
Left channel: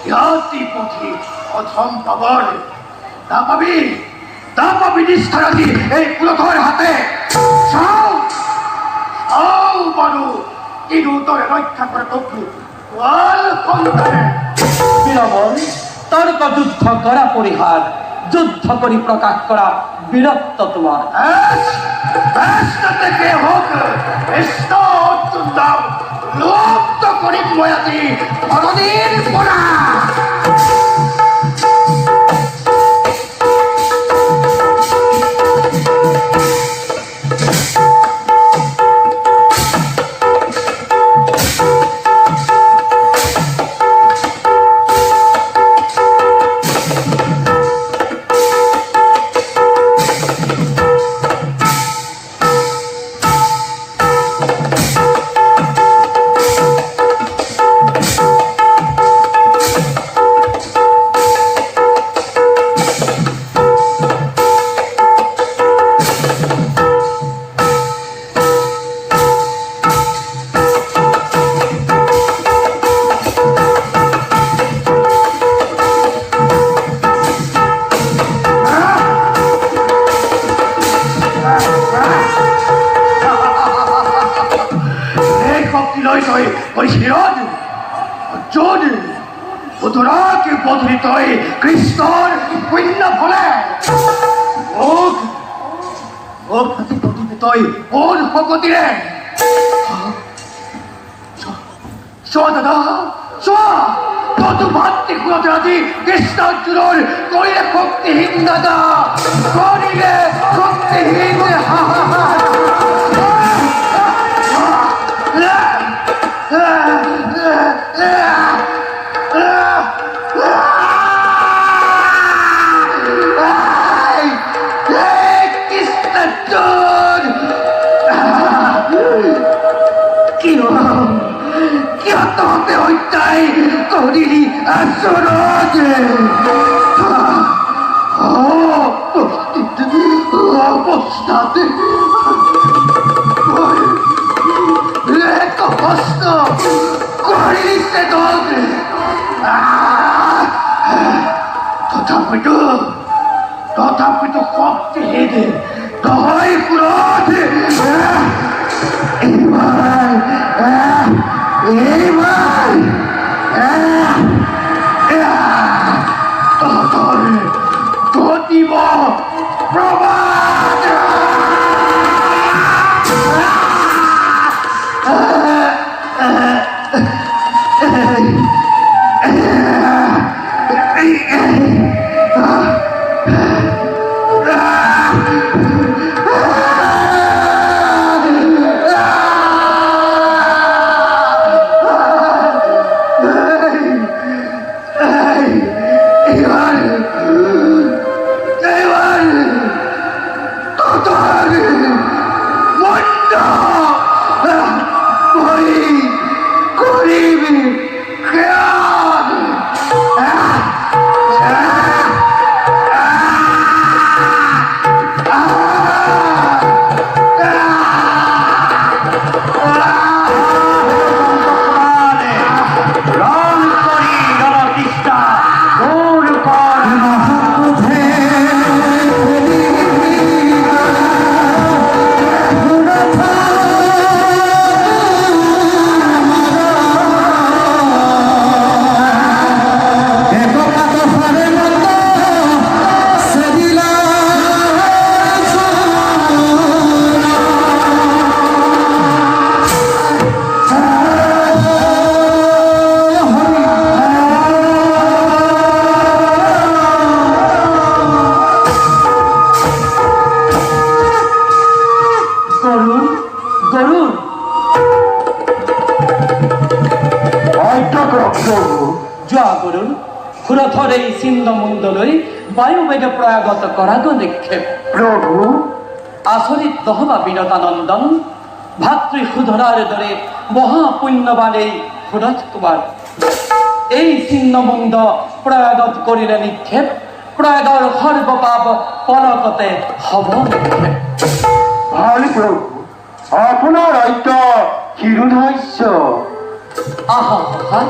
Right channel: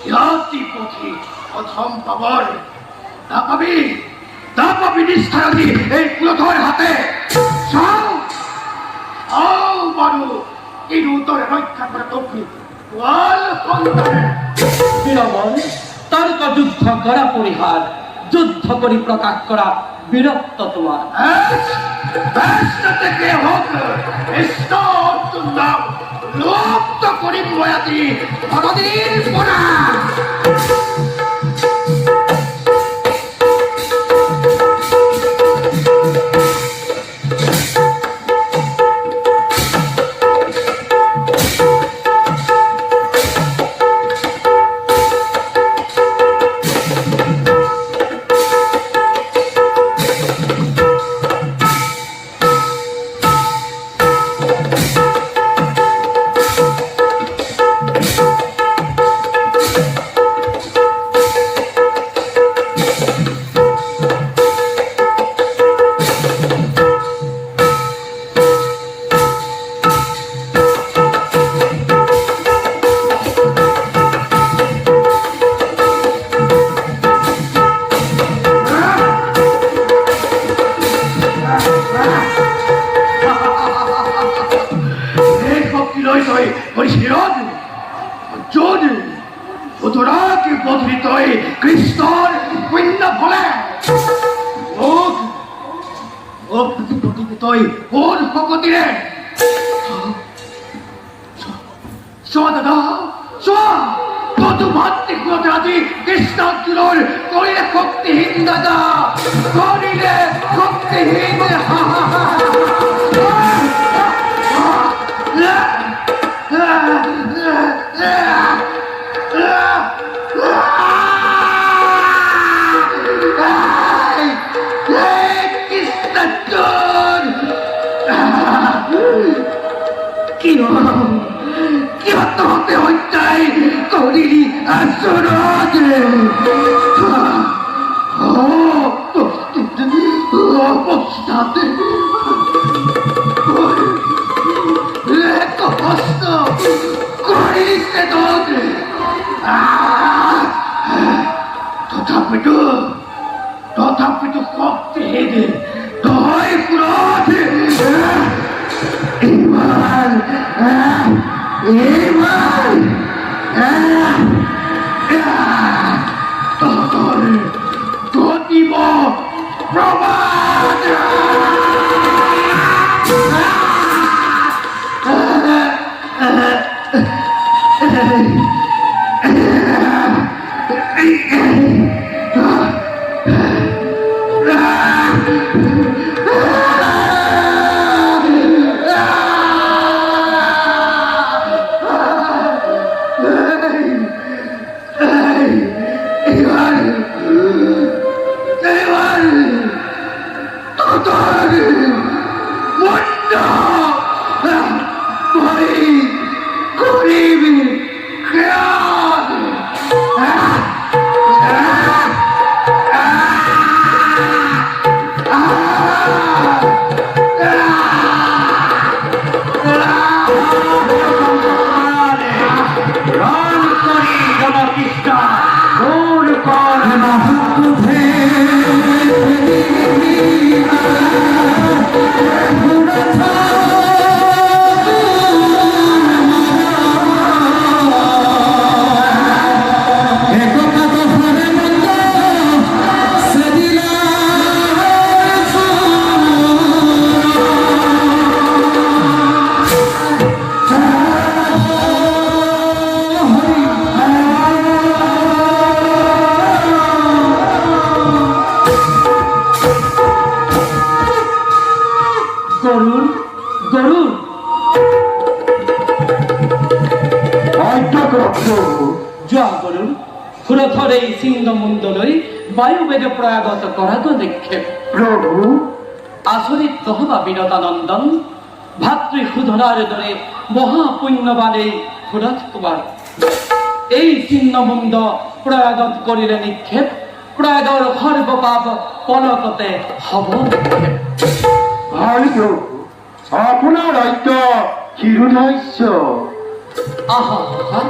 জাতি পথি অধম পাবর তা পাবি নিষ্ঠারাজি এই পুরোধর হাতে চাও চাও বারু কিন্তু তোরে রক্ষা করে তবু ওয়াল কন্দারে বিলম্বন তর্ক যুদ্ধ করা পরিহার যুদ্ধ করি প্রকাশ করা বীরত্ব তোমার থেকে হোক অর্জুন দাম লুপ্ত করি বয়াতি ধরনের পড়া পধুৰী তই কৃষ্ণৰ পুণ্য ফলে মোক আজি প্ৰতিকে তই কোন শকতিৰে চোৱা দাদা চোৱা ততো ভাতৃকুলতে আজি কৃষ্ণাৰ্জুনৰ কৰিলে শক্তিহীন দাদা কৰিলে শক্তিহীন কিয় তহঁতে হত্যাই কৰিলি আচৰণ অৱস্থাতে কষ্ট কৰিলি চেতন তথাপিতো শক্তিহীন নহয় ক্ৰোধ এইবাৰ তহঁতৰ ঘটিব প্ৰমাণ ক্ষুরথর এই ছিন্নমণ্ডলৈ বায়ুবেগে প্রয়াগত করাগ নিক্ষেপ প্ৰভু আচরিত নহবা বিনতানন্দন ভাতৃ সুধরার দরে মহাপুণ্যবান এই ক্ষুরথ তোমার এই ছিন্নমুণ্ড প্রয়াগত করিলে নিক্ষেপ প্রয়াগর সর্বপাপ পলকতে হব নিক্ষেপ ভাল প্ৰভু আপোনাৰ আজ্ঞা শিৰোধাৰ্য আহা হা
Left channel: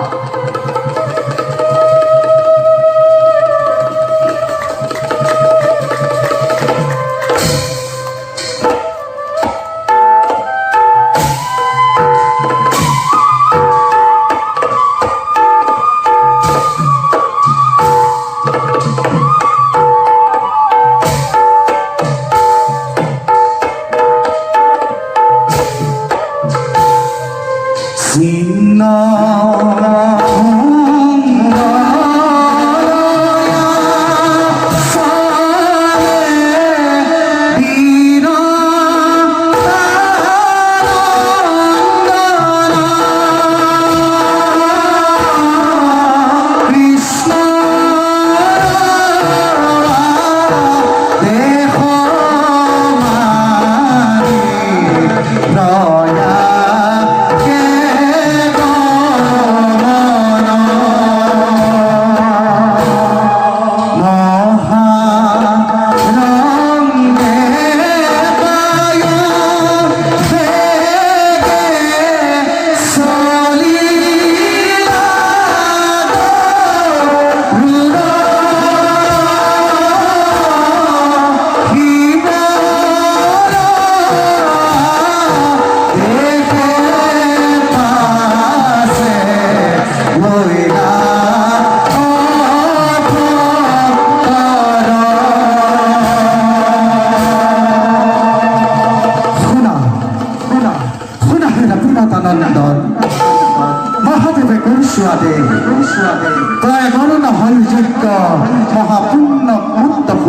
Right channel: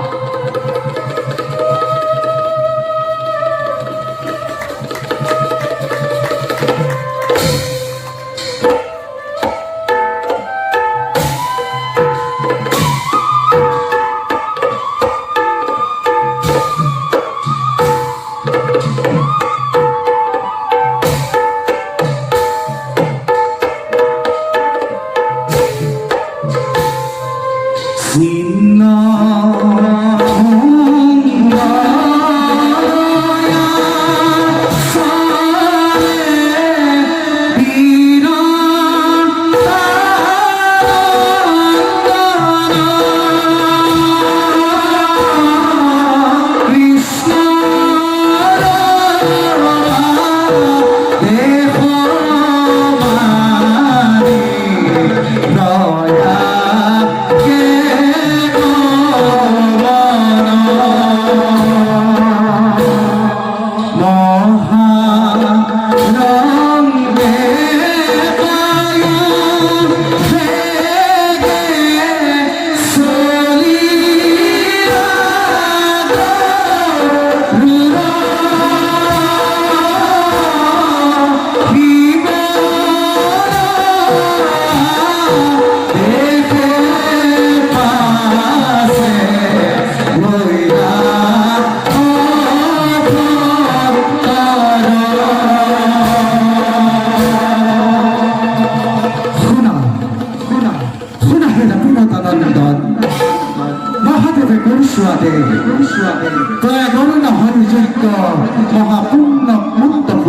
Sinna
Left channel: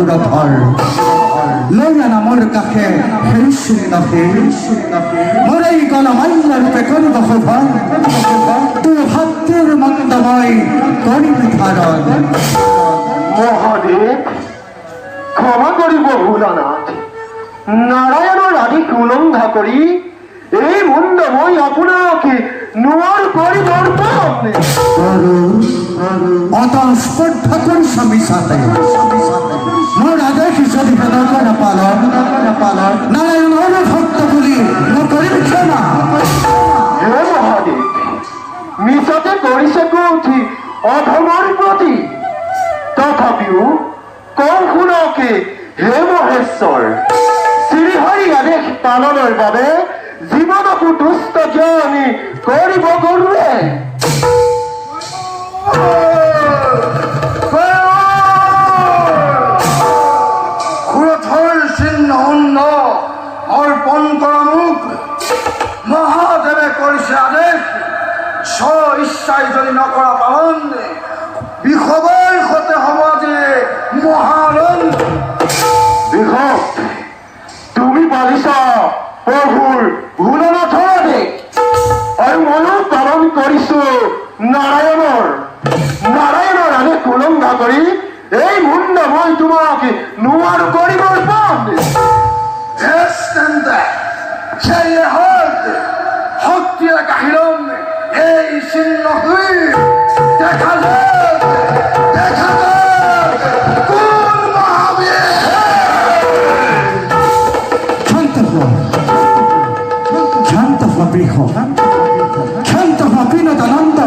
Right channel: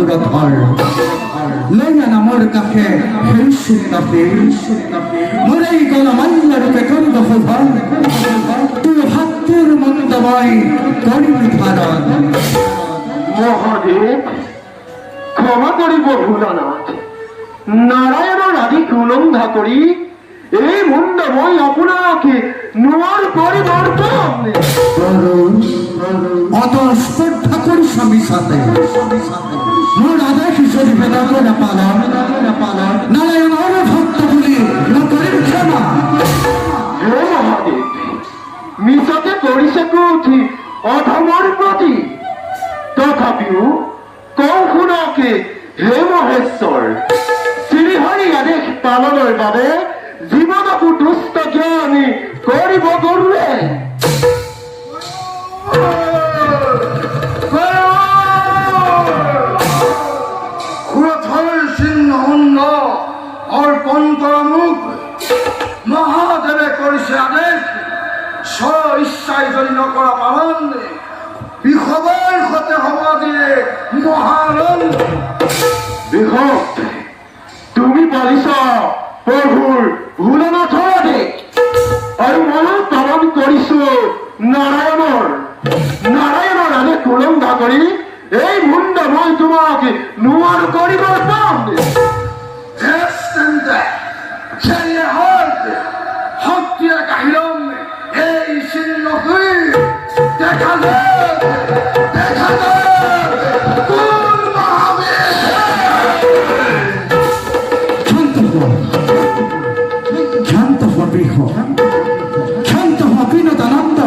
পুরধর লইয়া না মোর কাছে সেই সিন্নকে মোরাই গণমান্য রূপে করিব শোভন তুই হাতের মন্দময় করিবি ধারণ। মহাদেব ক্ষমা করিব ভোলানাথ, নারায়ণের আদি উলঙ্ঘা করি এই মুন্ডময় আপনাকে নোয়ার পরিবর্তন অত স্পর্ধা করি স্বামী সাথে মোর আদেশ যদি বেদক না পালন নারায়ণ ভক্ত বলি করিব ক্ষমা। হে মহাদেব, মিশাতে করিছে কৌঠি অধমর প্রতি, তথাপিও কৌশুনকে হে মহেশ্বৰ শ্রীহরি আদেশ পালনের বাবে জীবনকু দুষ্ট জ্ঞানী কৰিব গৰুৱে। ক্রোধর চিহ্ন অন্য অর্পণ করা মুখ মহাদেবে করিছে আদেশ স্ব ইচ্ছায় যদি নকরা পালন বিষবের হতে হওয়া দিয়ে মহারণ। বিভক, তুমি বলিছ প্ৰভুৰ ভোলানাথৰ আদেশ আৰু ময়ো পালন কৰিছো নাৰায়ণৰ আদেশ উলংঘা কৰি এই মুণ্ড মই তোমাক নোৱাৰো কৰিবৰ পাম। শক্তিয়ে কাহিৰম এই চিহ্ন দেখা যাক কোন মহাবীর। শান্ত হওয়া বৃহ শান্ত হওয়া বিনোদানন্দ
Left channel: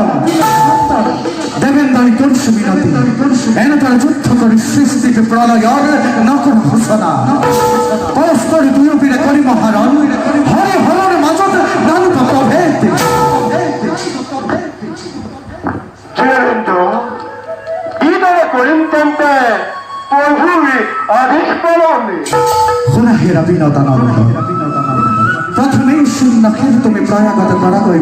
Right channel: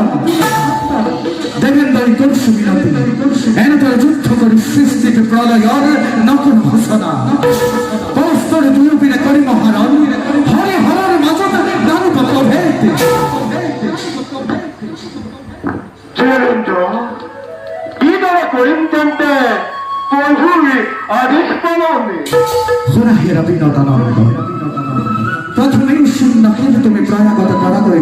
দেবেন্দ্র করছু বিনতি এনেতরে যুদ্ধ করে সৃষ্টিতে প্রলয়র নকর ঘোষণা পরস্পর দুয়োপিনে করি মহারণ হরে হরর মাজত নানুক প্রভেদ। কিদৰে কৰিম তেন্তে প্ৰভুৰ আদেশ পালন? শুনা হেরা বিনোদানন্দ, প্রথমেই সিন্নকে তুমি প্রয়াগত করা করে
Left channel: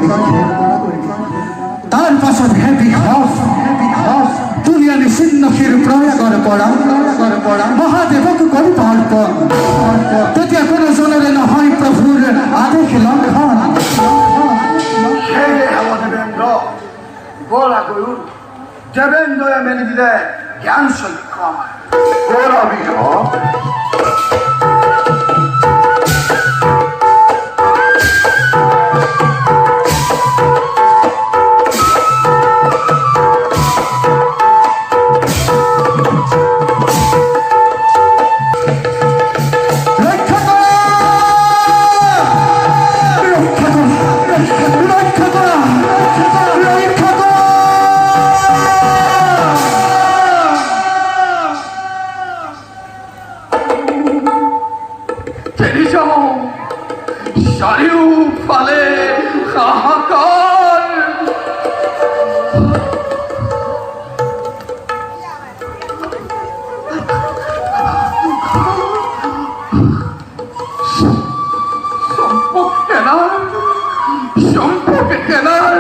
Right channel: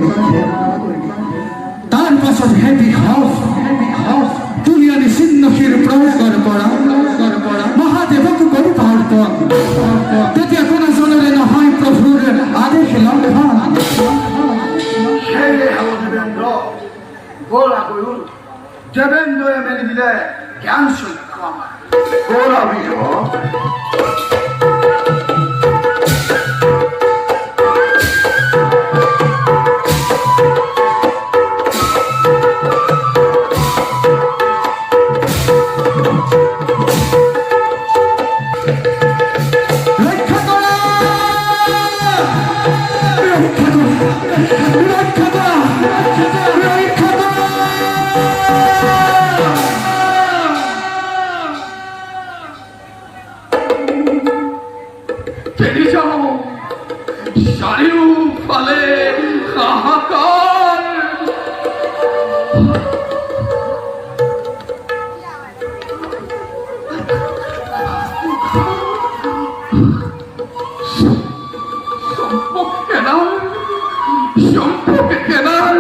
তার পাছত হেভি হফ তুলিয়ানি সিন্নকের প্রয়াগর পড়া মহাদেবক করি অর্পণ। তেতিয়া কোনো জনরে নহয় প্রভুর আদেশ লঙ্ঘন। সেয়ে হব দেবেন্দ্র গোলা গরুর দেবেন্দ্রয়ে মেলি দিলে জ্ঞান সৈক্য আমার গোলা বিহ চাৰিওফালে হাহাকাৰ চম্পকে কেনাৰ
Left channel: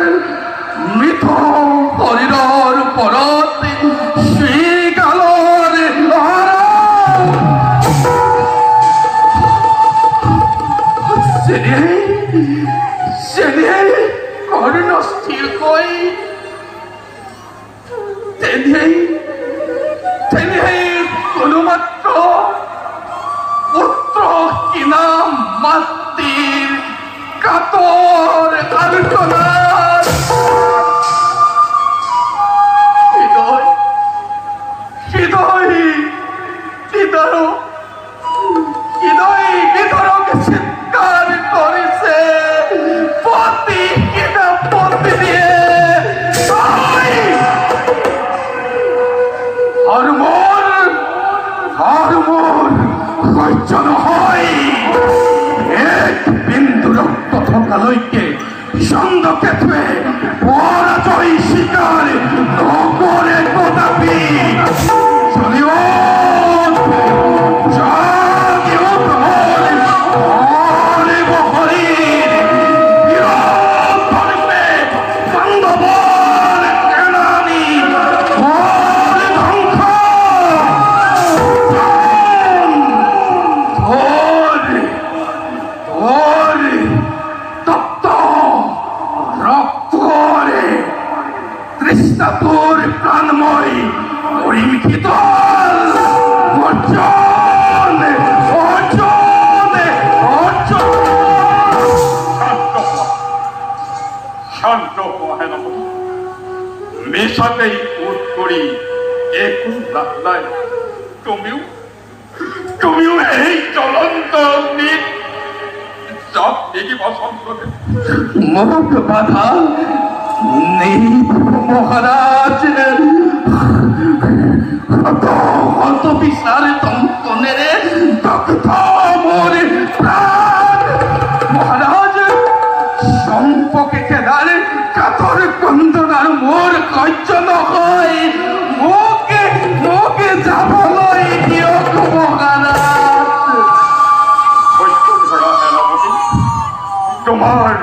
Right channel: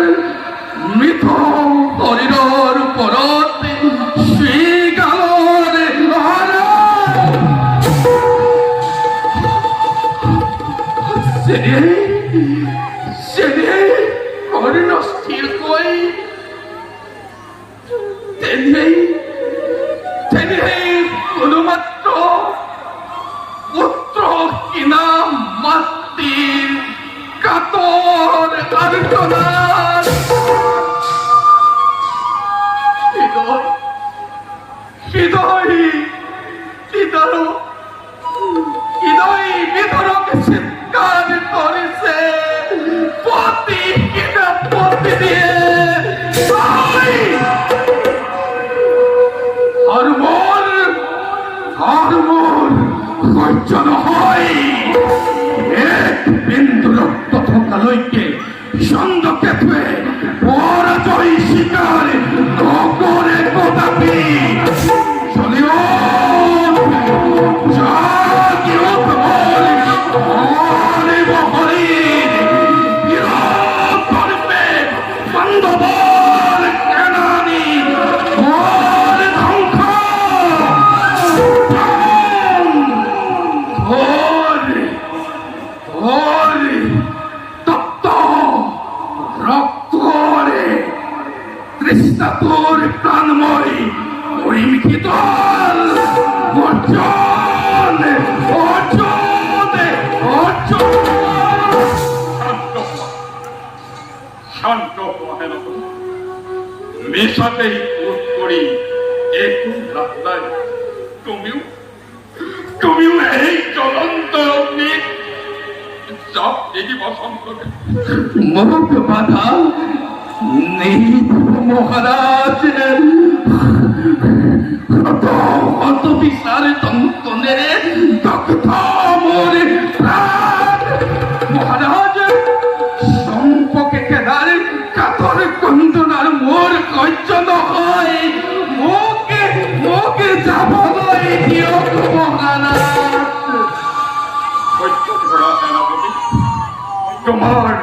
মৃত শৰীৰৰ ওপৰত শ্ৰীকালৰ যেনে কৰ্ণ স্থিৰ কৈ তেনেই কোনো মাত্ৰ পুত্ৰ কিনা মাতৃৰ কাতৰ আলোচনাত হৃদয় বিতরকে চিৎকার করেছে পতি কিনা পতি দিয়ে আর মোর সহ্য নহয় এক বিন্দু রক্ত থকালৈকে চন্দ্ৰকে থুৱে পৰাজয় স্বীকাৰ নকৰে কদাপি। অর্জুন অর্জুন অর্জুন শান্ত হেনপতি মেশাতেই উঠ করি একটু রাস্তায় তুমিও এই চলন্ত অগ্নি চাপ দেখি বসন্তকে মুখ বাধা নেই মহারাজ হত বিশাল দন্তনের দগ্ধ মোর প্রাণ মহারাজ সম্পকে কেদার কাতর কন্দনার মোর কজ্জ নহয় মোকে যাবলৈ দিয়ক মহারাজ সত্য ধরা সেনাপতি তোমার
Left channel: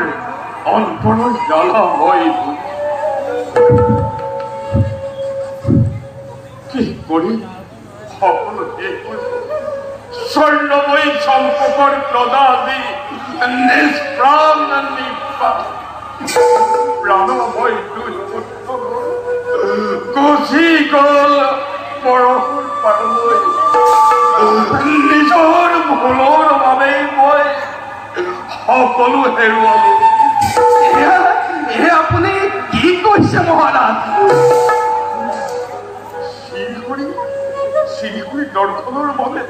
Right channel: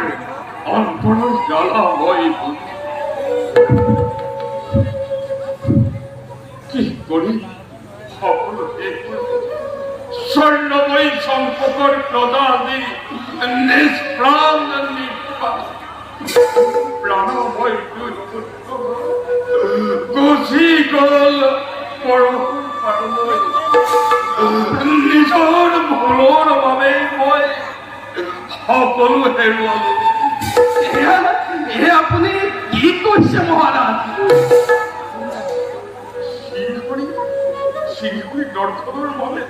অন্তর জ্বালাময় কি করি সকল স্বর্ণময়ী সম্পকর প্রদাদি নিষ্প্রাণ প্রাণময় দুই গুচি গল পৰশুৰ পাৰলৈ নিজৰ ভুলৰ বাবে মই সকলো হেৰুৱালো আপুনি কি কৈছে মহাৰাজ শ্রীহরি দর্শনের বাবে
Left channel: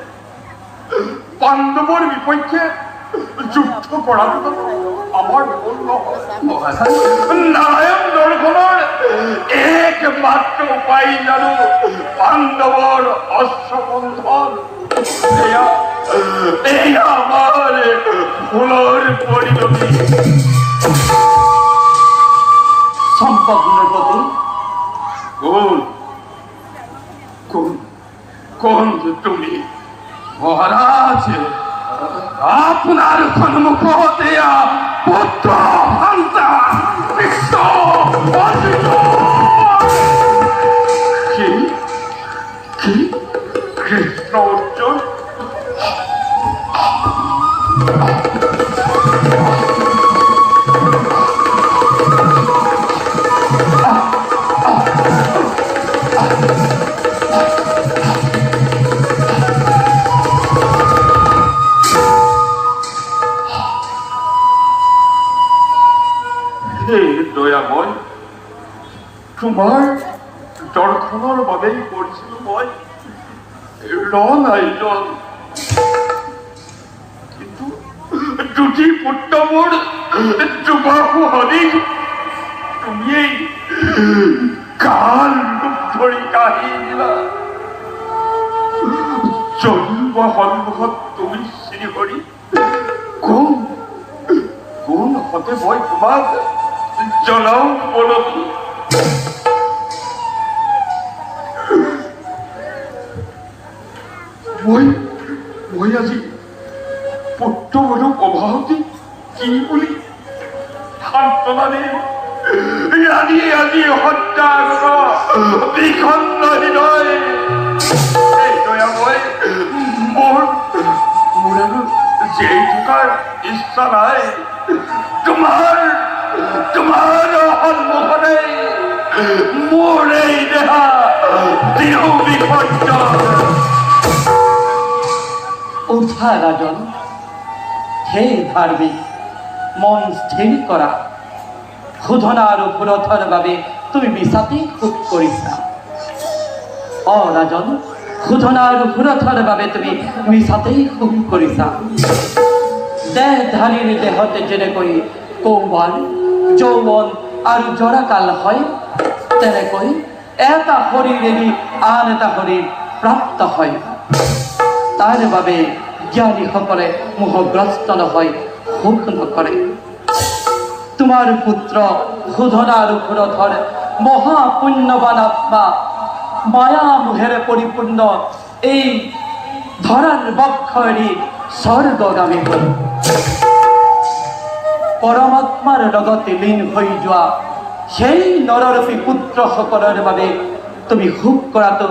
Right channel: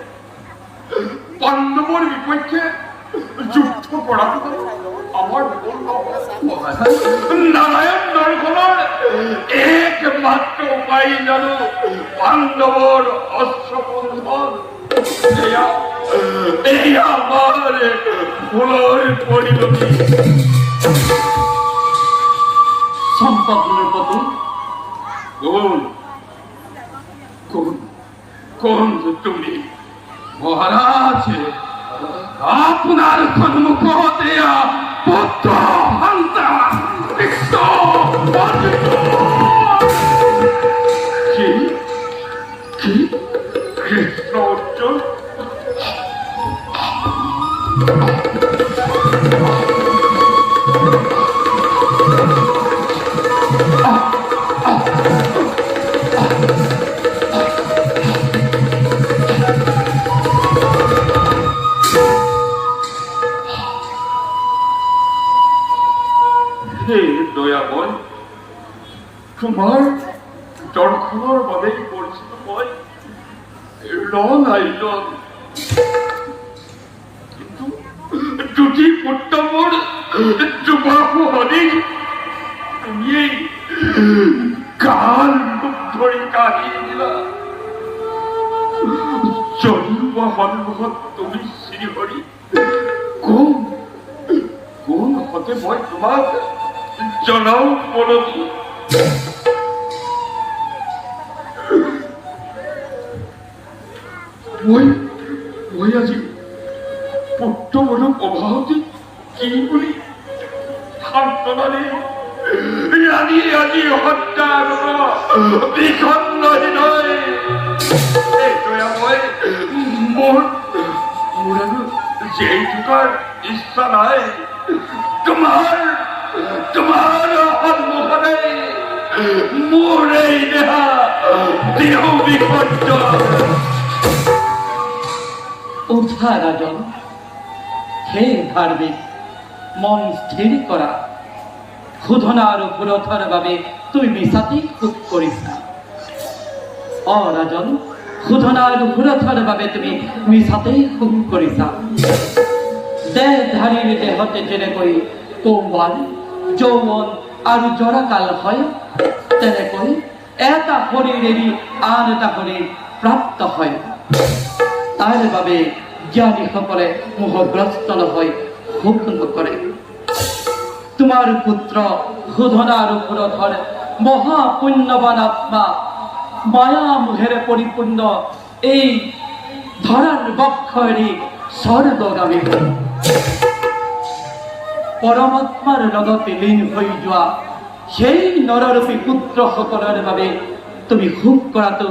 পাণ্ডৱৰ বিপক্ষে যুদ্ধ কৰাটো আমাৰ ভুল নহয় মহারাজ নারায়ণ দর্শনৰ একমাত্ৰ উপায় জানো পাণ্ডৱৰ অশ্ববন্ধন এয়া আমাৰ ভুলৰ পৰিণতি সম্পগ্নের প্রতি কোন তুমি মহারাজ আপনার সন্মুখতে পুত্র হন্তা বিশ্ব কি কৃষ্ণ অর্জুন হে দয়াময় তোমাৰ দৰ্শনৰ বাবেই কৰিছিলো মই ৰণ আয়োজন কিন্তু দুটি পুত্ৰ মোৰ যুৱাসু হৰি তুমিয়েই কাল ৰূপ ধৰি কাঢ়ি দিলা যদিও বা সন্মুখত তুমি শ্ৰীহৰি কোন হতে মই তোমাক জনাও বলবি মই আজি পুত্ৰবোৰক অভাৱতি কি বুলি সান্তনা দিম ৰাণী আজি হত্যা বিষণ্ণ হৃদয় মোৰ আৰু জীয়াই থকাৰ ইচ্ছা নাই তোমাৰ সন্মুখতে মোৰ এই দেহা দেহ বিসৰ্জন উঠা রাজন হে ধার্মিক মন স্থিৰ কৰা শোধনা আৰু পুৰথৰ বাবে তুমি মিছাতেই খুব কৰিছা ৰাজন শোধনা আৰু পুৰথৰ বাবে তুমি মিছাতেই খুব কৰিছা দেহধাৰীৰ দেহতে যেনেকৈ কৌমাৰ যৌৱন আৰু জৰাকাল হয় তেনেকৈ এটা শৰীৰ এৰি আন এটা শৰীৰ প্ৰাপ্ত হয় তাৰ বাবে জ্ঞানীসকলে মোহগ্ৰস্ত নহয় সুখ নকৰে তোমাৰ পুত্ৰ শোধনা আৰু পুৰথৰ মহাপুণ্যৱান আত্মা মায়া মোহেৰে পৰিপূৰ্ণ এই ধৰাৰ বক্ষ এৰি স্বৰ্গগামী হ'ল পৰমাত্মাৰ লগতে লীন হৈ যোৱা সেই নৰৰূপী পুত্ৰসকলৰ বাবে তুমি সুখ কৰাটো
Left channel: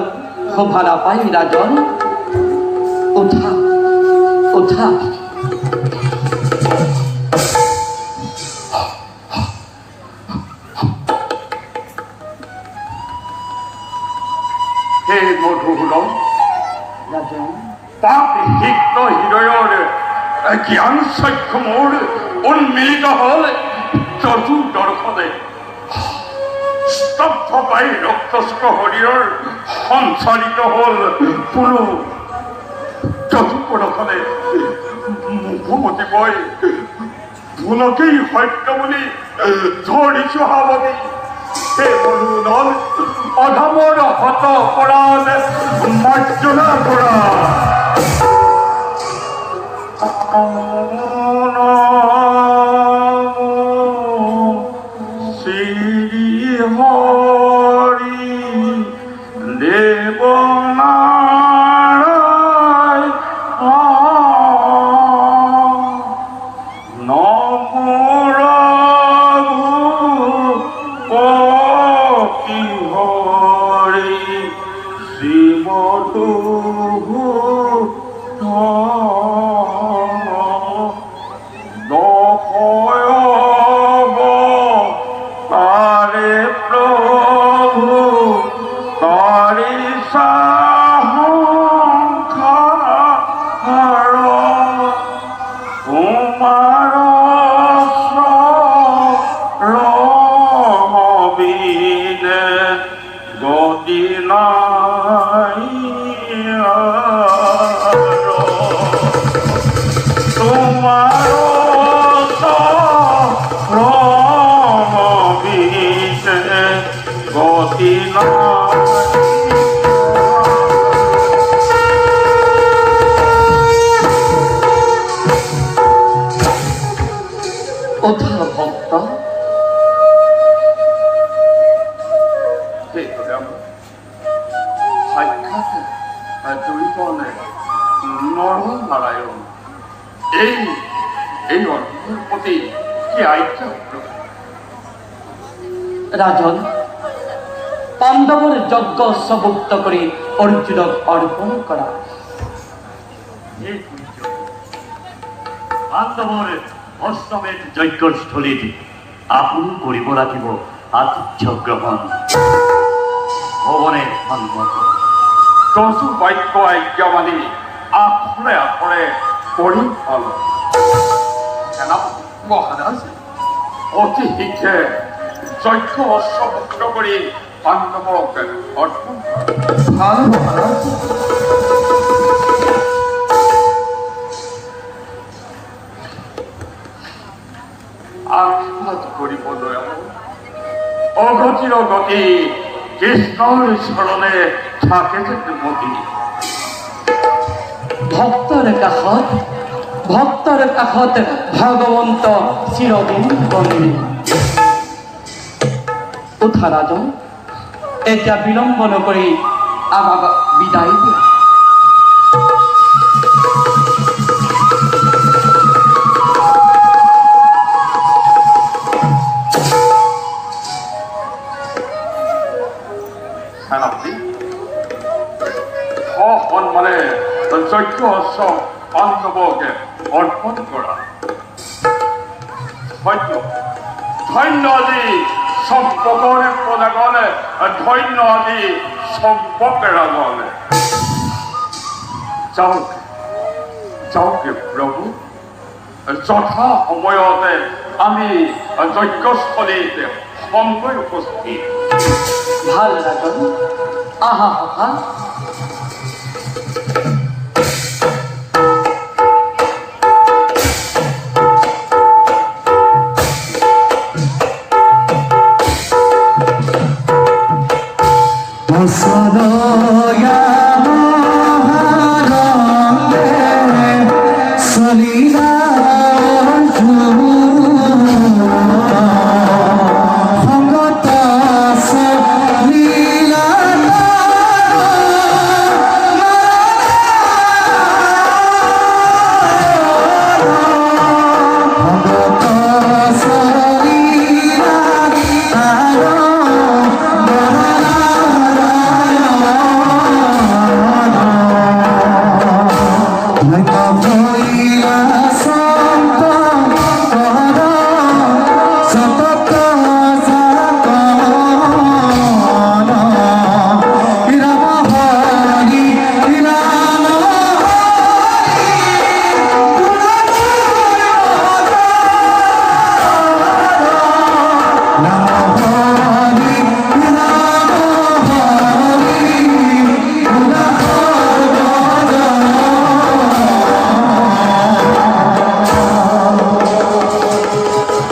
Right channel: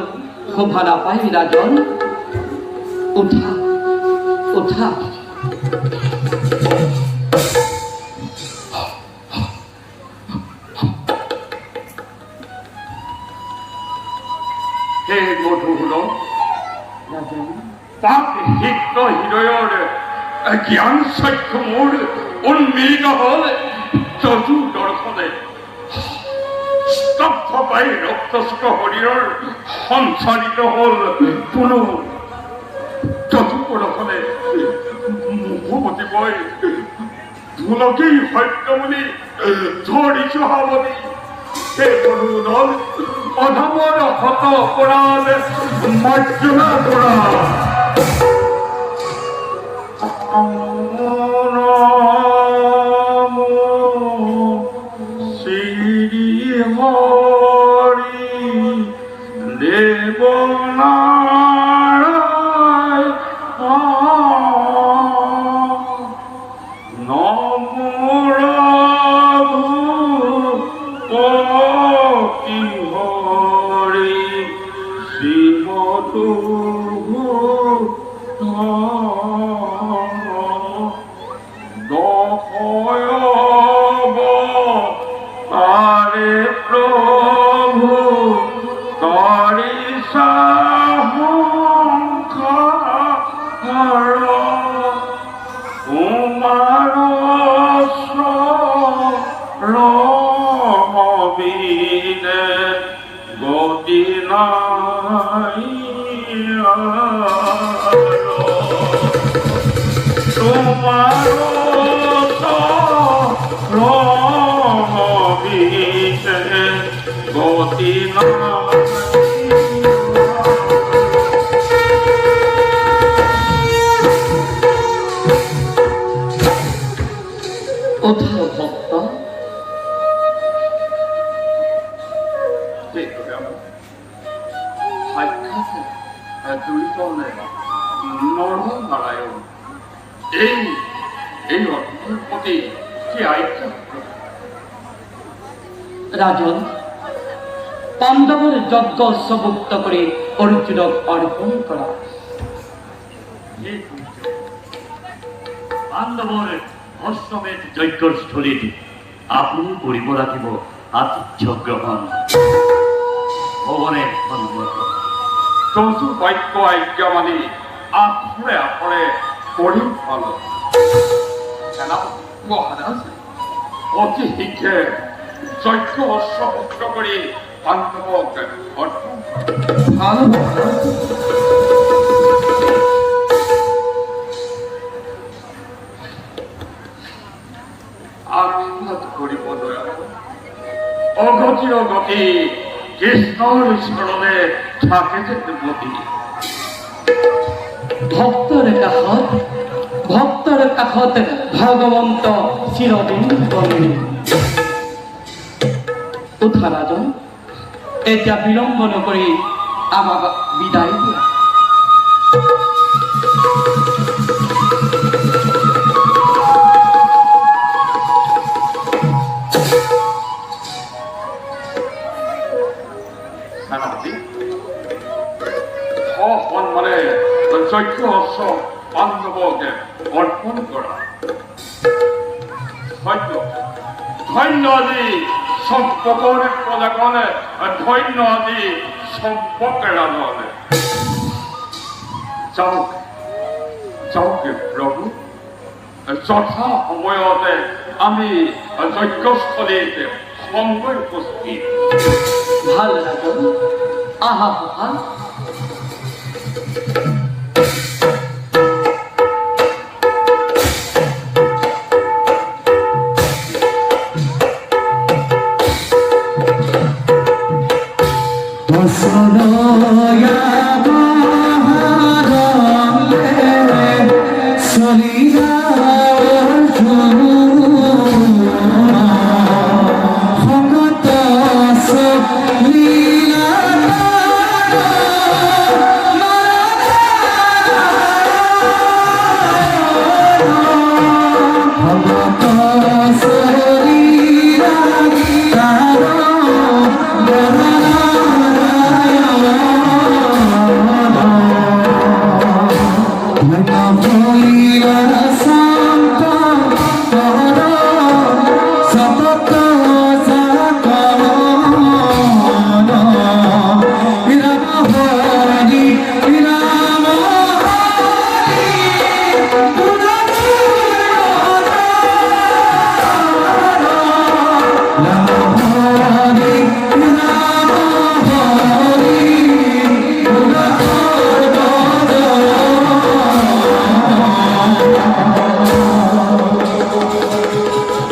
শোভা নাপায় ৰাজন উঠা উঠা হে মধুসূদন ৰাজন তাক শিক্ত হৃদয়ৰ জ্ঞান চক্ষু মোৰ উন্মিলিত হ'ল যজু দৰ্শনে স্তব্ধ পাই ৰক্তস্ত শৰীৰৰ সঞ্চালিত হ'ল কোনো যজু প্ৰদৰ্শনে মুখমতি বৈ ভুলকেই সত্য বুলি ধৰিছো সাৱতি সেই মনোনল অধমৰ হত অপৰাধ মাৰ্জনা কৰা শ্ৰী হৰি দেৱনাৰায়ণ নমৰভূপতি হৰি শ্ৰীমতু তাৰে প্ৰভু তাৰি সাহংকাৰ কুমাৰ ৰবিনে গতি নাই তোমাৰ ৰবিনে গতি নাই উদ্ধার ভক্ত সাক্ষাৎ দুইজনে নৰনাৰায়ণ এই অৰ্থৰ প্ৰতি কি আজ্ঞা রাজন পাণ্ডৱৰ যজ্ঞ সবুক্ত কৰি অৰ্জুনক অৰ্পণ কৰা পাণ্ডৱৰ অশ্বমেধ যজ্ঞৰ স্থলীত আপুনি কৰিব লাগিব আতিথ্য গ্ৰহণ ভৱনে সন্মত যজু বাক্য আজ্ঞা মানি আখৰে আখৰে কৰি পালো সেনাপতি মহাৰাজ অতি শীঘ্ৰে যজ্ঞ অশ্বভুক্ত কৰি পাণ্ডৱক অৰ্পণ ভালো মহারাজ আশীৰ্বাদ কৰিব দয়াল অগতিৰ গতি কৃষ্ণৰ চৰণে থাকে যেন মতি ভক্তৰ কাষত ভগৱন্ত চিৰদিন বন্দী উঠা ৰাজন এতিয়া বিলম্ব নকৰি আমাক বিদায় দিয়া সেনাপতি সন্মানে যজ্ঞ অশ্ব পাণ্ডৱক অৰ্পণ কৰা ধন্য ধন্য আজি সম্পকৰ প্ৰজাগণে ধন্য আজি সম্পক ৰাজন যাওক যাওক প্ৰভু যথা সময়তে আমি যজ্ঞস্থলীত সময় উপস্থিত ভাল ৰাজন আহা